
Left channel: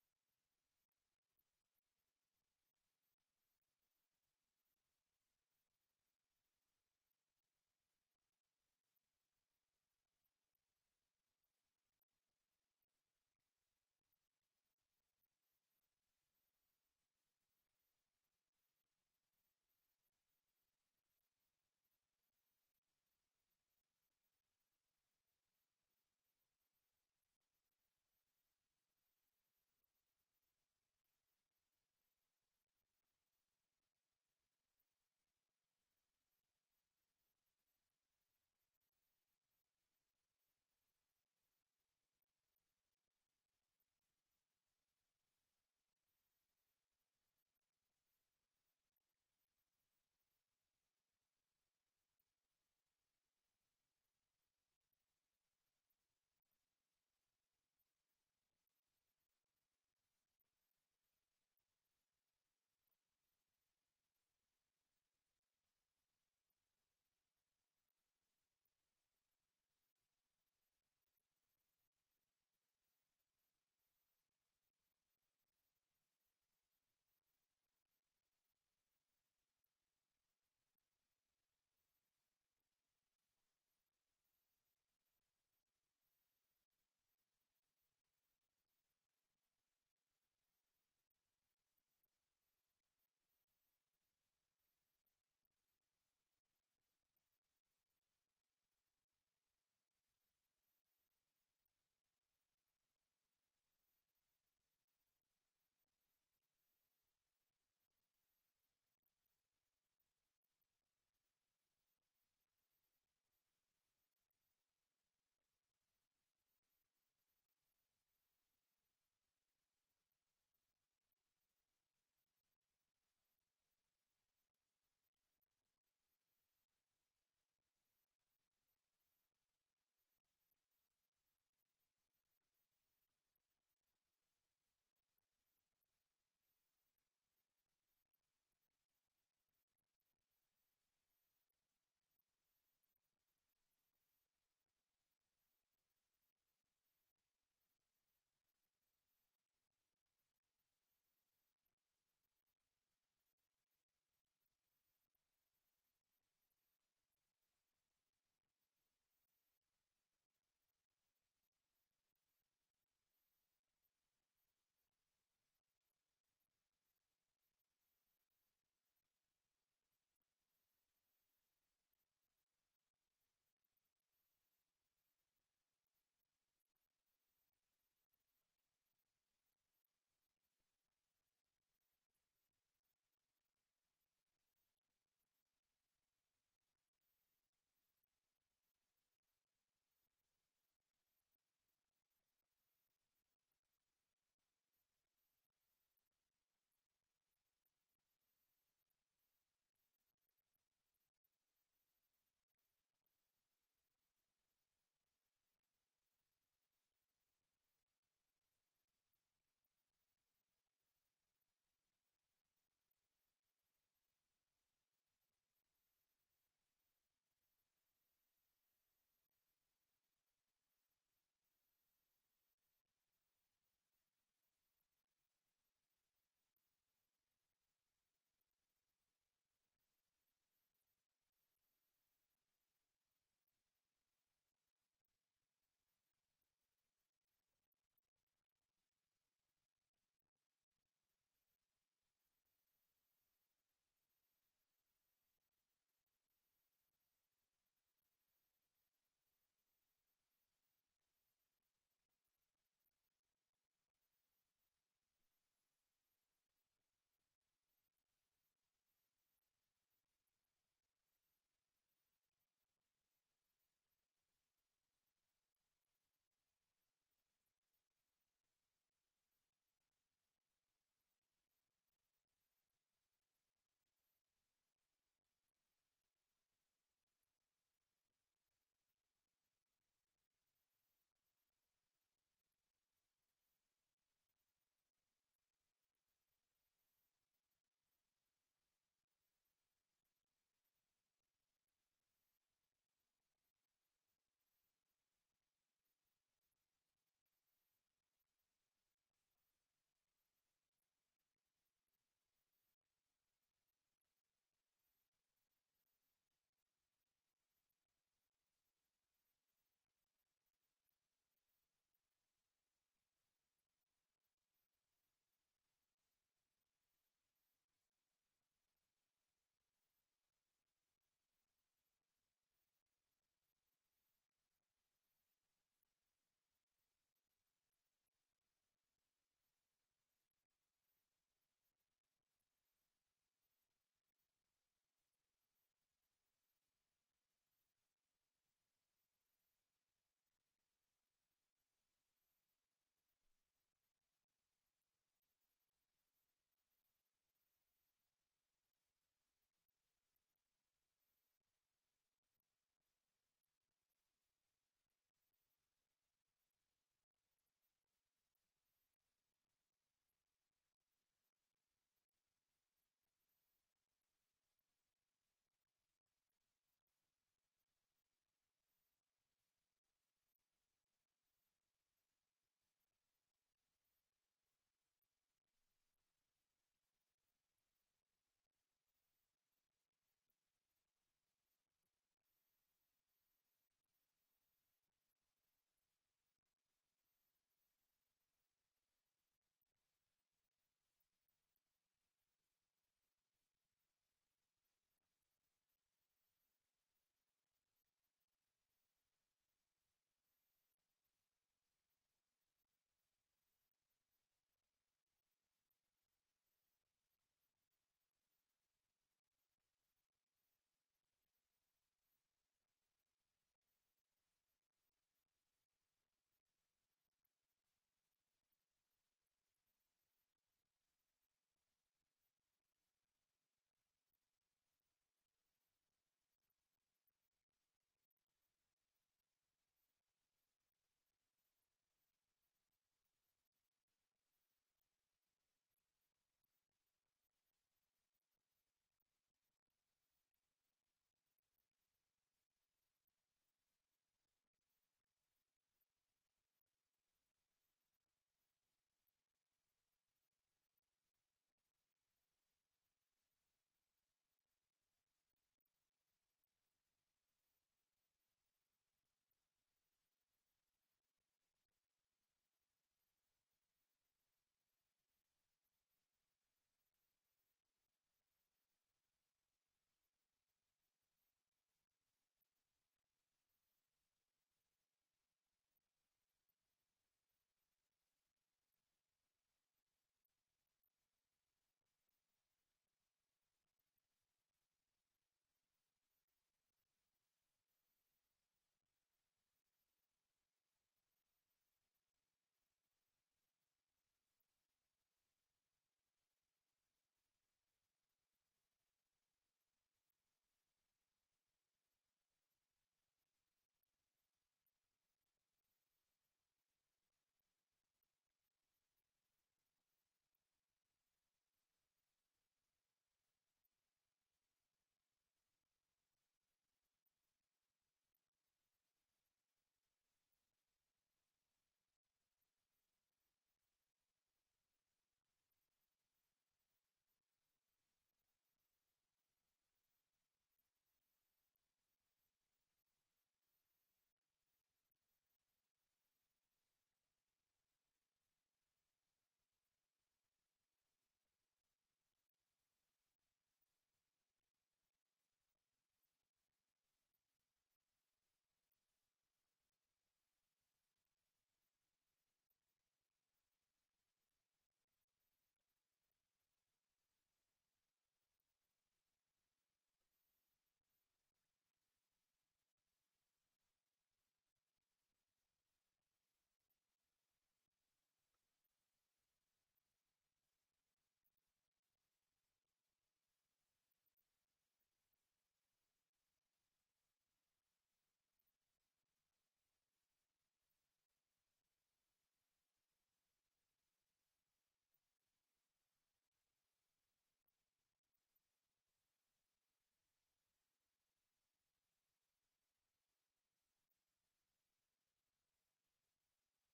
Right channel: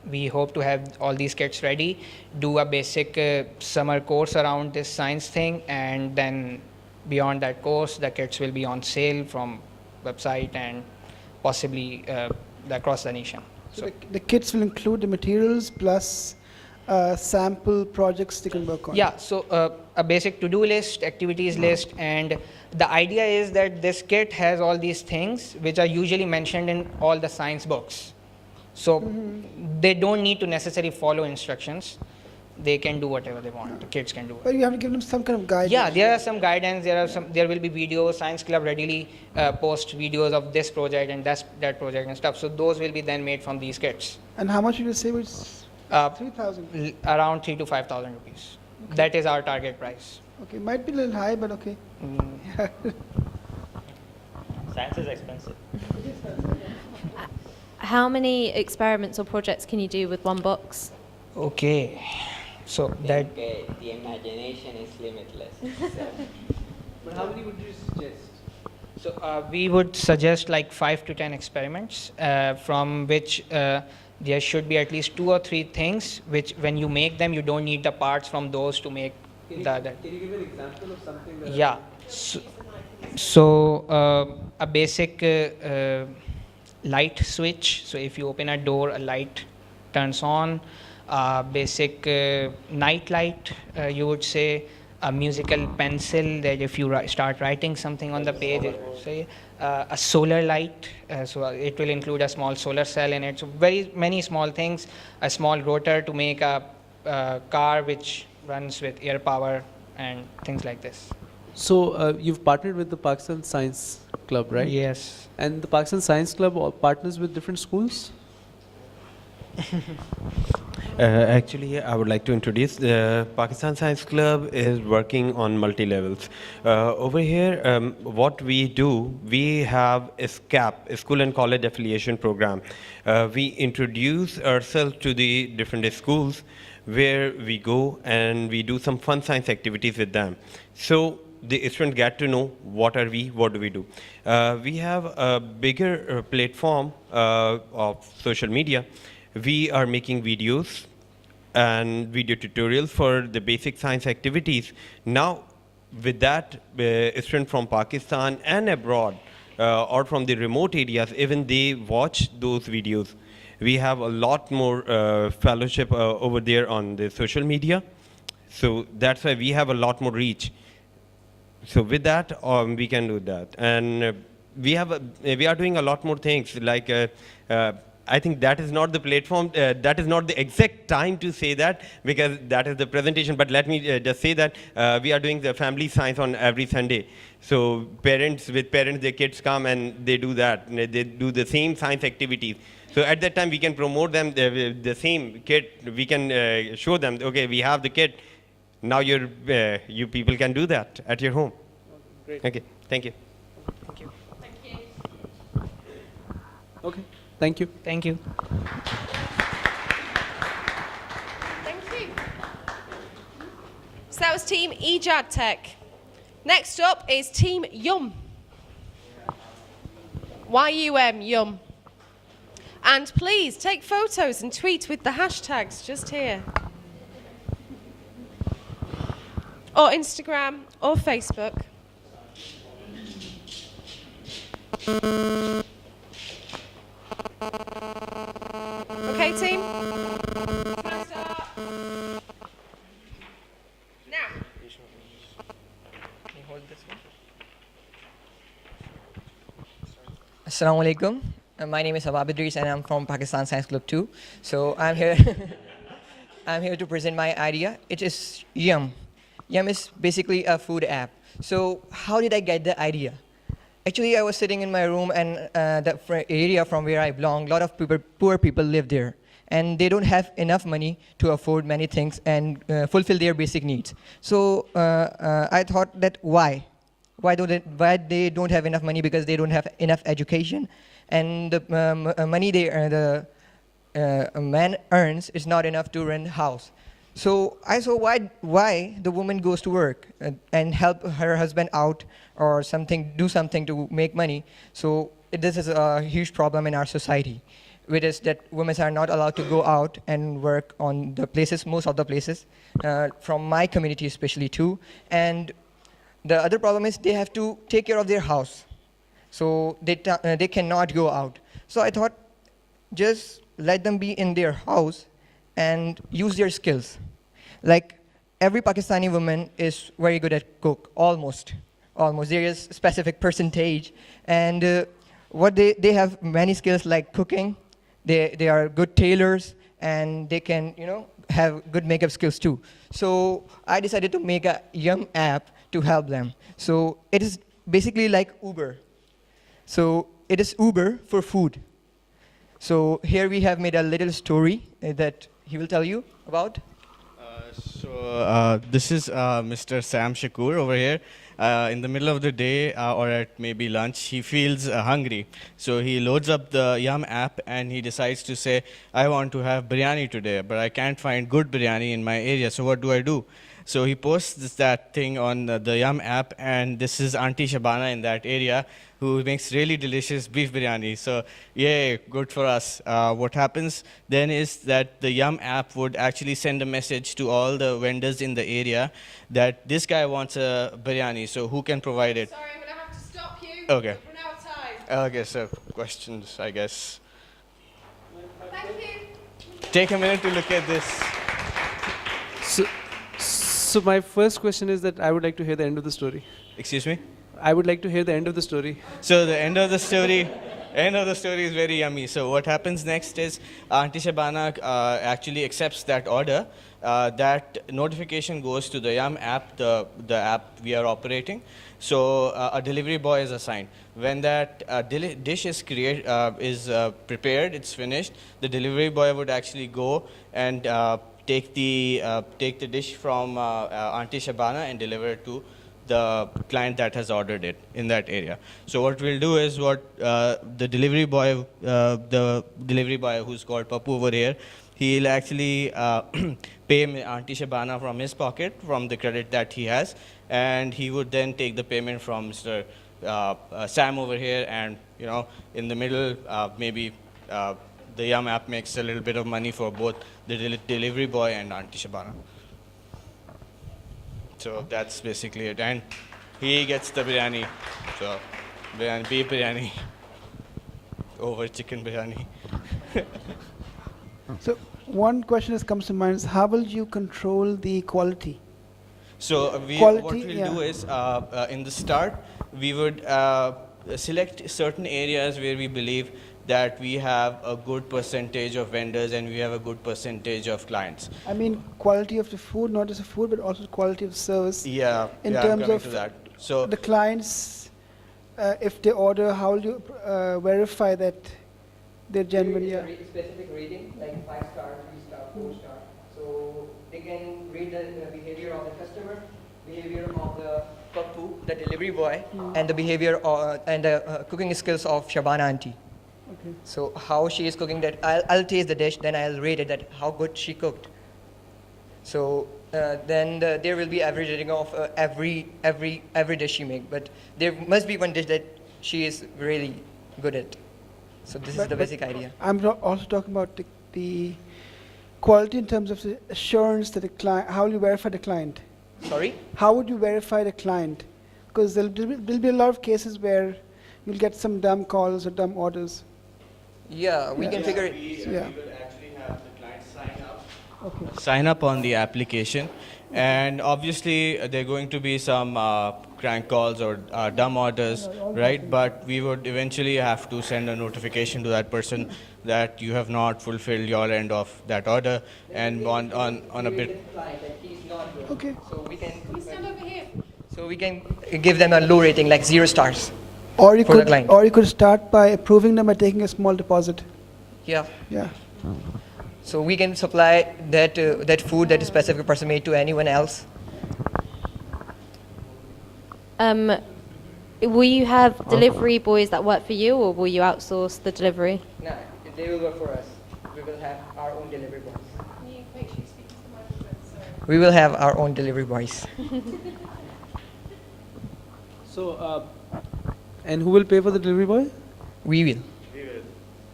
we hope to have all these kits ready, do a basic summer course around this science thing, and then beyond that course, the kits will be on sale from website and possibly across the nation. So the kits will include the materials plus sample projects they can work on. Yeah, so a basic to-do list, activities list, and the idea is that this kit has all these things which are usually mentioned in all the science books. So they don't need to necessarily follow instructions. They can do whatever they want. The kids can do it. But you have to give them some kind of guidance. Yeah, there are some guidance. There will be videos. Science Club readily post videos of this project and that project and stuff. So those will be then made from these kits. And how much did you say? It's 3,000. Around 3,000 to 5,000 rupees. Okay. That is our target price. Okay, might be a little high, but okay. Science is expensive. How many experiments or projects can you do with one box? Okay, so that. The imagination is limitless. But how many would you suggest? So we would suggest like 5 to 10 experiments, from which there should be at least 2 or 3 things which, when you make them, you don't need the parts from those to make the other. Can you give an example of something that? Yeah. So a basic light switch. So if you open a door, a light turns on. Basic night light, you would say. A musical pencil that if you start writing something on the page, say a solar light. So it will include a small solar cell in it. So very many small things. A small rotor to make a car which runs with air power and things like this. So you've partnered with the Pakistan Science Club, right? Yes. And the Pakistan Science Club partners with different schools? Actually, I would like to introduce the Pakistan Science Club is working on multi-levels. Over here, what we do, we have a SCAP, a School and College Affiliation Program. We introduce ourselves to the different schools where we go and we do some fun science activities with them. So the students get to know what are we, what do we do. We have a bigger platform of social media. We are making videos and video tutorials for the basic science activities. Now, with that, students from Pakistan and abroad, or from the remote areas, even they watch those videos. We have a lot more fellowship over there on the social media. So that's why we have a lot more reach. So with that, we can do that. And we are doing a lot more things, like I think that is not the platform, that is not the exact time to say that, because that is the presentation, but let me just say that we are doing the family science on every Sunday. So with parents, their kids come and they do that. They do the same science activities. So at that time, we can promote them, the same kit. We can show them, okay, we have the kit. Now you people can do that at your home. Great. Okay, thank you. Thank you. Okay, thank you. Thank you. Thank you. So that was Team Ejad Tech. Next up is Team Yum. Y-U-M, Yum. And please take photos and tweet with the hashtags just here. Or Instagram or Facebook. Okay, team? Assalamu alaikum. My name is Habab Idris and I'm from Pakistan Science Club 2. So I'm here I'm here to present my idea. It is Yum. Yum is basically a food app. So how did I get the idea? Actually, I was sitting in my room and the area from where I belong, a lot of poor people live there. And they don't have enough money to afford many things and fulfill their basic needs. So I thought that why? Why they don't have enough money? Because they don't have enough education. And the money a man earns is not enough to rent a house. So I saw why the woman goes to work and help her husband out or do something to make money. So this is a huge problem in our society. which is that women are not allowed to go out and work on the places, most of the places, from my community especially too. And the other problem is they have to take care of their house. So they cannot go out. So I thought, just let them be in their house and use their skills. Like every Pakistani woman is very good at cook, almost. There is a specific percentage. And what they have many skills like cooking. They are good tailors, and they can have good makeup skills too. So I decided to make a Yum app to help them. So it is basically like Uber. So it is Uber for food. So here we have made a little story that he will tell you about. This is Mr. Sam Shakur over here. In the middle of the day or at maybe lunch, he feels hungry. So he loads up the Yum app and he decides to say, I want to have biryani today, but I can't find good biryani in my area. So what do I do? So he posts that thing on the Yum app, and this is Auntie Shabana in that area who makes really delicious beef biryani. So yay, good for us. What happens then is that the Yum app would actually send a message to all the vendors in the area that this guy wants a biryani, so who can provide it? Sorry, I'm going to have to stop you. Okay. We've run out of time. Okay, so questions, I guess. Thank you. Take a minute to look at this. So my first question is that I would like to hear the end of the story. Excuse me? I would like to hear the end of the story. So the end of the story is very yummy. So what happens next is Auntie Shabana actually accepts that order. That notification goes to the Yum app, the app we are operating. So a delivery boy is assigned. When that dish is prepared, it's finished, the delivery boy would actually go and take the dish from Auntie Shabana and deliver it to the client that has ordered it in that area. So what we'll do is the delivery boy who's called Papu over here, he'll actually pay Auntie Shabana from his pocket, from the credit that he has, and he would then take the payment from Mr. Sam over here, and in the middle, maybe the Yum app makes a little bit of money for both the delivery boy and Auntie Shabana. So that's basically it. And he gets the biryani. So beef biryani over chicken biryani. So one question that comes to mind is, how will you control the quality? So what we'll do is, in the start, we would select certain areas where we believe that we have a good percentage of vendors and we have a good percentage of clients. I mean quality of the food, not just the food, but also quality of service. Yeah, in I'm terms coming of to that. So the clients, if they order, how will you verify that they're genuine? Yeah. Specific rating, like 5-star, 3-star, 4-star. So they can rate the behavior of the customer, behavior of the Papu, the delivery boy, and the behavior and the cooking skills of Shabana auntie. Okay. So how she is cooking that, I'll taste the dish, then I'll rate it that how good she cooked. So then there will be average rating of every dish she make, but there must be one dish that she is really good at. So this is the basic idea. I'm also talking about the quality in terms of the assurance that the client, how will you verify the client? Sorry? How would you verify the client? Because there'll be a lot of cases where you'll get some dumb calls or dumb orders. Yeah, we can figure it. We will actually have the client sign up on the application, and obviously there are going to be some crank calls or dumb orders, right? But we would eventually have to send a notification to that person that you have not fulfilled your end of that order, and on a bit. Okay. So we can. Can we stand over here? So we can give them a low rating, like 0 stars. Or you for the client. or you could start by approving them by taking a small deposit. Yeah. Yeah. So we can supply that food that a specific person made to anyone else. Will you have delivery boys that work for you, or will you outsource the delivery? No, they will work for us. We will have our own delivery boys. Can you make sure you speak to the microphone? Sorry. We will have our own delivery boys. So, and who will pay for the delivery boy? We will.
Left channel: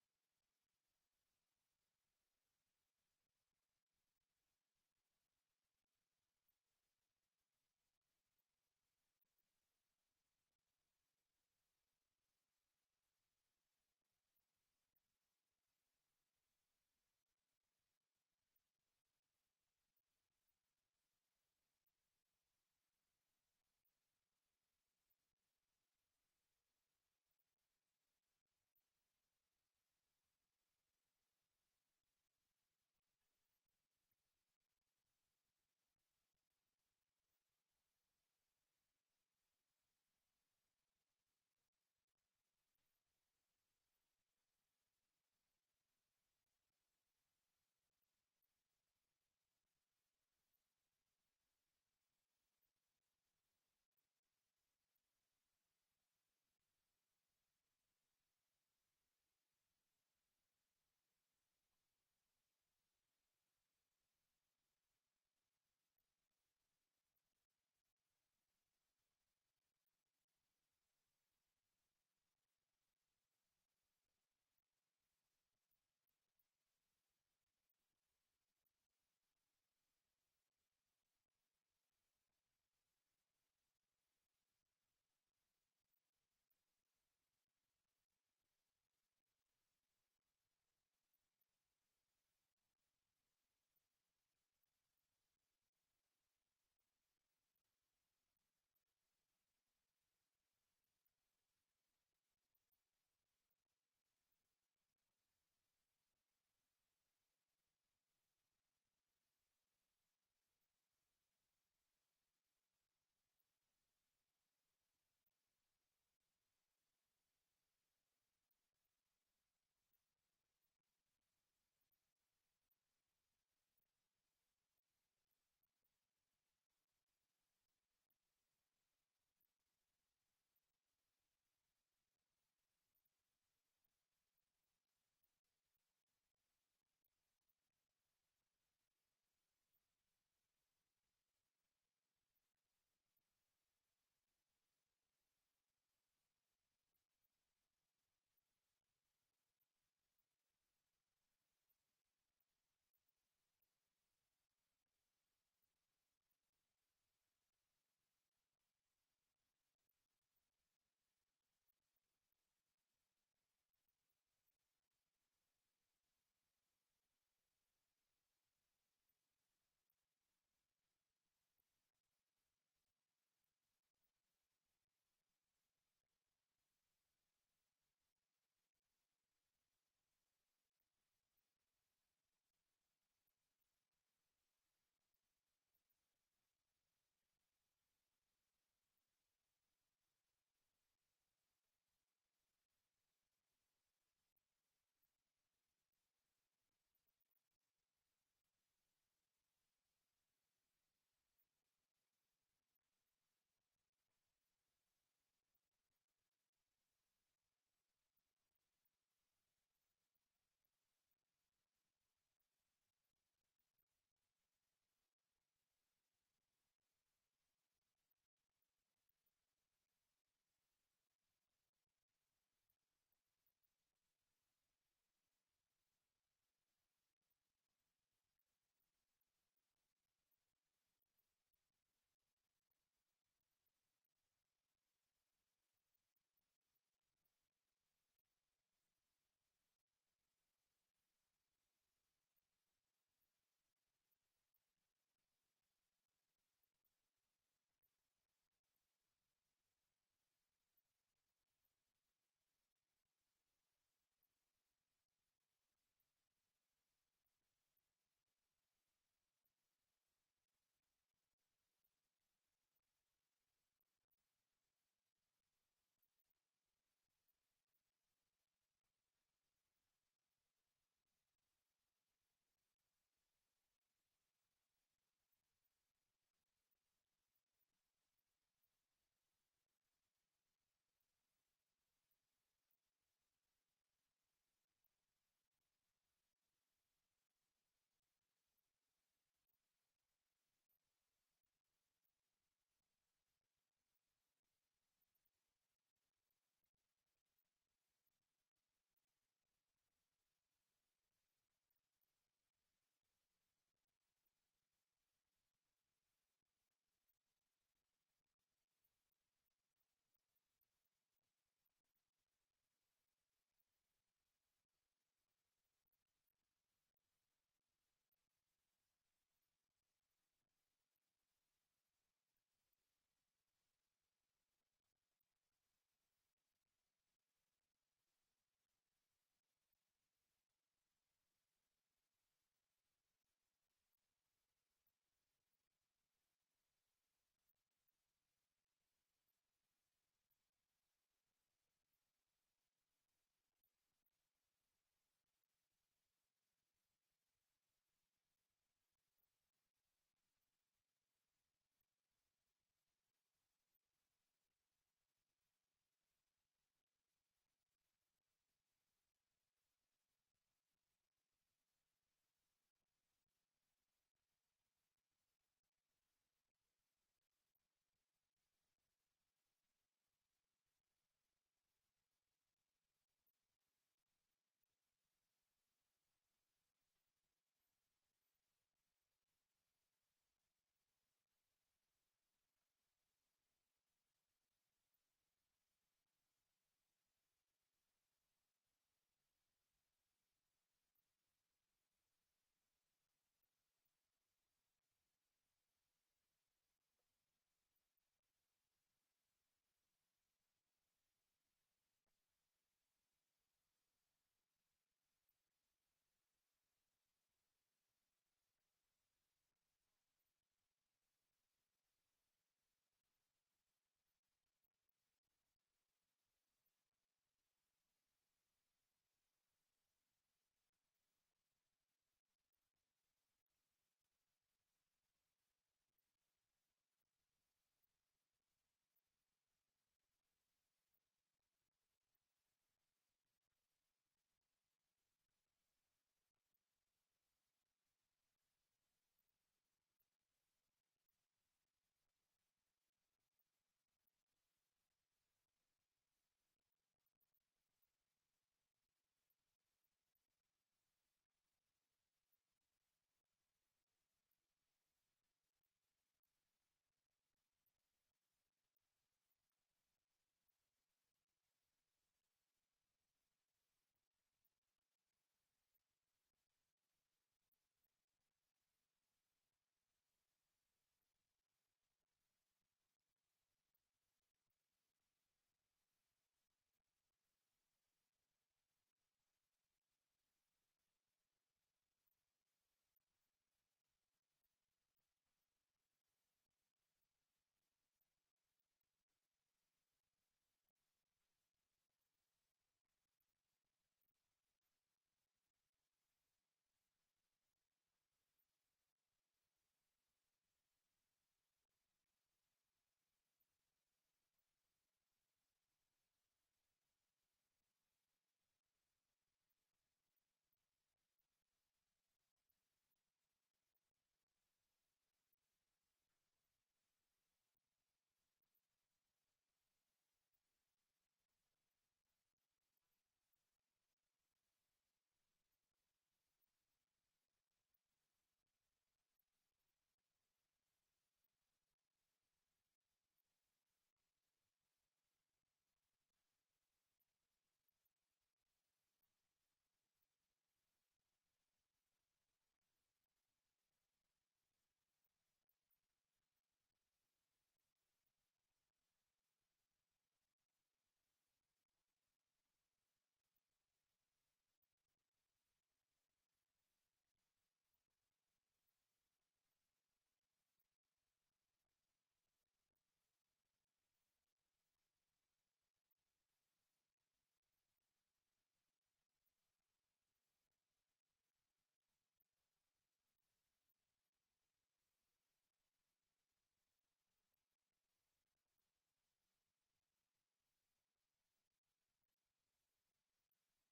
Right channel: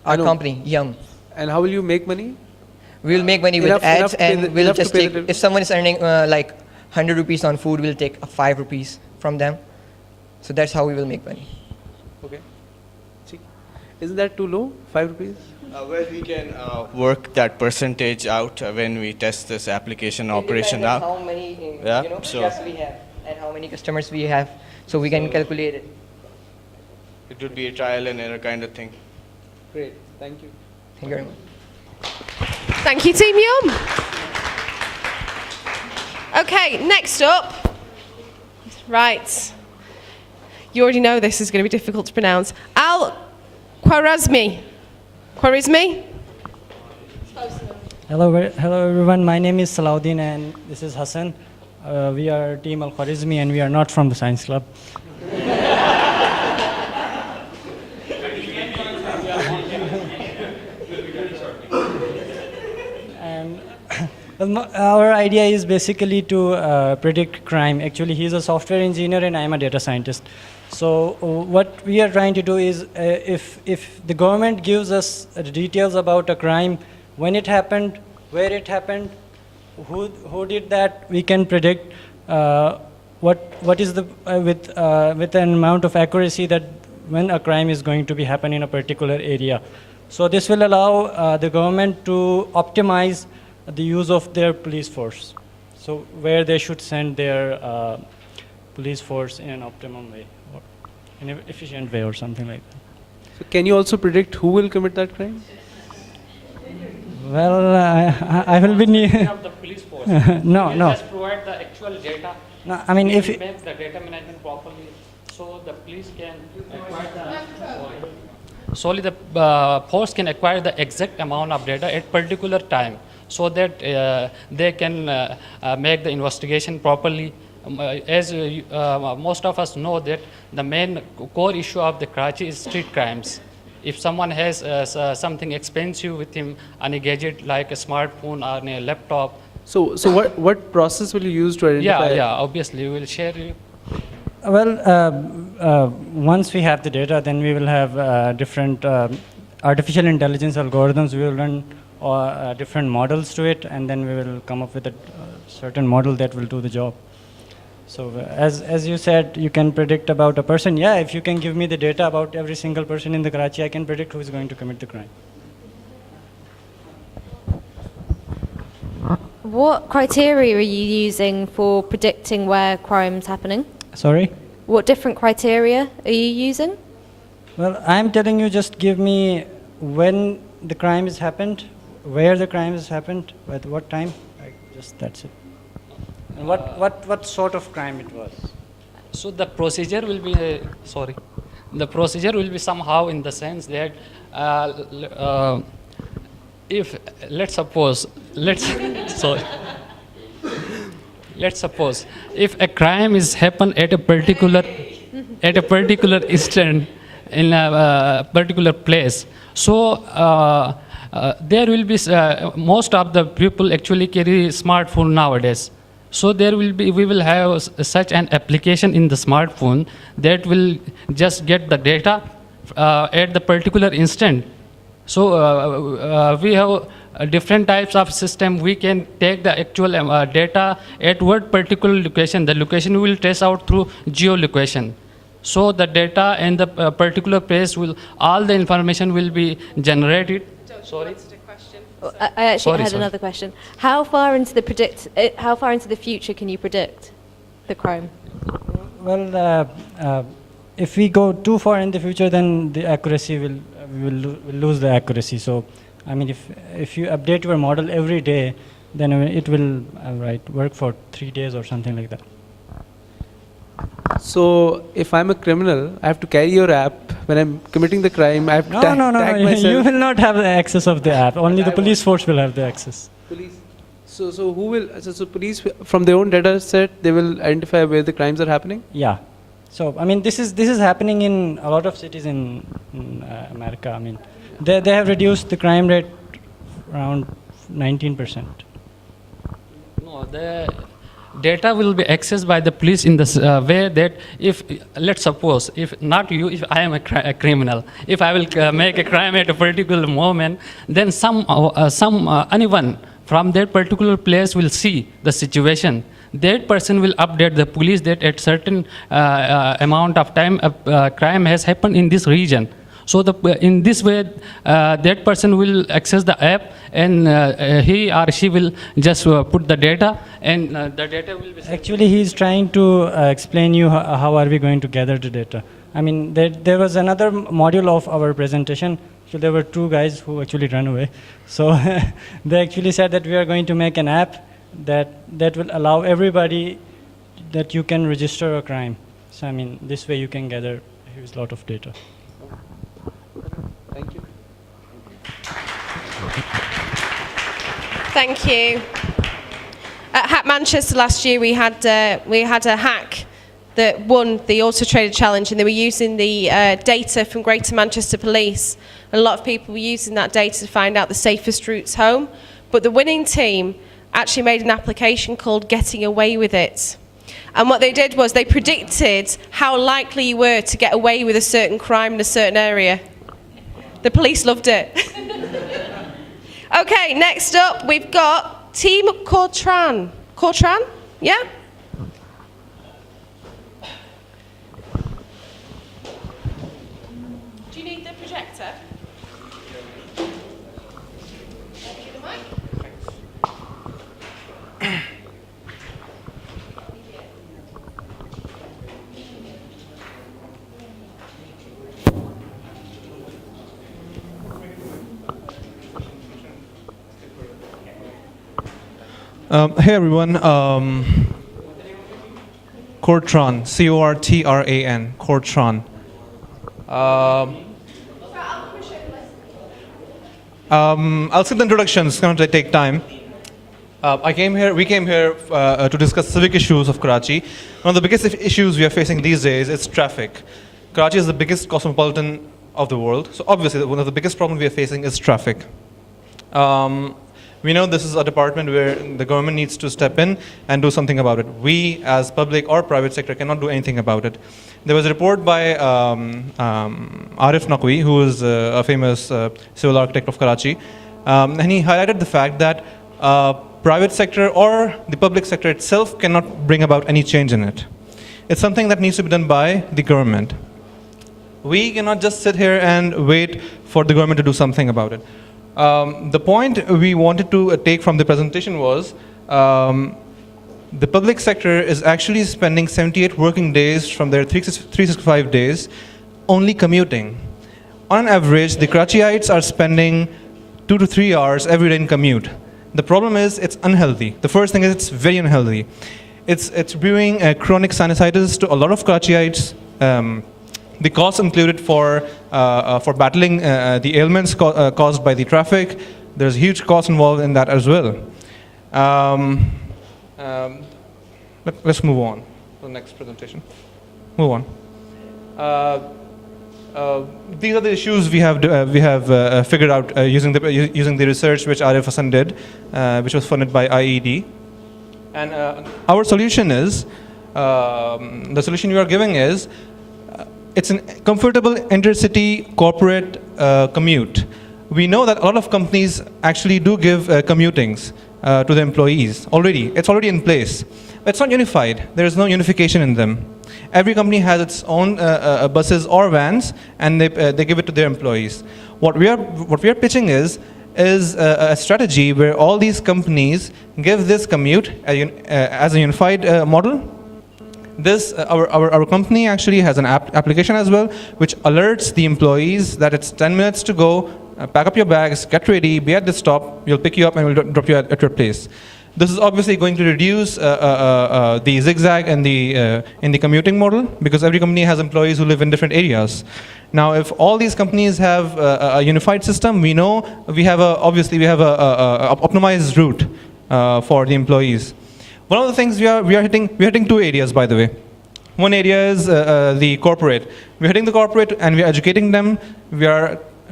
Our company, Yum. And how will you make money? We will make money with Enough ads, to pay and the- we'll enough to just pay take, the- if someone is earning like 100 rupees on food, we'll take 5 rupees from them. So that's how we will make money. Okay. Isn't that too low? 5 rupees? Well, we can work that percentage out when we test this application operation It depends out. on how many Yeah, so we have and how many customers we have, so we can calculate it. It would be a trial and error kind of thing. Great. Thank you. Thank you very much. Thank you, Team Yum. Okay, next up. Right. You already know this is going to be difficult to pronounce. Al-Khwarizmi. Khwarizmi? Hello, hello everyone. My name is Salahuddin and this is Hassan. We are Team Al-Khwarizmi and we are not from the Science Club. And well, our idea is basically to predict crime. Actually, he's a software engineer and I'm a data scientist. So what we are trying to do is if the government gives us details about a crime, when it happened, where it happened, who did that, we can predict what is the with an amount of accuracy that when a crime is going to be happen in a particular area. So this will allow the government to optimize the use of their police force. So where they should send their police force in an optimum way, or in an efficient way or something like that. So can you also predict who will commit that crime? Well, I will be near. Of the police force. No, You no. just provide the actual data. No, I mean, You if will make the data management properly, so the police can acquire the solely the force can acquire the exact amount of data at particular time, so that they can make the investigation properly. As most of us know that the main core issue of the Karachi is street crimes. If someone has something expensive with him on a gadget like a smartphone or a laptop. So what process will you use to identify? Yeah, obviously we will share you. Well, once we have the data, then we will have different artificial intelligence algorithms. We will run different models to it, and then we will come up with a certain model that will do the job. So as you said, you can predict about a person. Yeah, if you can give me the data about every single person in the Karachi, I can predict who is going to commit the crime. What criteria are you using for predicting where crime's happening? Sorry? What different criteria are you using? Well, I'm telling you, just give me when the crime has happened, where the crime has happened, at what time. That's it. And what sort of crime it was? So the procedure will be, the procedure will be somehow in the sense that if, let's suppose if a crime is happened at a particular instant in a particular place, so there will be most of the people actually carry smartphone nowadays. So we will have such an application in the smartphone that will just get the data at the particular instant. So we have different types of system. We can take the actual data at what particular location. The location we will trace out through geolocation. So the data and the particular place all the information will be generated. Sorry. I actually had another question. How far into the future can you predict the crime? Well, if we go too far in the future, then the accuracy we will lose the accuracy. So, I mean, if you update your model every day, then it will work for 3 days or something like that. So if I'm a criminal, I have to carry your app. When I'm committing the crime, I have to tag myself. You will not have the access of the app. Only the police force will have the access. Police. So who will? So police from their own data set, they will identify where the crimes are happening. Yeah. So I mean, this is happening in a lot of cities in America. I mean, they have reduced the crime rate around 19%. No, data will be accessed by the police in this way that if, let's suppose, if not you, if I am a criminal, if I will make a crime at a particular moment, then anyone from that particular place will see the situation. That person will update the police that at certain amount of time a crime has happened in this region. So in this way, that person will access the app, and he or she will just put the data, and the data will be... Actually, he's trying to explain you how are we going to gather the data. I mean, there was another module of our presentation. So there were two guys who actually ran away. So they actually said that we are going to make an app that will allow everybody that you can register a crime. So I mean, this way you can gather a huge lot of data. Thank you. Thank you. At HackManchester last year, we had a hack that won the Auto Trader Challenge, and they were using the data from Greater Manchester Police. And a lot of people were using that data to find out the safest routes home. But the winning team actually made an application called Getting Away With It. And what they did was they predicted how likely you were to get away with a certain crime in a certain area. The police loved it. Okay, next up we've got Team Cortran. Cortran? Yeah? Do you need the projector? Hey everyone, Cortran, C-O-R-T-R-A-N, Cortran. I'll skip the introduction, it's going to take time. We came here to discuss civic issues of Karachi. One of the biggest issues we are facing these days is traffic. Karachi is the biggest cosmopolitan of the world, so obviously one of the biggest problems we are facing is traffic. We know this is a department where the government needs to step in and do something about it. We, as public or private sector, cannot do anything about it. There was a report by Arif Naqvi, who is a famous civil architect of Karachi, and he highlighted the fact that private sector or the public sector itself cannot bring about any change in it. It's something that needs to be done by the government. We cannot just sit here and wait for the government to do something about it. The point we wanted to take from the presentation was the public sector is actually spending 78 working days from their 365 days only commuting. On average, the Karachiites are spending 2 to 3 hours every day in commute. The problem is it's unhealthy. The first thing is it's very unhealthy. It's bringing chronic sinusitis to a lot of Karachiites. The costs included for battling the ailments caused by the traffic, there's a huge cost involved in that as well. Let's move on to the next presentation. Move on. These are the issues we have figured out using the research which Arif Hassan did, which was funded by IED. And our solution is, the solution we are giving is, it's a comfortable intercity corporate commute. We know that a lot of companies actually do give commutings to the employees already. It's already in place. But it's not unified. There is no unification in them. Every company has its own buses or vans, and they give it to their employees. What we are pitching is a strategy where all these companies give this commute as a unified model. Our company actually has an application as well, which alerts the employees that it's 10 minutes to go, pack up your bags, get ready, be at the stop, we'll pick you up and we'll drop you at your place. This is obviously going to reduce the zigzag and in the commuting model, because every company has employees who live in different areas. Now, if all these companies have a unified system, we know we have a optimized route for the employees. One of the things we are hitting two areas, by the way. One area is the corporate. We're hitting the corporate and we're educating them. We are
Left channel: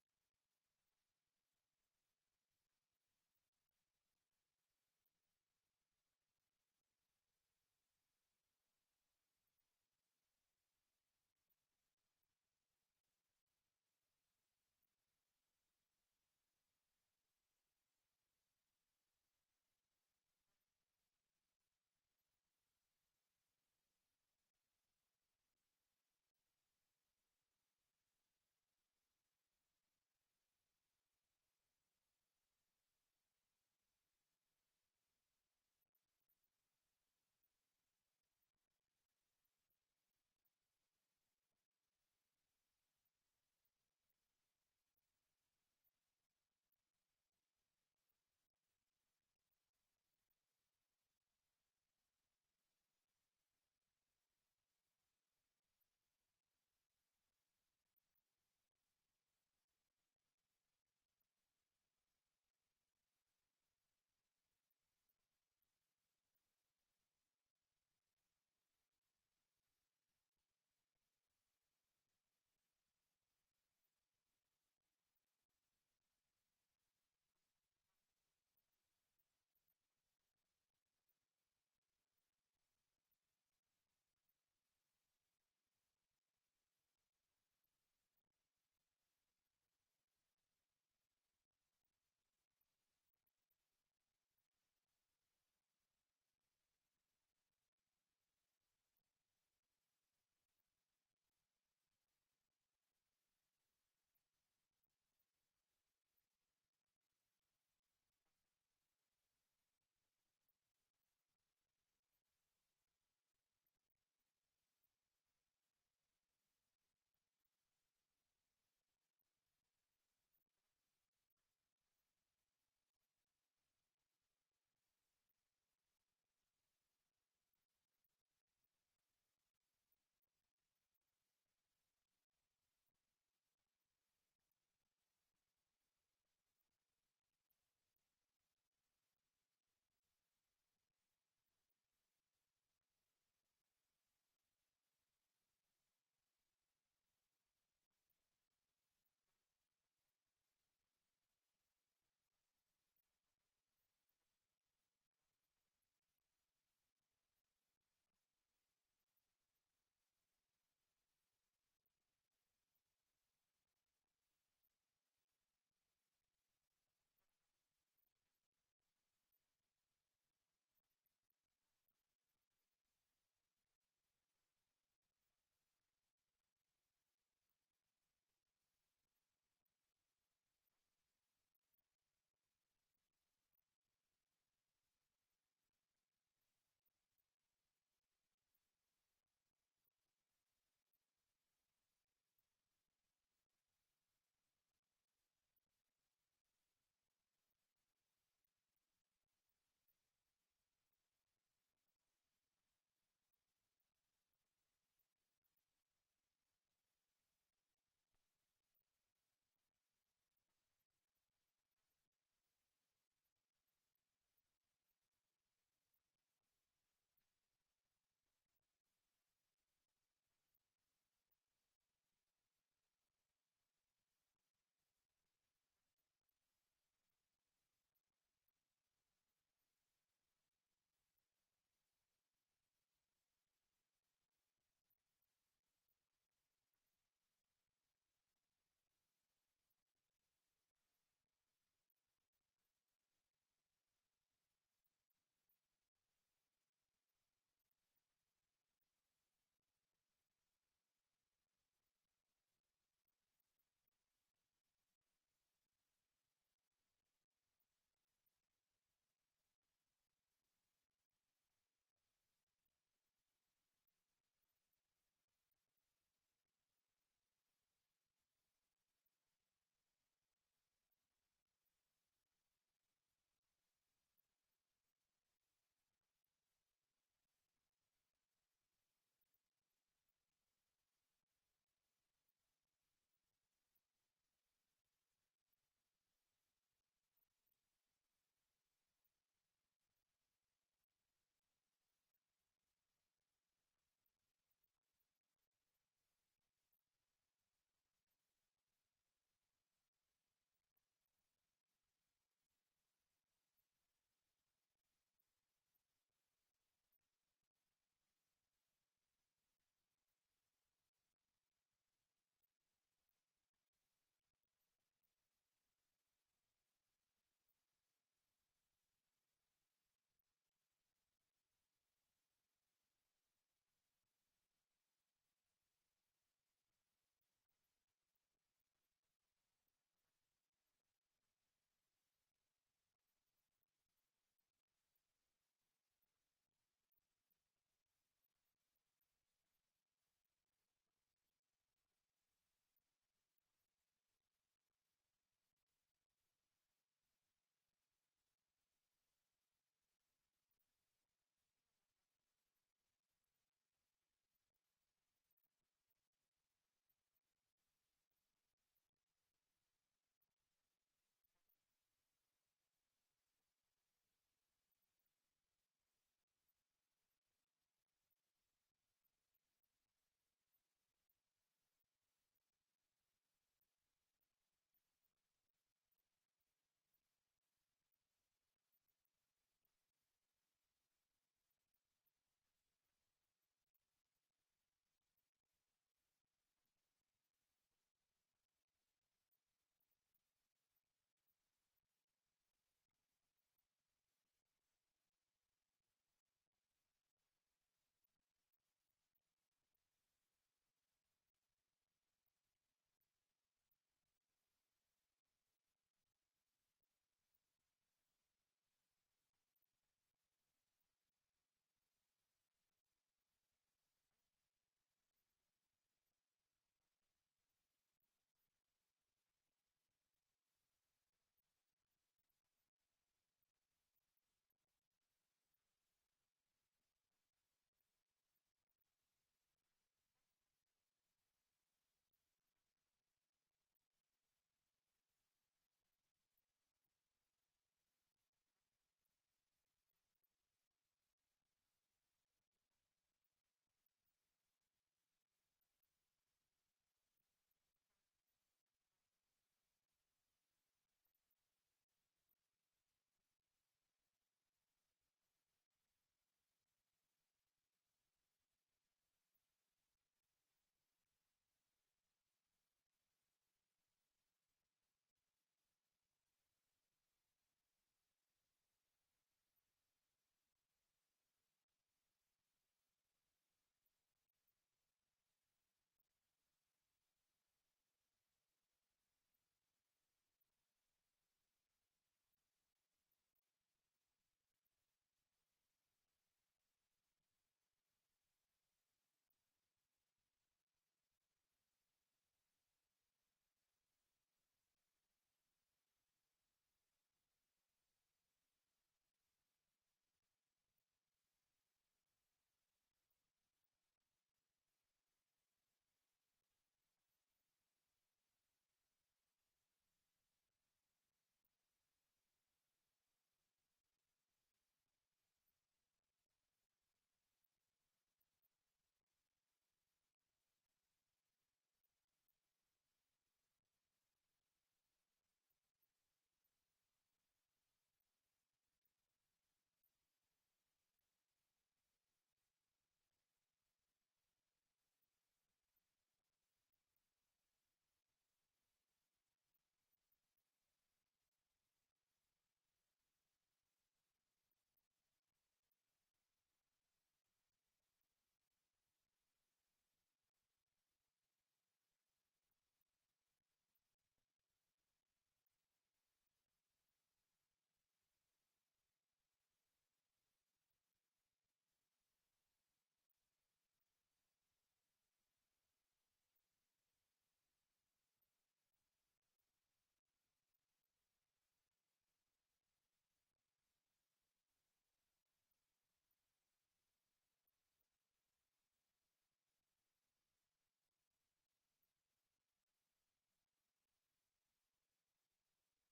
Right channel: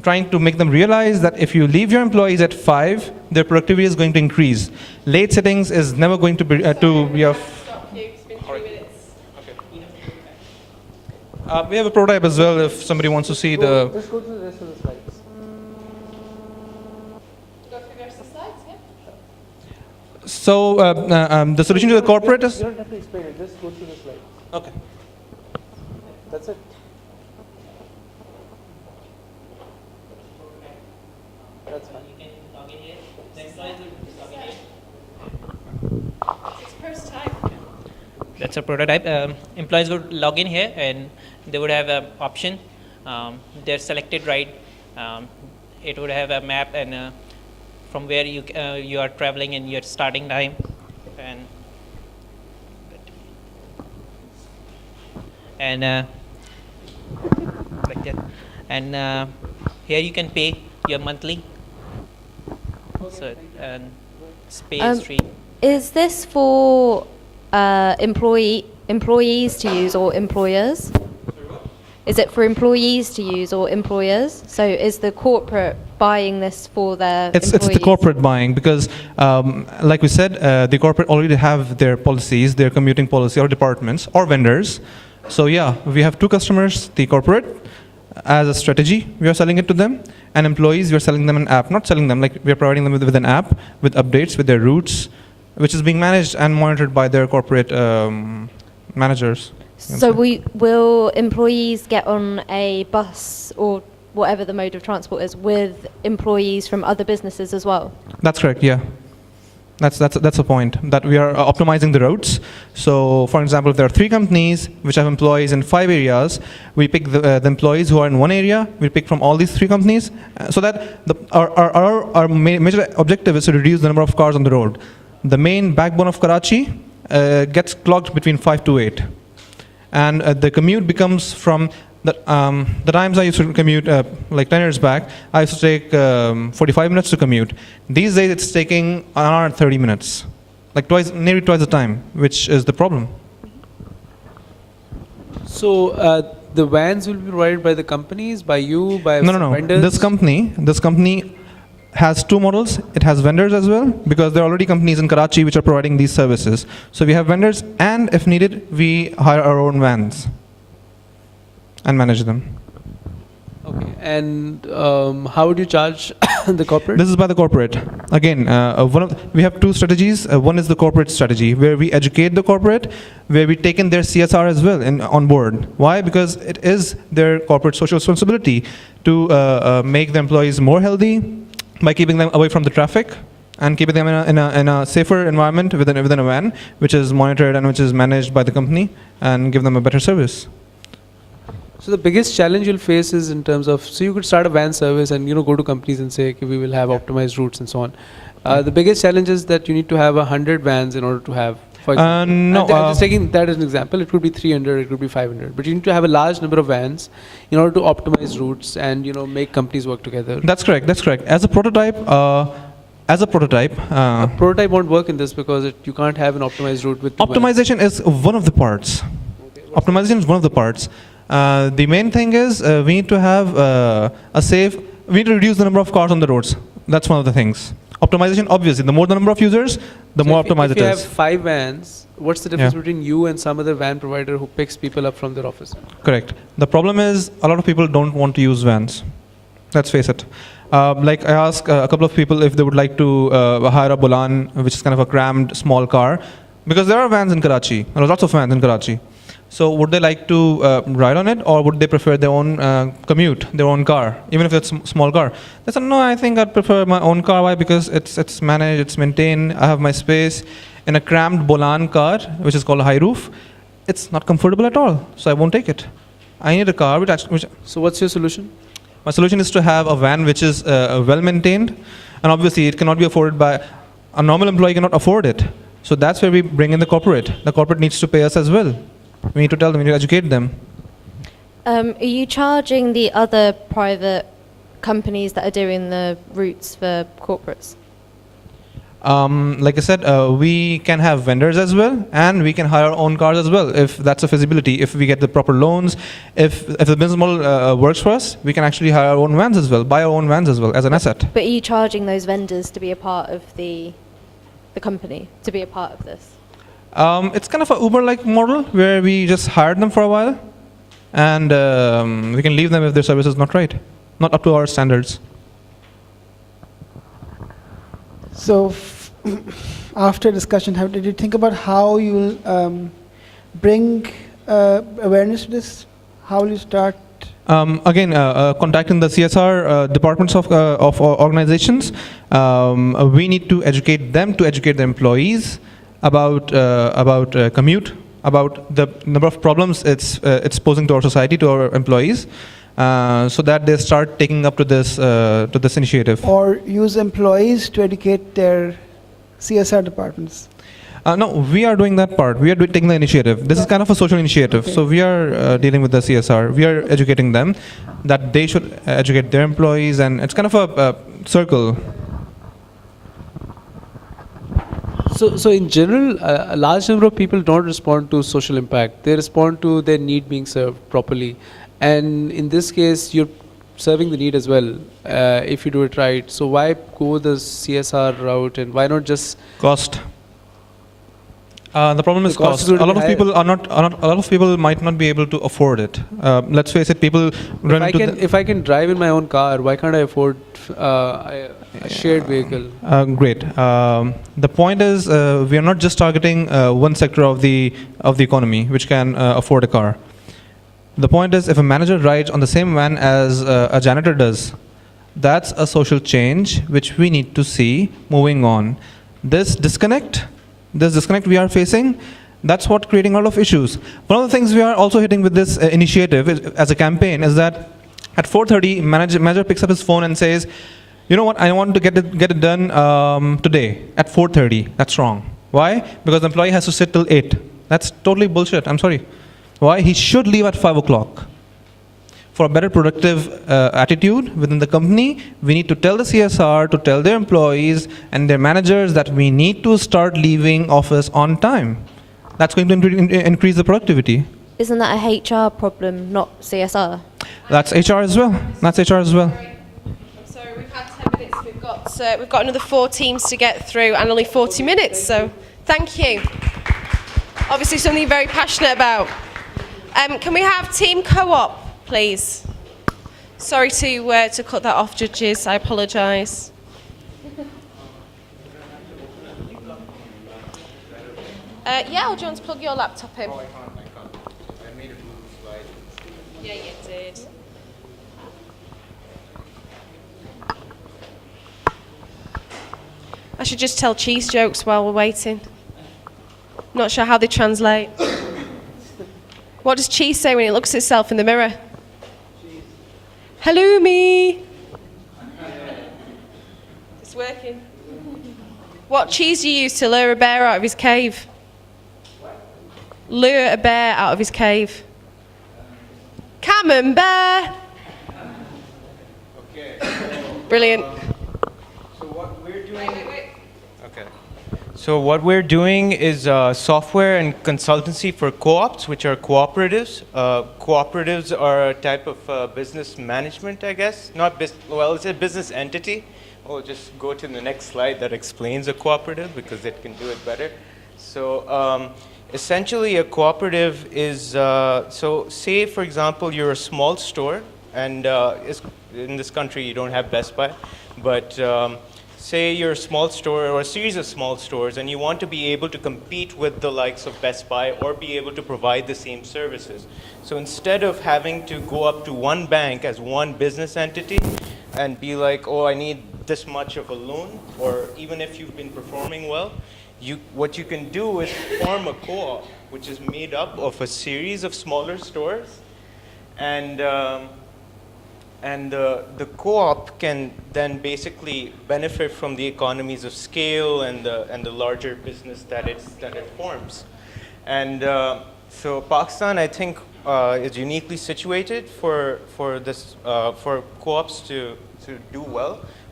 trying to make them realize that if you leave your employees at 5, their productivity is going to increase. Late settings is never going to be of. We have a prototype as well if somebody wants to see the. Just go to the rest of the slides. So the solution to the corporate is. You don't have to explain it. Just go through the slides. Okay. That's it. That's fine. That's a prototype. Employees would log in here and they would have an option. They're selected right. It would have a map and from where you are traveling and your starting time. And like that. And here you can pay your monthly. So and pay is free. Is this for employees to use or employers? Is it for employees to use or employers? So is the corporate buying this for their It's employees? the corporate buying because, like we said, the corporate already have their policies, their commuting policy, or departments, or vendors. So yeah, we have two customers, the corporate, as a strategy, we are selling it to them, and employees, we are selling them an app, not selling them, like we are providing them with an app, with updates, with their routes, which is being managed and monitored by their corporate managers. So will employees get on a bus or whatever the mode of transport is with employees from other businesses as well? That's correct, yeah. That's the point, that we are optimizing the routes. So for example, if there are 3 companies which have employees in 5 areas, we pick the employees who are in one area, we pick from all these 3 companies, so that our major objective is to reduce the number of cars on the road. The main backbone of Karachi gets clogged between 5 to 8. And the commute becomes from the times I used to commute, like 10 years back, I used to take 45 minutes to commute. These days it's taking an hour and 30 minutes, like nearly twice the time, which is the problem. So the vans will be provided by the companies, by you, by vendors? This company has 2 models. It has vendors as well, because there are already companies in Karachi which are providing these services. So we have vendors, and if needed, we hire our own vans and manage them. Okay, and how would you charge the corporate? This is by the corporate. Again, we have 2 strategies. One is the corporate strategy, where we educate the corporate, where we take in their CSR as well on board. Why? Because it is their corporate social responsibility to make the employees more healthy by keeping them away from the traffic and keeping them in a safer environment within a van, which is monitored and which is managed by the company, and give them a better service. So the biggest challenge you'll face is in terms of, so you could start a van service and go to companies and say, okay, we will have optimized routes and so on. The biggest challenge is that you need to have 100 vans in order to have, for example. No, I'm just taking that as an example. It could be 300, it could be 500. But you need to have a large number of vans in order to optimize routes and make companies work together. That's correct. That's correct. As a prototype, a prototype won't work in this because you can't have an optimized route with optimization is one of the parts. Optimization is one of the parts. The main thing is we need to have we need to reduce the number of cars on the roads. That's one of the things. Optimization, obviously, the more the number of users, the more optimized it is. If you have 5 vans, what's the difference between you and some other van provider who picks people up from their office? Correct. The problem is a lot of people don't want to use vans. Let's face it. Like I asked a couple of people if they would like to hire a Bolan, which is kind of a crammed small car, because there are vans in Karachi. There are lots of vans in Karachi. So would they like to ride on it, or would they prefer their own commute, their own car, even if it's a small car? They said, no, I think I'd prefer my own car. Why? Because it's managed, it's maintained, I have my space. In a crammed Bolan car, which is called a high roof, it's not comfortable at all, so I won't take it. I need a car which So what's your solution? My solution is to have a van which is well maintained, and obviously it cannot be afforded by a normal employee, cannot afford it. So that's where we bring in the corporate. The corporate needs to pay us as well. We need to tell them, we need to educate them. Are you charging the other private companies that are doing the routes for corporates? Like I said, we can have vendors as well, and we can hire our own cars as well, if that's a feasibility. If we get the proper loans, if the business model works for us, we can actually hire our own vans as well, buy our own vans as well as an asset. But are you charging those vendors to be a part of the company, to be a part of this? It's kind of an Uber-like model where we just hire them for a while, and we can leave them if their service is not right, not up to our standards. So, after discussion, did you think about how you will bring awareness to this? How will you start? Again, contacting the CSR departments of organizations, we need to educate them to educate the employees about commute, about the number of problems it's posing to our society, to our employees, so that they start taking up to this initiative. Or use employees to educate their CSR departments? No, we are doing that part. We are taking the initiative. This is kind of a social initiative. So we are dealing with the CSR. We are educating them that they should educate their employees, and it's kind of a circle. So in general, a large number of people don't respond to social impact. They respond to their need being served properly. And in this case, you're serving the need as well, if you do it right. So why go the CSR route, and why not just cost? The problem is cost. A lot of people a lot of people might not be able to afford it. Let's face it, people run into if I can drive in my own car, why can't I afford a shared vehicle? Great. The point is, we are not just targeting one sector of the economy which can afford a car. The point is, if a manager rides on the same van as a janitor does, that's a social change which we need to see moving on. This disconnect we are facing, that's what creating a lot of issues. One of the things we are also hitting with this initiative as a campaign is that at 4:30, manager picks up his phone and says, you know what, I want to get it done today at 4:30. That's wrong. Why? Because the employee has to sit till 8. That's totally bullshit. I'm sorry. Why? He should leave at 5 o'clock. For a better productive attitude within the company, we need to tell the CSR, to tell their employees and their managers that we need to start leaving office on time. That's going to increase the productivity. Isn't that a HR problem, not CSR? That's HR as well. That's HR as well. I'm sorry, we've had 10 minutes. We've got another 4 teams to get through and only 40 minutes, so thank you. Obviously something you're very passionate about. Can we have team co-op, please? Sorry to cut that off, judges. I apologise. Yeah, or do you want to plug your laptop in? Oh, I can't. I made a Google slide. Yeah, you did. I should just tell cheese jokes while we're waiting. Not sure how they translate. What does cheese say when it looks at itself in the mirror? Cheese. Hello, me. It's working. What cheese do you use to lure a bear out of his cave? What? Lure a bear out of his cave. Camembert. Okay. Brilliant. So what we're doing. Okay. So what we're doing is software and consultancy for co-ops, which are cooperatives. Cooperatives are a type of business management, I guess. Well, it's a business entity. We'll just go to the next slide that explains a cooperative because it can do it better. So essentially a cooperative is, so say for example you're a small store, and in this country you don't have Best Buy, but say you're a small store or a series of small stores and you want to be able to compete with the likes of Best Buy or be able to provide the same services. So instead of having to go up to one bank as one business entity and be like, oh, I need this much of a loan, or even if you've been performing well, what you can do is form a co-op which is made up of a series of smaller stores, and the co-op can then basically benefit from the economies of scale and the larger business that it forms. And so Pakistan, I think, is uniquely situated for co-ops to do well,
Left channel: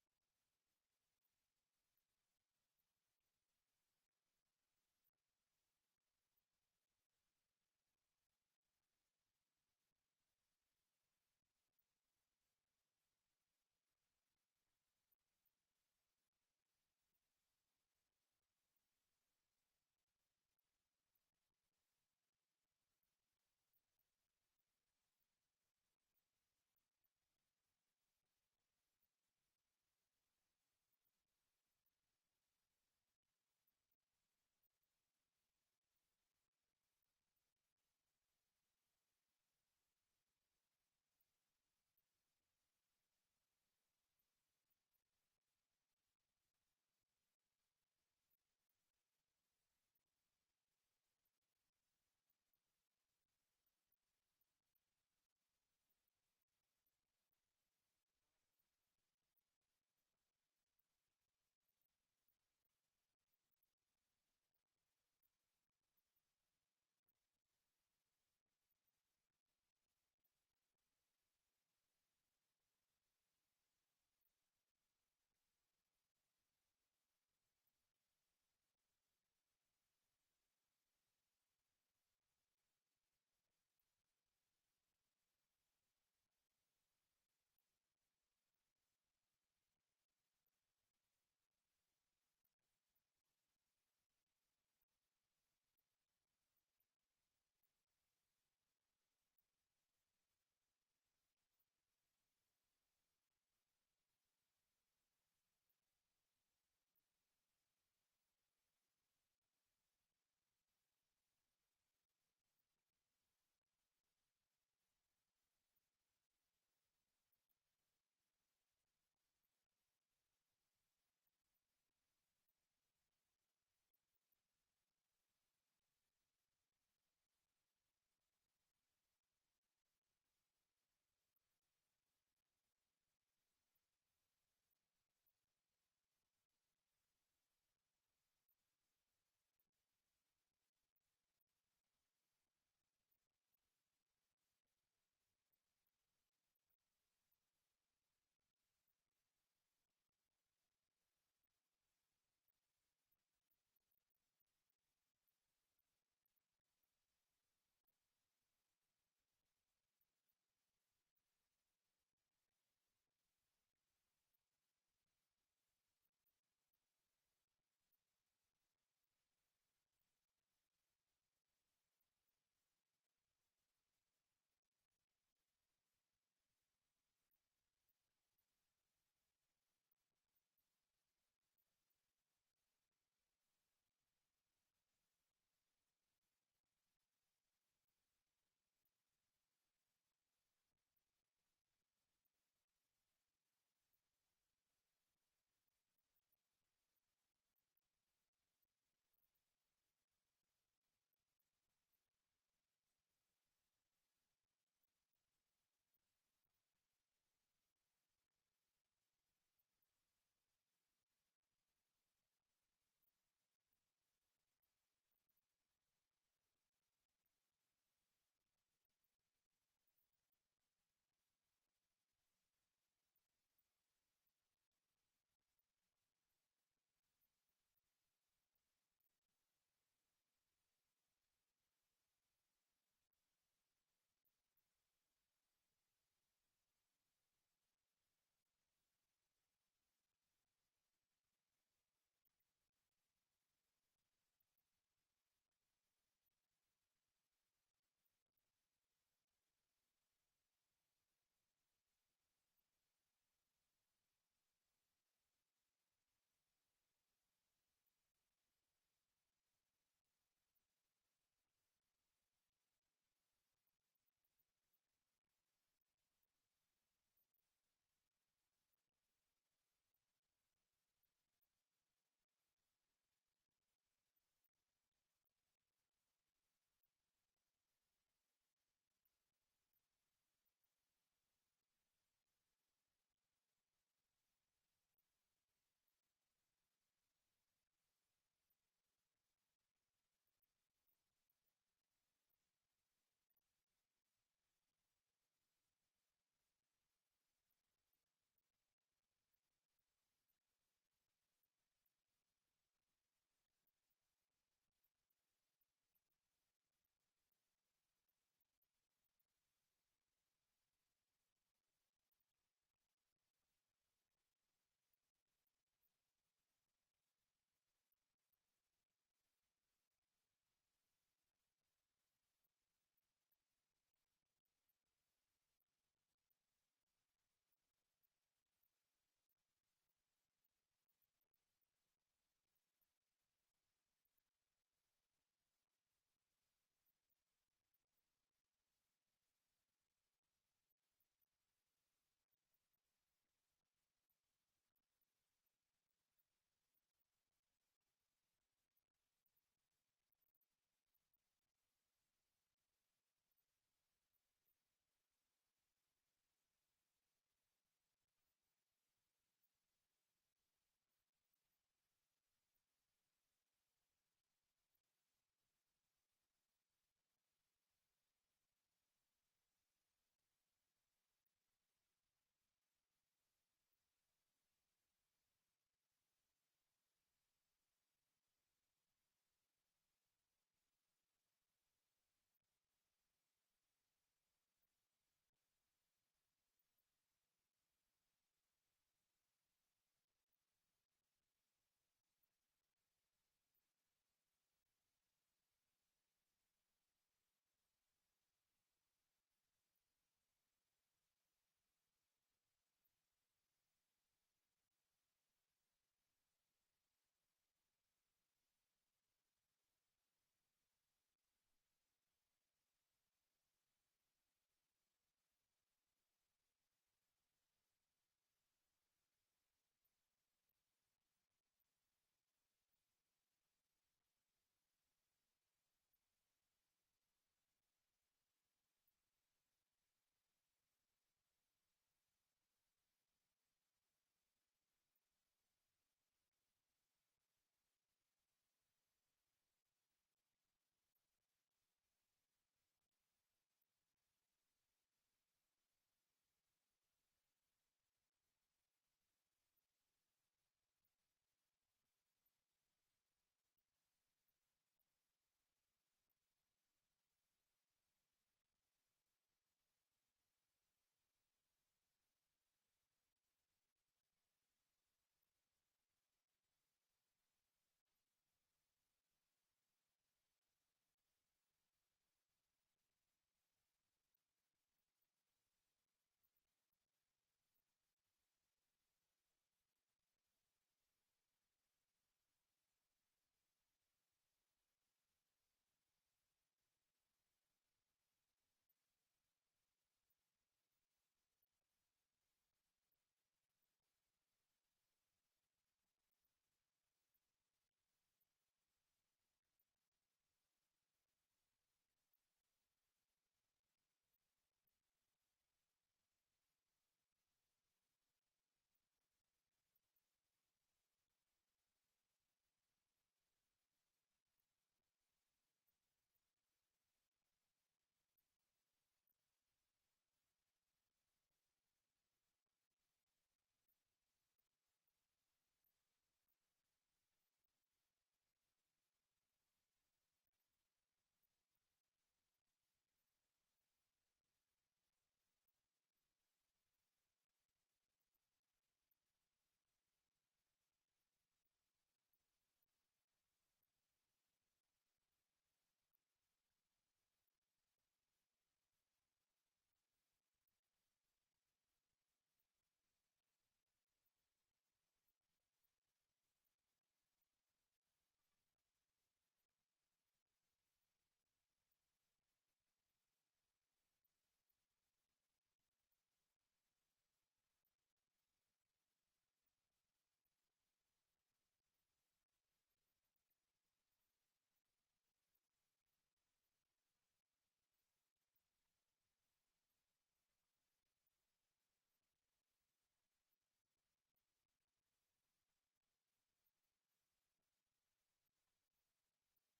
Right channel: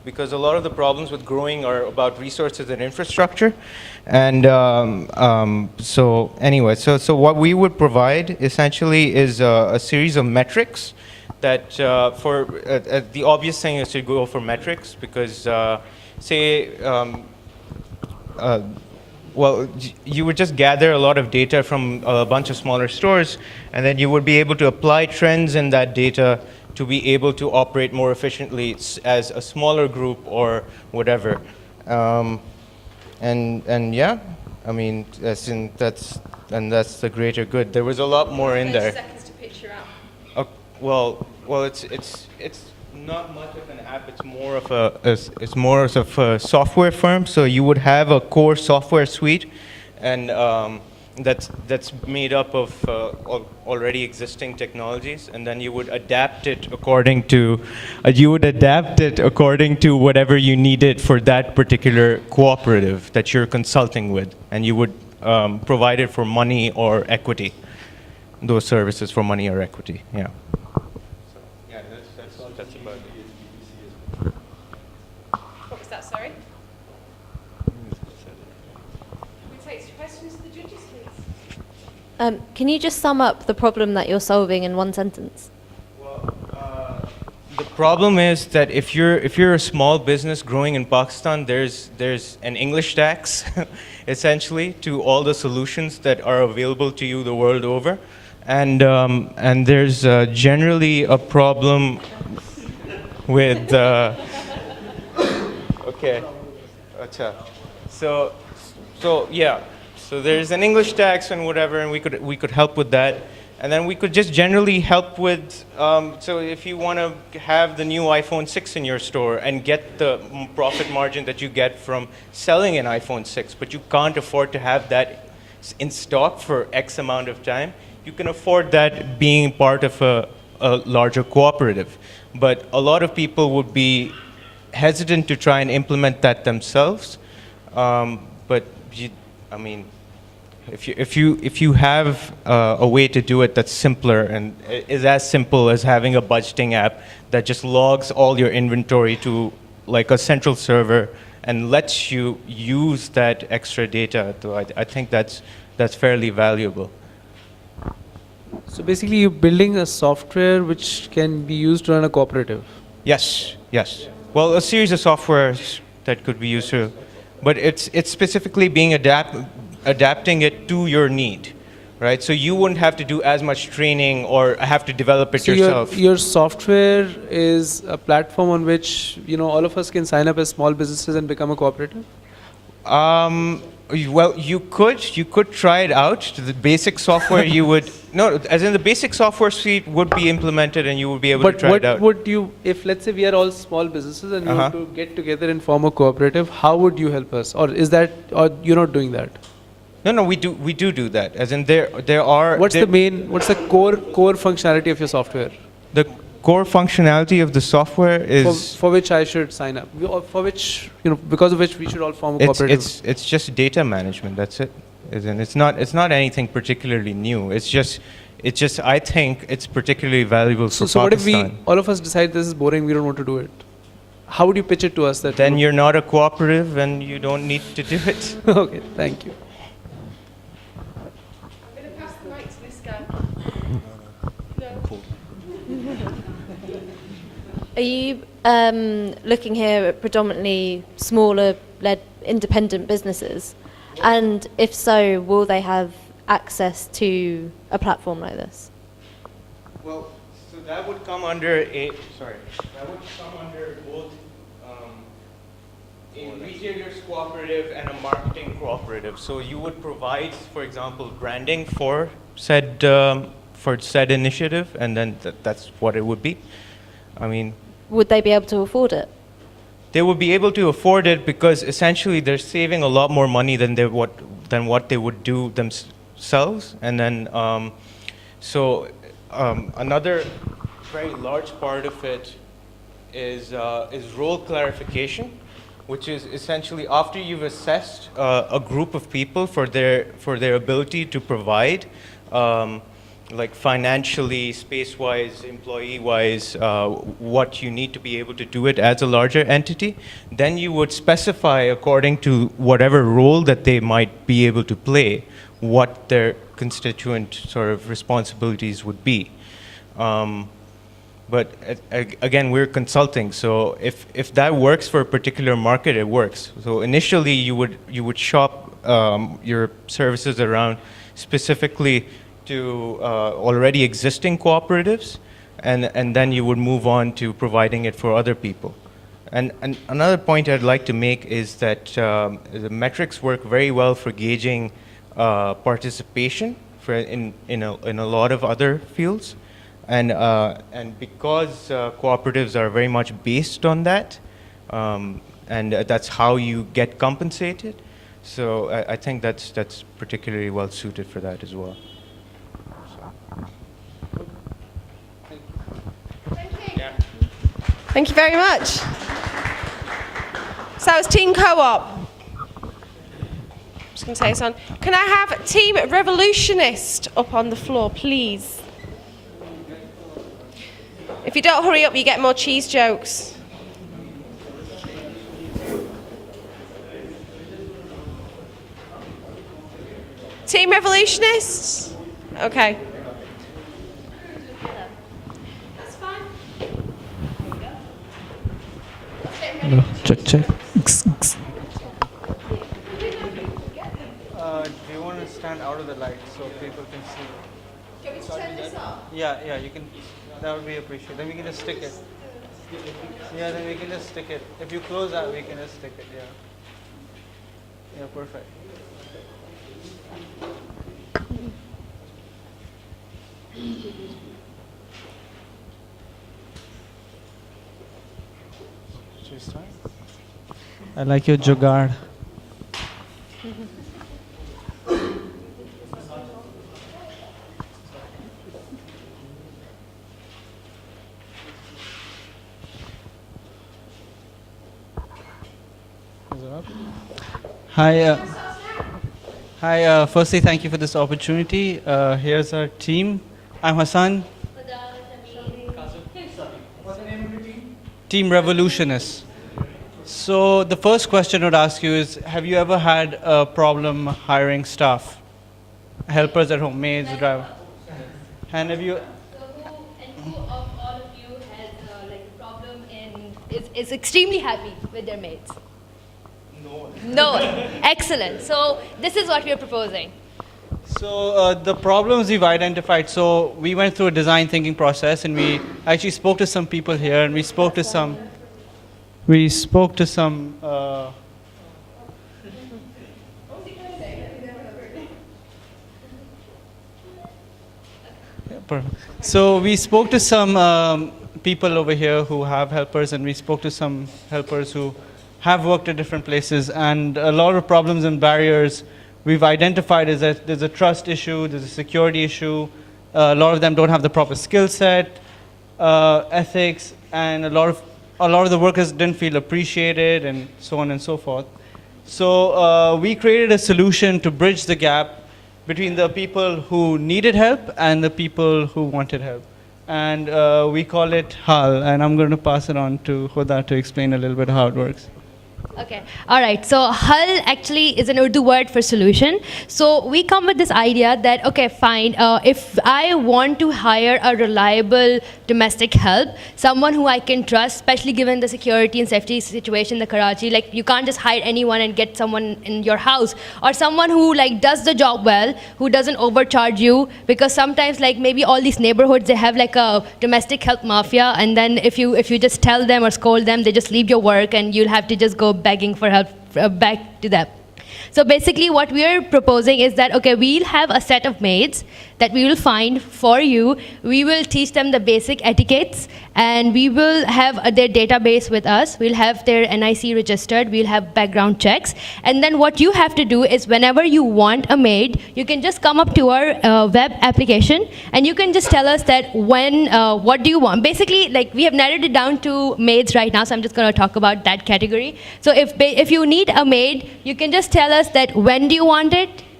because a lot of the problems with growing are about resources and infrastructure. And so anyway, so what we would provide essentially is a series of metrics that the obvious thing is to go for metrics because say, well, you would just gather a lot of data from a bunch of smaller stores, and then you would be able to apply trends in that data to be able to operate more efficiently as a smaller group or whatever. And yeah, I mean, that's the greater good. There was a lot more in there. 30 seconds to pitch your app. Well, it's not much of an app. It's more of a software firm. So you would have a core software suite, and that's made up of already existing technologies, and then you would adapt it according to whatever you needed for that particular cooperative that you're consulting with, and you would provide it for money or equity. Those services for money or equity. Yeah. What was that, sorry? We take questions to the judges, please. Can you just sum up the problem that you're solving in one sentence? The problem is that if you're a small business growing in Pakistan, there's an English tax, essentially, to all the solutions that are available to you the world over, and there's generally a problem with okay, acha. So yeah, so there's an English tax and whatever, and we could help with that. And then we could just generally help with, so if you want to have the new iPhone 6 in your store and get the profit margin that you get from selling an iPhone 6, but you can't afford to have that in stock for X amount of time, you can afford that being part of a larger cooperative. But a lot of people would be hesitant to try and implement that themselves. But I mean, if you have a way to do it that's simpler and is as simple as having a budgeting app that just logs all your inventory to like a central server and lets you use that extra data, I think that's fairly valuable. So basically, you're building a software which can be used to run a cooperative. Yes, yes. Well, a series of softwares that could be used to, but it's specifically being adapting it to your need, right? So you wouldn't have to do as much training or have to develop it yourself. Your software is a platform on which all of us can sign up as small businesses and become a cooperative. Well, you could try it out. The basic software as in the basic software suite would be implemented and you would be able to try it out. But what would you, if let's say we are all small businesses and we want to get together and form a cooperative, how would you help us? Or you're not doing that? No, we do that. As in there are. What's the core functionality of your software? The core functionality of the software is for which I should sign up, for which because of which we should all form a cooperative. It's just data management. That's it. As in, it's not anything particularly new. It's just I think it's particularly valuable for Pakistan. So what if all of us decide this is boring, we don't want to do it? How would you pitch it to us? Then you're not a cooperative and you don't need to do it. Okay, thank you. I'm going to pass the mic to this guy. Are you looking here at predominantly smaller-led independent businesses? And if so, will they have access to a platform like this? Well, so that would come under both a retailers cooperative and a marketing cooperative. So you would provide, for example, branding for said initiative, and then that's what it would be. I mean, would they be able to afford it? They would be able to afford it because essentially they're saving a lot more money than what they would do themselves. And then, another very large part of it is role clarification, which is essentially after you've assessed a group of people for their ability to provide like financially, space-wise, employee-wise, what you need to be able to do it as a larger entity, then you would specify according to whatever role that they might be able to play, what their constituent sort of responsibilities would be. But again, we're consulting, so if that works for a particular market, it works. So initially, you would shop your services around specifically to already existing cooperatives, and then you would move on to providing it for other people. And another point I'd like to make is that the metrics work very well for gauging participation in a lot of other fields. And because cooperatives are very much based on that, and that's how you get compensated, so I think that's particularly well suited for that as well. Thank you very much. So it's Team Co-op. Just going to say this on. Can I have Team Revolutionist up on the floor, please? If you don't hurry up, you get more cheese jokes. Team Revolutionists? Okay. That's fine. Check. Do you want to stand out of the light so people can see? Can we turn this up? Yeah, you can. That would be appreciated. Then we can just stick it. Yeah, then we can just stick it. If you close out, we can just stick it. Yeah. Yeah, perfect. Should we start? I like your jugaad. Hi. Firstly, thank you for this opportunity. Here's our team. I'm Hassan. What's the name of your team? Team Revolutionists. So the first question I would ask you is, have you ever had a problem hiring staff? Helpers at home, maids, driver. And have you... Who of all of you has like a problem is extremely happy with their mates? No. Excellent. So this is what we are proposing. So the problems we've identified, so we went through a design thinking process and we actually spoke to some people here and we spoke to some So we spoke to some people over here who have helpers, and we spoke to some helpers who have worked at different places, and a lot of problems and barriers we've identified is that there's a trust issue, there's a security issue, a lot of them don't have the proper skill set, ethics, and a lot of the workers didn't feel appreciated, and so on and so forth. So we created a solution to bridge the gap between the people who needed help and the people who wanted help. And we call it HAL, and I'm going to pass it on to Huda to explain a little bit how it works. Okay. All right. So HAL actually is an Urdu word for solution. So we come with this idea that, okay, fine, if I want to hire a reliable domestic help, someone who I can trust, especially given the security and safety situation in the Karachi, like you can't just hire anyone and get someone in your house, or someone who like does the job well, who doesn't overcharge you, because sometimes like maybe all these neighborhoods, they have like a domestic help mafia, and then if you just tell them or scold them, they just leave your work and you'll have to just go begging for help back to them. So basically what we are proposing is that, okay, we'll have a set of maids that we will find for you. We will teach them the basic etiquettes, and we will have their database with us. We'll have their NIC registered. We'll have background checks. And then what you have to do is whenever you want a maid, you can just come up to our web application, and you can just tell us that what do you want. Basically, like we have narrowed it down to maids right now, so I'm just going to talk about that category. So if you need a maid, you can just tell us that when do you want it,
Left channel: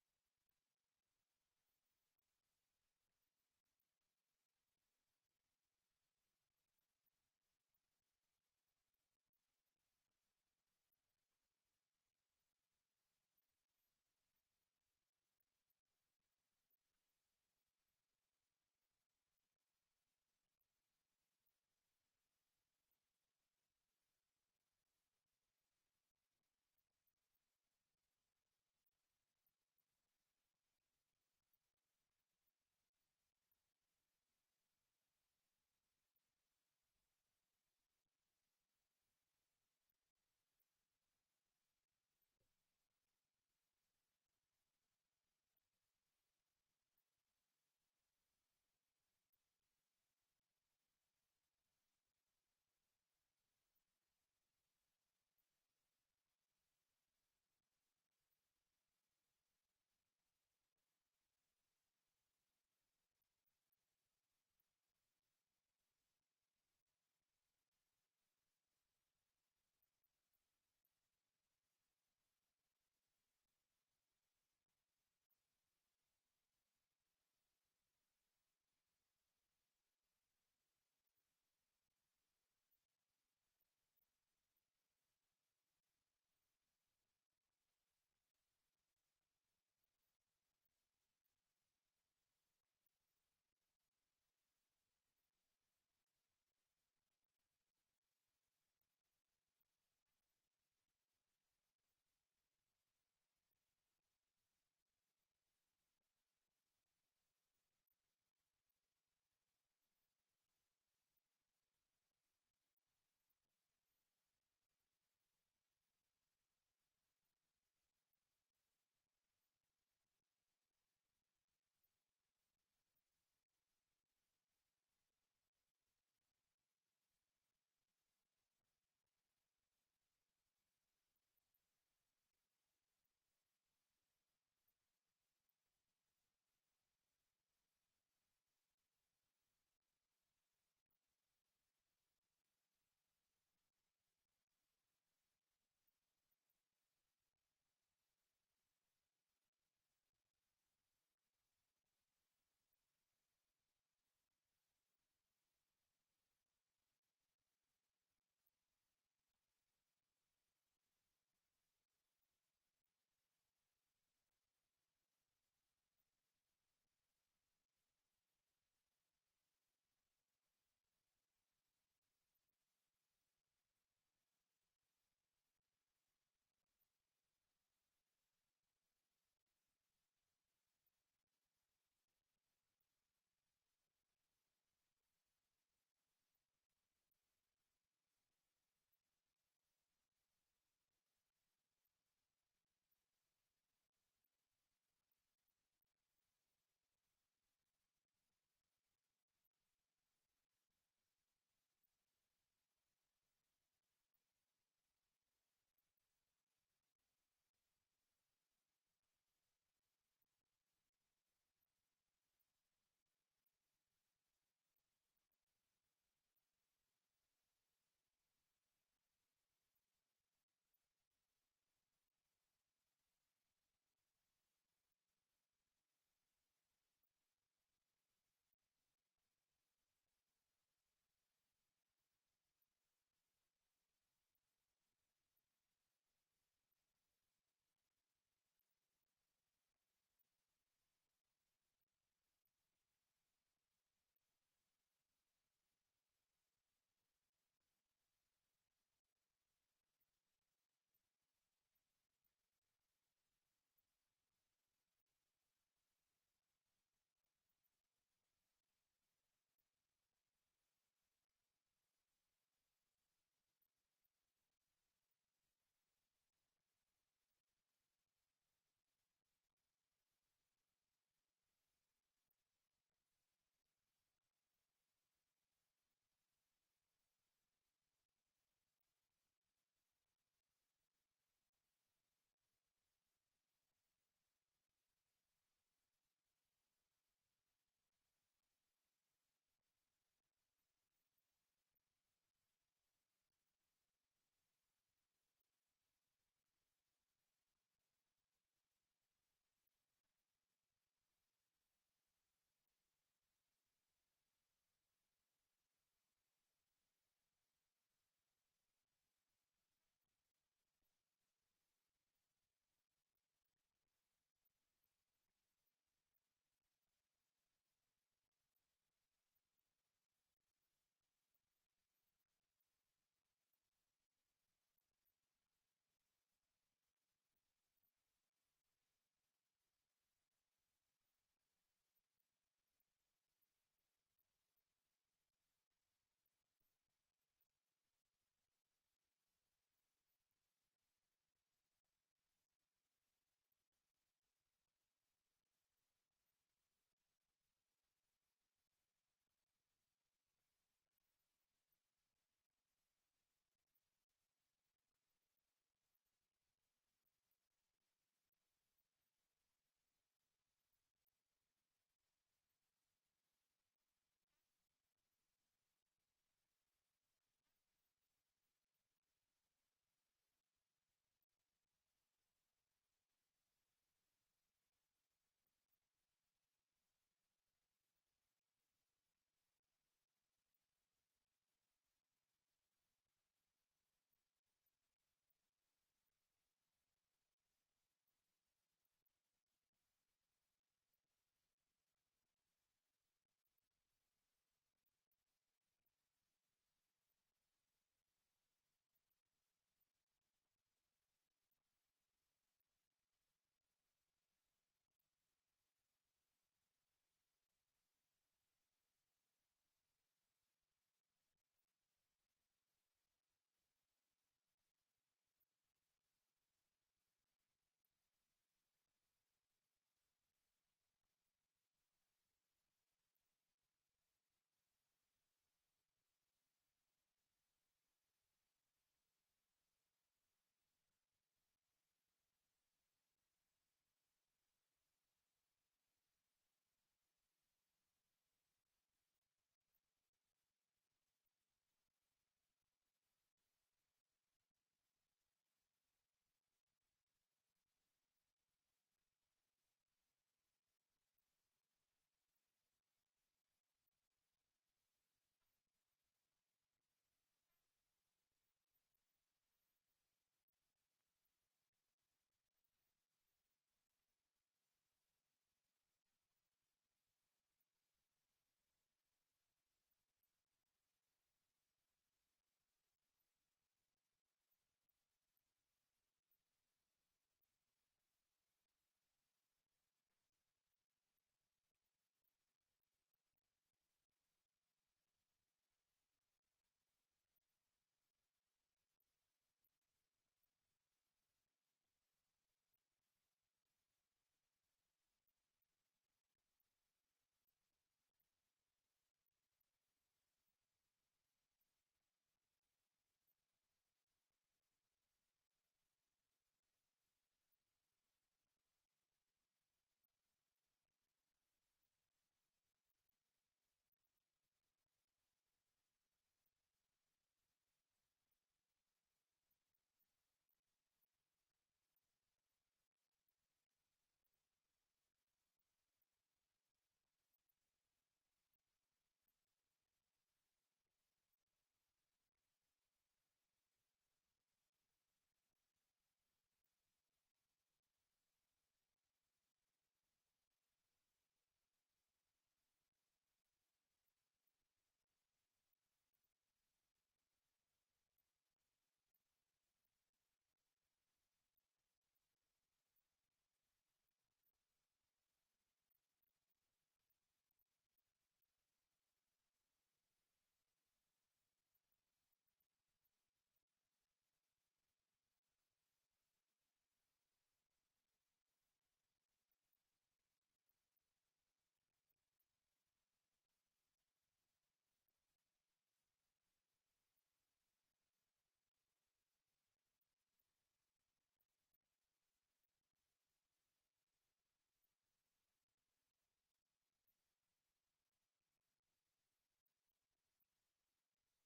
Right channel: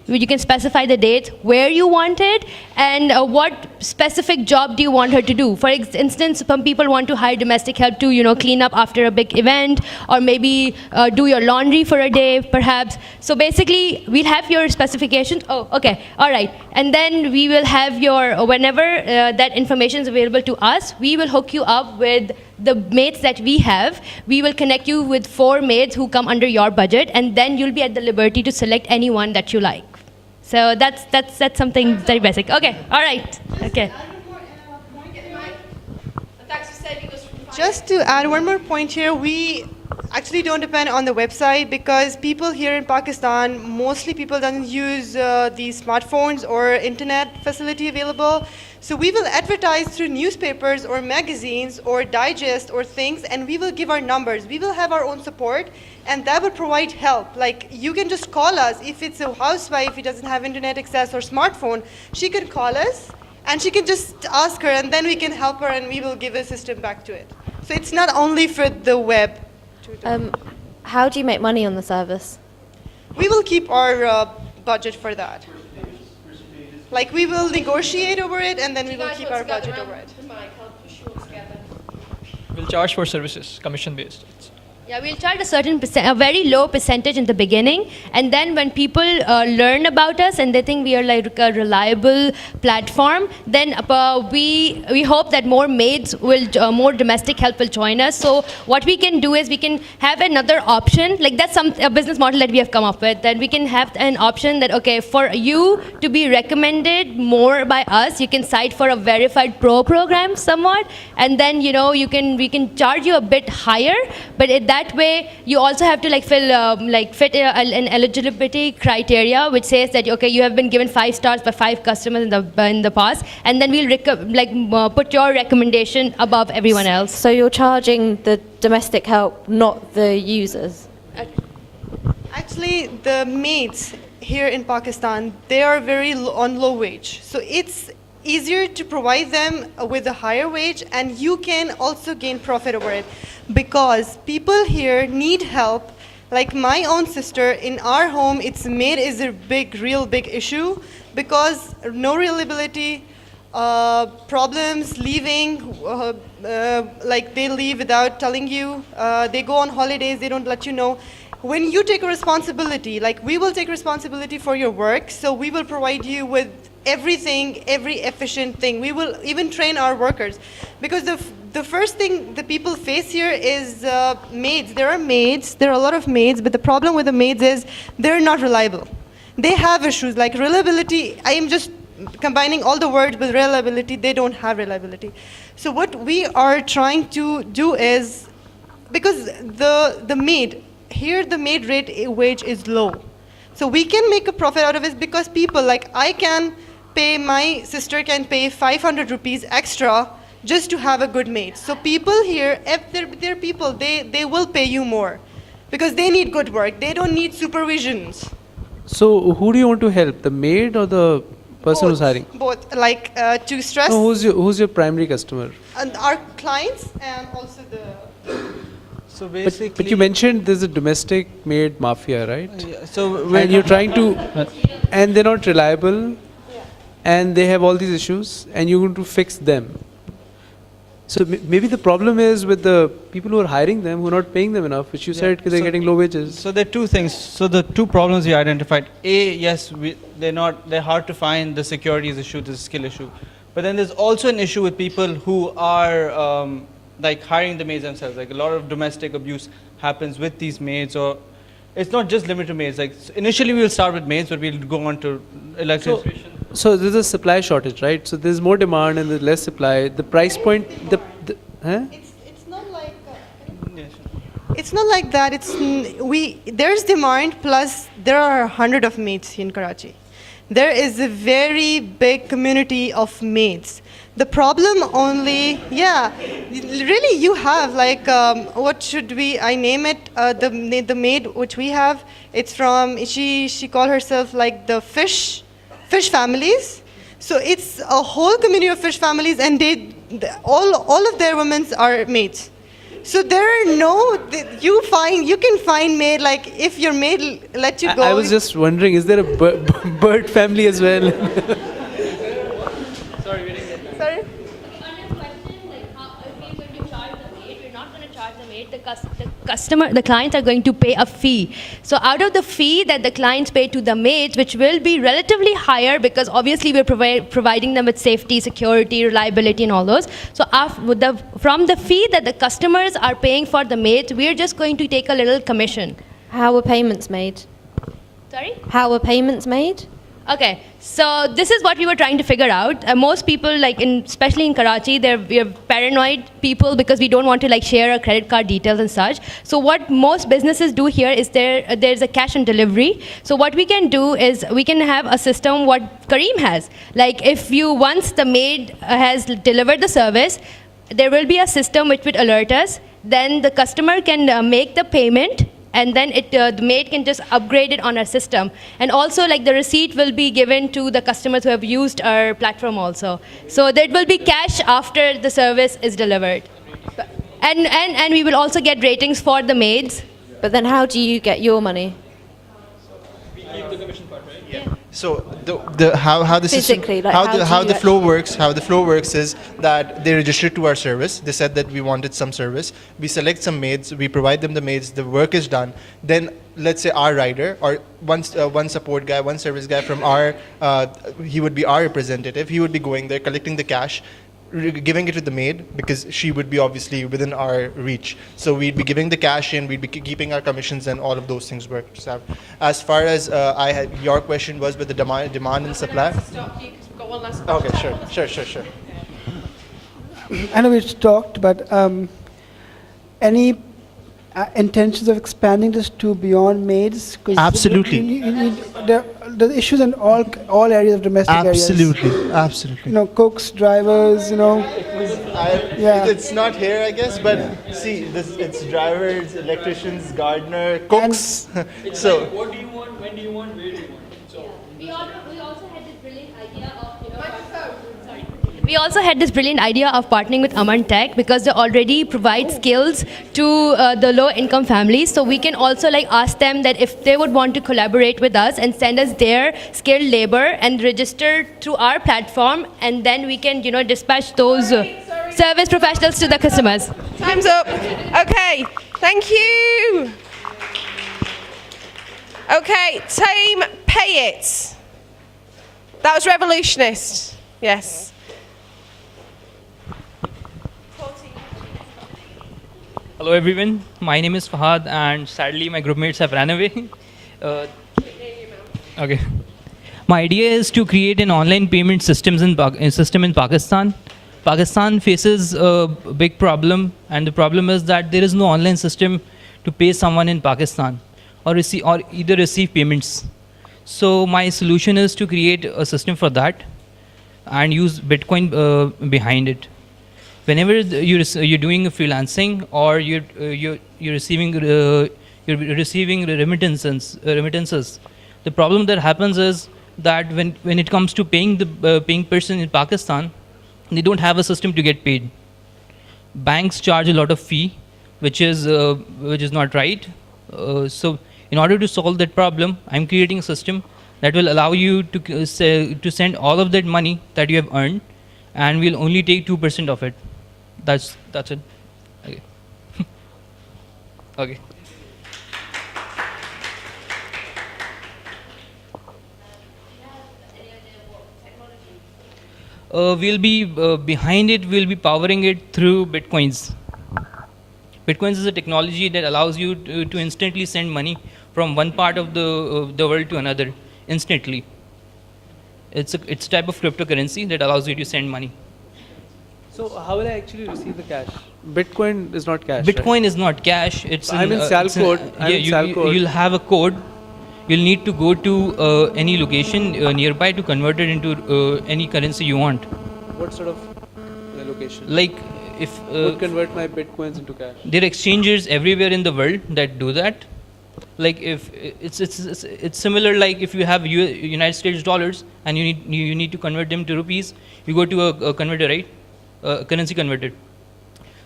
You can specify the date, where you want it, and what specific job do you want her to do. For instance, some people want to hire domestic help to, clean up after a big event, or maybe do your laundry for a day, perhaps. So basically, we'll have your specifications. Oh, okay, all right. And then we will have your, whenever that information is available to us, we will hook you up with the mates that we have. We will connect you with 4 mates who come under your budget, and then you'll be at the liberty to select anyone that you like. So that's something very basic. Okay, all right. Okay. Just to add one more point here, we actually don't depend on the website because people here in Pakistan, mostly people don't use these smartphones or internet facility available. So we will advertise through newspapers or magazines or digest or things, and we will give our numbers. We will have our own support, and that will provide help. Like, you can just call us. If it's a housewife who doesn't have internet access or smartphone, she can call us, and she can just ask her, and then we can help her, and we will give a system back to it. So it's not only for the web. How do you make money on the service? We will keep our budget for that. Like, we will negotiate over it, and then we will keep our budget over it. We'll charge for services, commission-based. Yeah, we'll charge a very low percentage in the beginning, and then when people learn about us and they think we are like a reliable platform, then we hope that more maids will, more domestic help will join us. So what we can do is we can have another option, like that's a business model that we have come up with, that we can have an option that, okay, for you to be recommended more by us, you can cite for a verified pro program somewhat, and then we can charge you a bit higher, but that way you also have to fit an eligibility criteria which says that, okay, you have been given 5 stars by 5 customers in the past, and then we'll put your recommendation above everyone else. So you're charging the domestic help, not the users? Actually, the maids here in Pakistan, they are on low wage. So it's easier to provide them with a higher wage, and you can also gain profit over it because people here need help. Like my own sister, in our home, maid is a real big issue because no reliability, problems, leaving, like they leave without telling you, they go on holidays, they don't let you know. When you take a responsibility, like we will take responsibility for your work, so we will provide you with everything, every efficient thing. We will even train our workers. Because the first thing the people face here is maids. There are a lot of maids, but the problem with the maids is they're not reliable. They have issues like reliability. I am just combining all the words with reliability. They don't have reliability. So what we are trying to do is, because the maid, here the maid wage is low. So we can make a profit out of it because people, like my sister can pay 500 rupees extra just to have a good maid. So people here, if they're people, they will pay you more because they need good work. They don't need supervisions. So who do you want to help, the maid or the person who's hiring? Both, like to stress. No, who's your primary customer? And our clients and also the... So basically, but you mentioned there's a domestic maid mafia, right? So when you're trying to, and they're not reliable, and they have all these issues, and you're going to fix them. So maybe the problem is with the people who are hiring them, who are not paying them enough, which you said they're getting low wages. So there are 2 things. So the 2 problems we identified. A, yes, they're hard to find. The security is issue, the skill issue. But then there's also an issue with people who are like hiring the maids themselves. Like a lot of domestic abuse happens with these maids, or it's not just limited to maids. Like initially we will start with maids, but we'll go on to electrician. So there's a supply shortage, right? So there's more demand and there's less supply. The price point, It's not like it's not like that. There's demand plus there are 100 of maids in Karachi. There is a very big community of maids. The problem only, really you have like, what should I name it? The maid which we have, it's from, she called herself like the fish families. So it's a whole community of fish families, and all of their women are maids. So there are you can find maid, like if your maid let you go. I was just wondering, is there a bird family as well? Sorry? The clients are going to pay a fee. So out of the fee that the clients pay to the maids, which will be relatively higher because obviously we're providing them with safety, security, reliability, and all those. So from the fee that the customers are paying for the maids, we're just going to take a little commission. How are payments made? Sorry? How are payments made? Okay, so this is what we were trying to figure out. Most people, especially in Karachi, we're paranoid people because we don't want to share our credit card details and such. So what most businesses do here is there's a cash on delivery. So what we can do is we can have a system what Kareem has. Once the maid has delivered the service, there will be a system which would alert us. Then the customer can make the payment, and then the maid can just upgrade it on our system. And also, the receipt will be given to the customers who have used our platform also. So there will be cash after the service is delivered. And we will also get ratings for the maids. But then how do you get your money? So how the system, Physically, how the flow works is that they register to our service. They said that we wanted some service. We select some maids. We provide them the maids. The work is done. Then let's say our rider or one support guy, one service guy from he would be our representative. He would be going there, collecting the cash, giving it to the maid because she would be obviously within our reach. So we'd be giving the cash in, we'd be keeping our commissions, and all of those things work. So as far as your question was with the demand and supply. Okay, sure. I know we've talked, but any intentions of expanding this to beyond maids? Absolutely. The issues in all areas of domestic areas. Absolutely. Cooks, drivers, It's not here, I guess, but see, it's drivers, electricians, gardener, cooks. So. What do you want? When do you want? Where do you want? We also had this brilliant idea of partnering with Aman Tech because they already provide skills to the low-income families. So we can also ask them that if they would want to collaborate with us and send us their skilled labor and register through our platform, and then we can dispatch those service professionals to the customers. Time's up. Okay, thank you. Okay, team, pay it. That was revolutionist. Yes. Hello everyone, my name is Fahad and sadly my groupmates have ran away. Okay. My idea is to create an online payment system in Pakistan. Pakistan faces a big problem, and the problem is that there is no online system to pay someone in Pakistan or either receive payments. So my solution is to create a system for that and use Bitcoin behind it. Whenever you're doing freelancing or you're receiving remittances, the problem that happens is that when it comes to paying the paying person in Pakistan, they don't have a system to get paid. Banks charge a lot of fee, which is not right. So in order to solve that problem, I'm creating a system that will allow you to send all of that money that you have earned, and we'll only take 2% of it. That's it. Okay. Okay. We'll be behind it. We'll be powering it through Bitcoins. Bitcoins is a technology that allows you to instantly send money from one part of the world to another instantly. It's a type of cryptocurrency that allows you to send money. So how will I actually receive the cash? Bitcoin is not cash. Bitcoin right? is not cash. It's I'm in Salcode. You'll have a code. You'll need to go to any location nearby to convert it into any currency you want. What sort of location? Like if would convert my Bitcoins into cash. There are exchanges everywhere in the world that do that. Like if it's similar, like if you have United States dollars and you need to convert them to rupees, you go to a converter, right? Currency converter.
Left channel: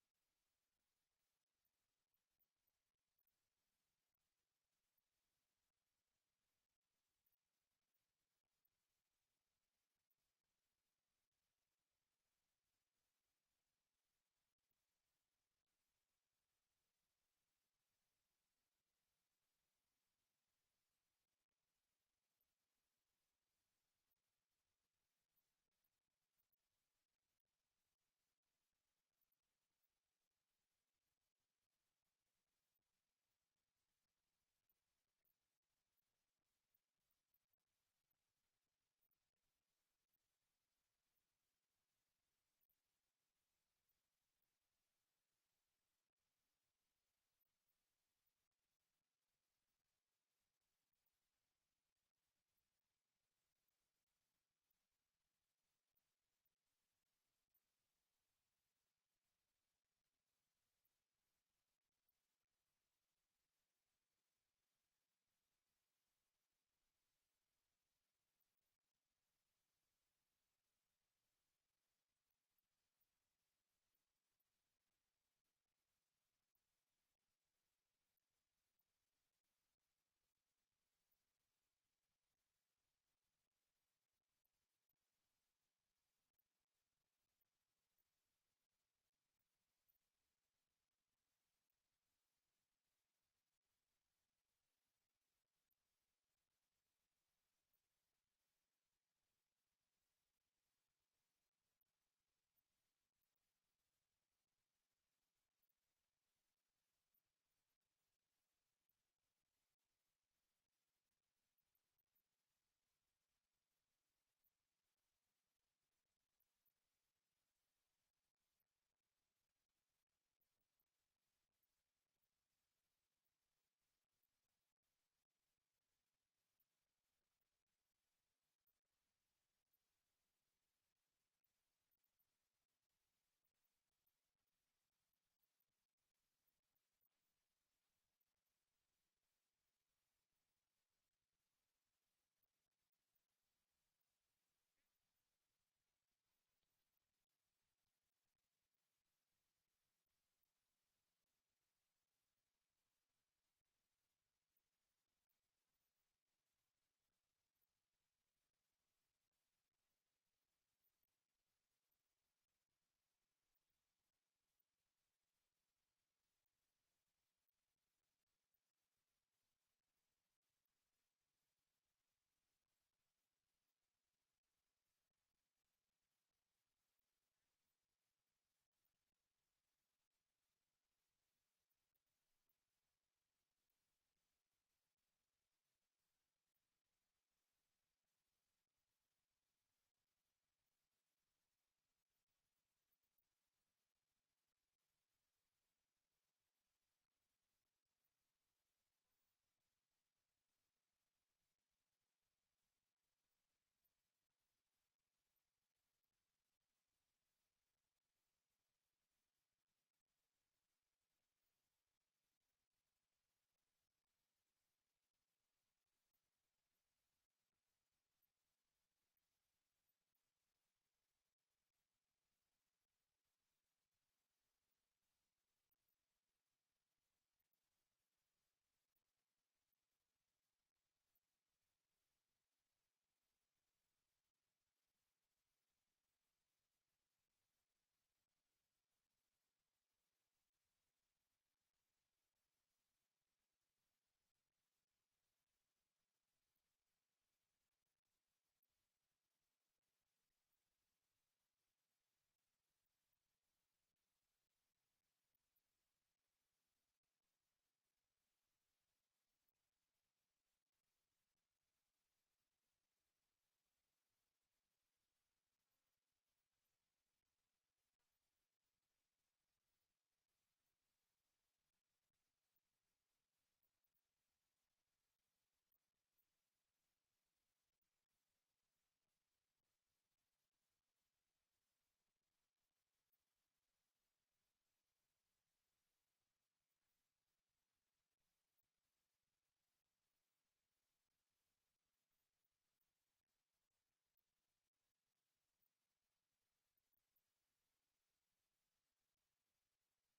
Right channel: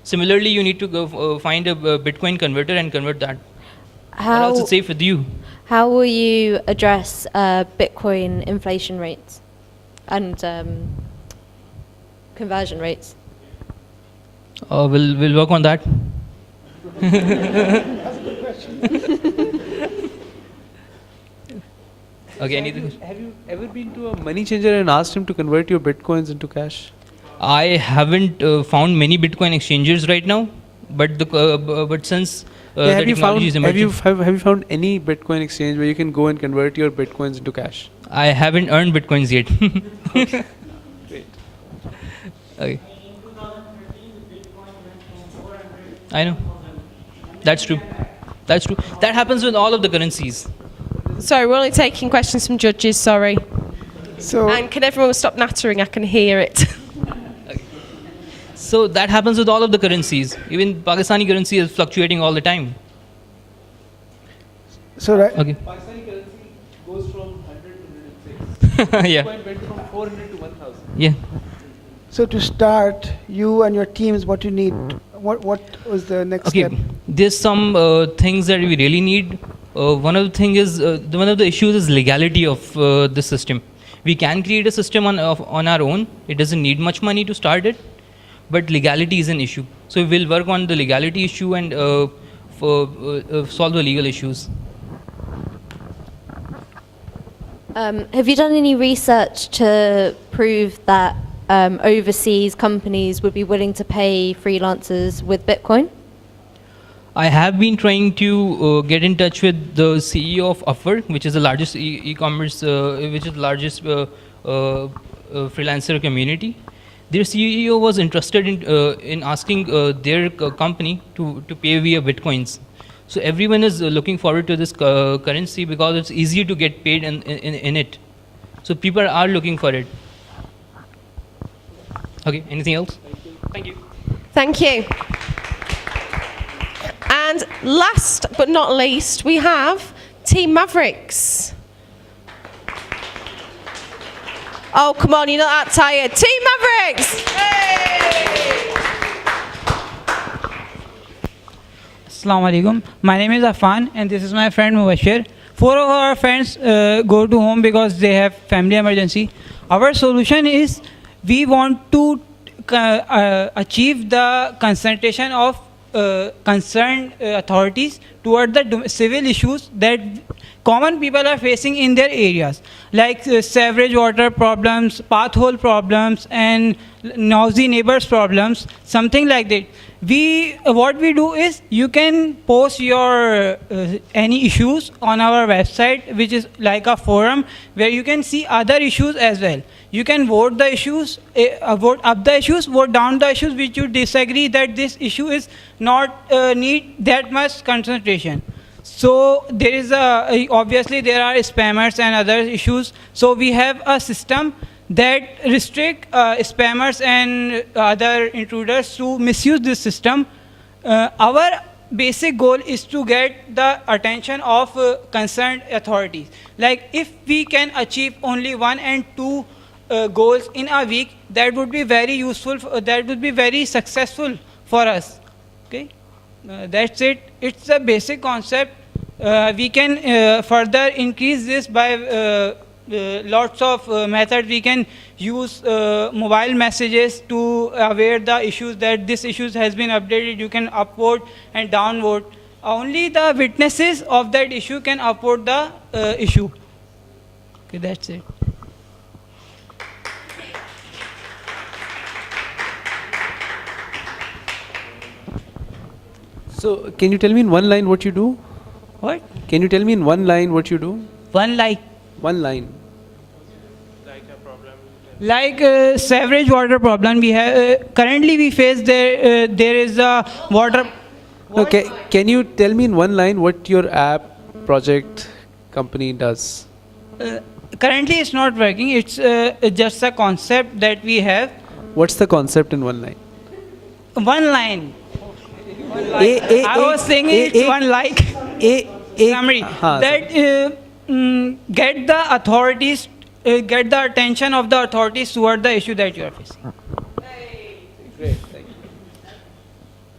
Similarly, you need to go find a Bitcoin converter and convert that. Or else it's safe with you. How will you address Bitcoin inflation rates and conversion rates? We'll work on that. That's a good question. Okay, anything? Have you ever been to a money changer and asked him to convert your Bitcoins into cash? I haven't found many Bitcoin exchanges right now, but since the technology is emerging, have you found any Bitcoin exchange where you can go and convert your Bitcoins into cash? I haven't earned Bitcoins yet. Okay. Great. Okay. I know. That's true. That's true. That happens with all of the currencies. Sorry, we're only taking questions from judges, sorry. So, and can everyone stop nattering? I can hear it. So that happens with all of the currencies. Even Pakistani currency is fluctuating all the time. So right. Okay. Pakistani currency goes from 100 to 106. Yeah. Bitcoin went from 400 to 1,000. Yeah. So to start, you and your teams, what you need? What was the next step? There's some things that we really need. One of the issues is legality of the system. We can create a system on our own. It doesn't need much money to start it, but legality is an issue. So we'll work on the legality issue and solve the legal issues. Have you done any research to prove that overseas companies would be willing to pay freelancers with Bitcoin? I have been trying to get in touch with the CEO of Upwork, which is the largest e-commerce, which is the largest freelancer community. Their CEO was interested in asking their company to pay via Bitcoins. So everyone is looking forward to this currency because it's easier to get paid in it. So people are looking for it. Okay, anything else? Thank you. Thank you. And last but not least, we have Team Mavericks. Oh, come on, you're not that tired. Team Mavericks! Assalamu alaikum. My name is Afan and this is my friend Mubashir. 4 of our friends go to home because they have family emergency. Our solution is we want to achieve the concentration of concerned authorities toward the civil issues that common people are facing in their areas, like sewerage water problems, pathhole problems, and noisy neighbors problems, something like that. What we do is you can post your any issues on our website, which is like a forum where you can see other issues as well. You can vote the issues, vote up the issues, vote down the issues which you disagree that this issue is not need that much concentration. So there is obviously there are spammers and other issues. So we have a system that restrict spammers and other intruders to misuse this system. Our basic goal is to get the attention of concerned authorities. Like if we can achieve only 1 and 2 goals in a week, that would be very useful, that would be very successful for us. Okay, that's it. It's a basic concept. We can further increase this by lots of methods. We can use mobile messages to aware the issues that this issue has been updated. You can upvote and downvote. Only the witnesses of that issue can upvote the issue. Okay, that's it. So, can you tell me in one line what you do? What? Can you tell me in one line what you do? One line. One line. Like sewerage water problem, we have currently we face there is a water. Okay, can you tell me in one line what your app project company does? Currently, it's not working. It's just a concept that we have. What's the concept in one line? One line. I was saying it's one like summary that get the authorities, get the attention of the authorities toward the issue that you are facing. Great, thank you.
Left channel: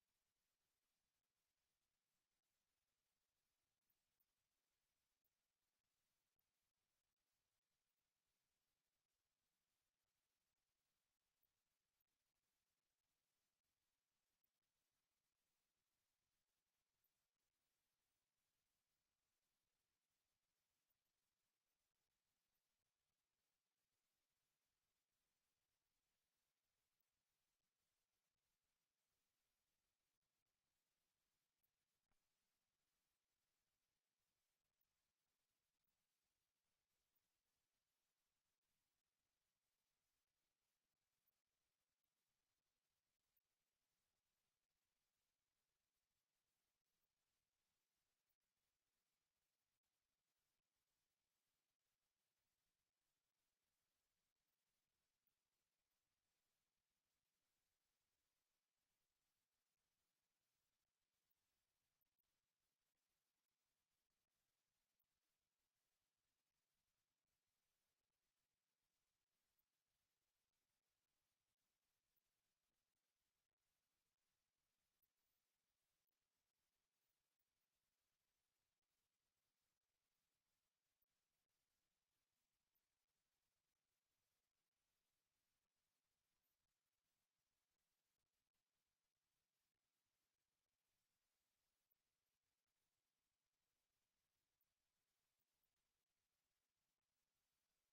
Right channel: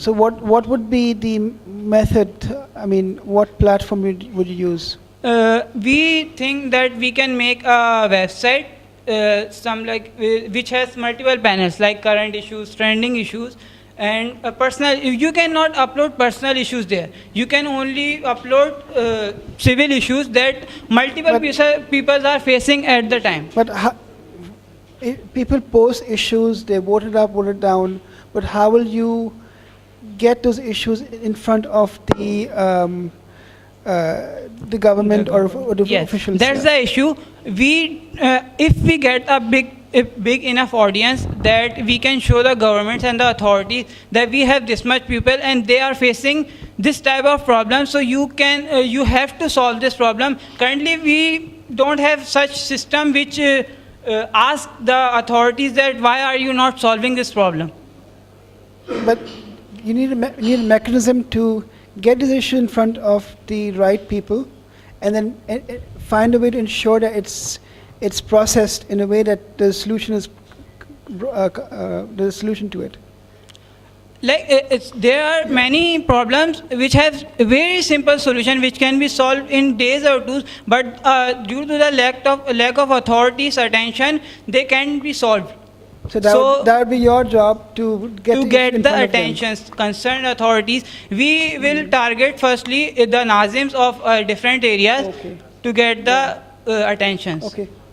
So what would be the method? I mean, what platform would you use? We think that we can make a website, which has multiple panels like current issues, trending issues, and personal. You cannot upload personal issues there. You can only upload civil issues that multiple people are facing at the time. But people post issues, they vote it up, vote it down, but how will you get those issues in front of the government or the officials? That's the issue. If we get a big enough audience that we can show the governments and the authorities that we have this much people and they are facing this type of problem, so you have to solve this problem. Currently, we don't have such system which ask the authorities that why are you not solving this problem. But you need a mechanism to get this issue in front of the right people, and then find a way to ensure that it's processed in a way that the solution is there's a solution to it. There are many problems which have a very simple solution which can be solved in days or two, but due to the lack of authorities' attention, they can't be solved. So that would be your job to get the attention concerned authorities. We will target firstly the Nazims of different areas to get the attentions. Okay.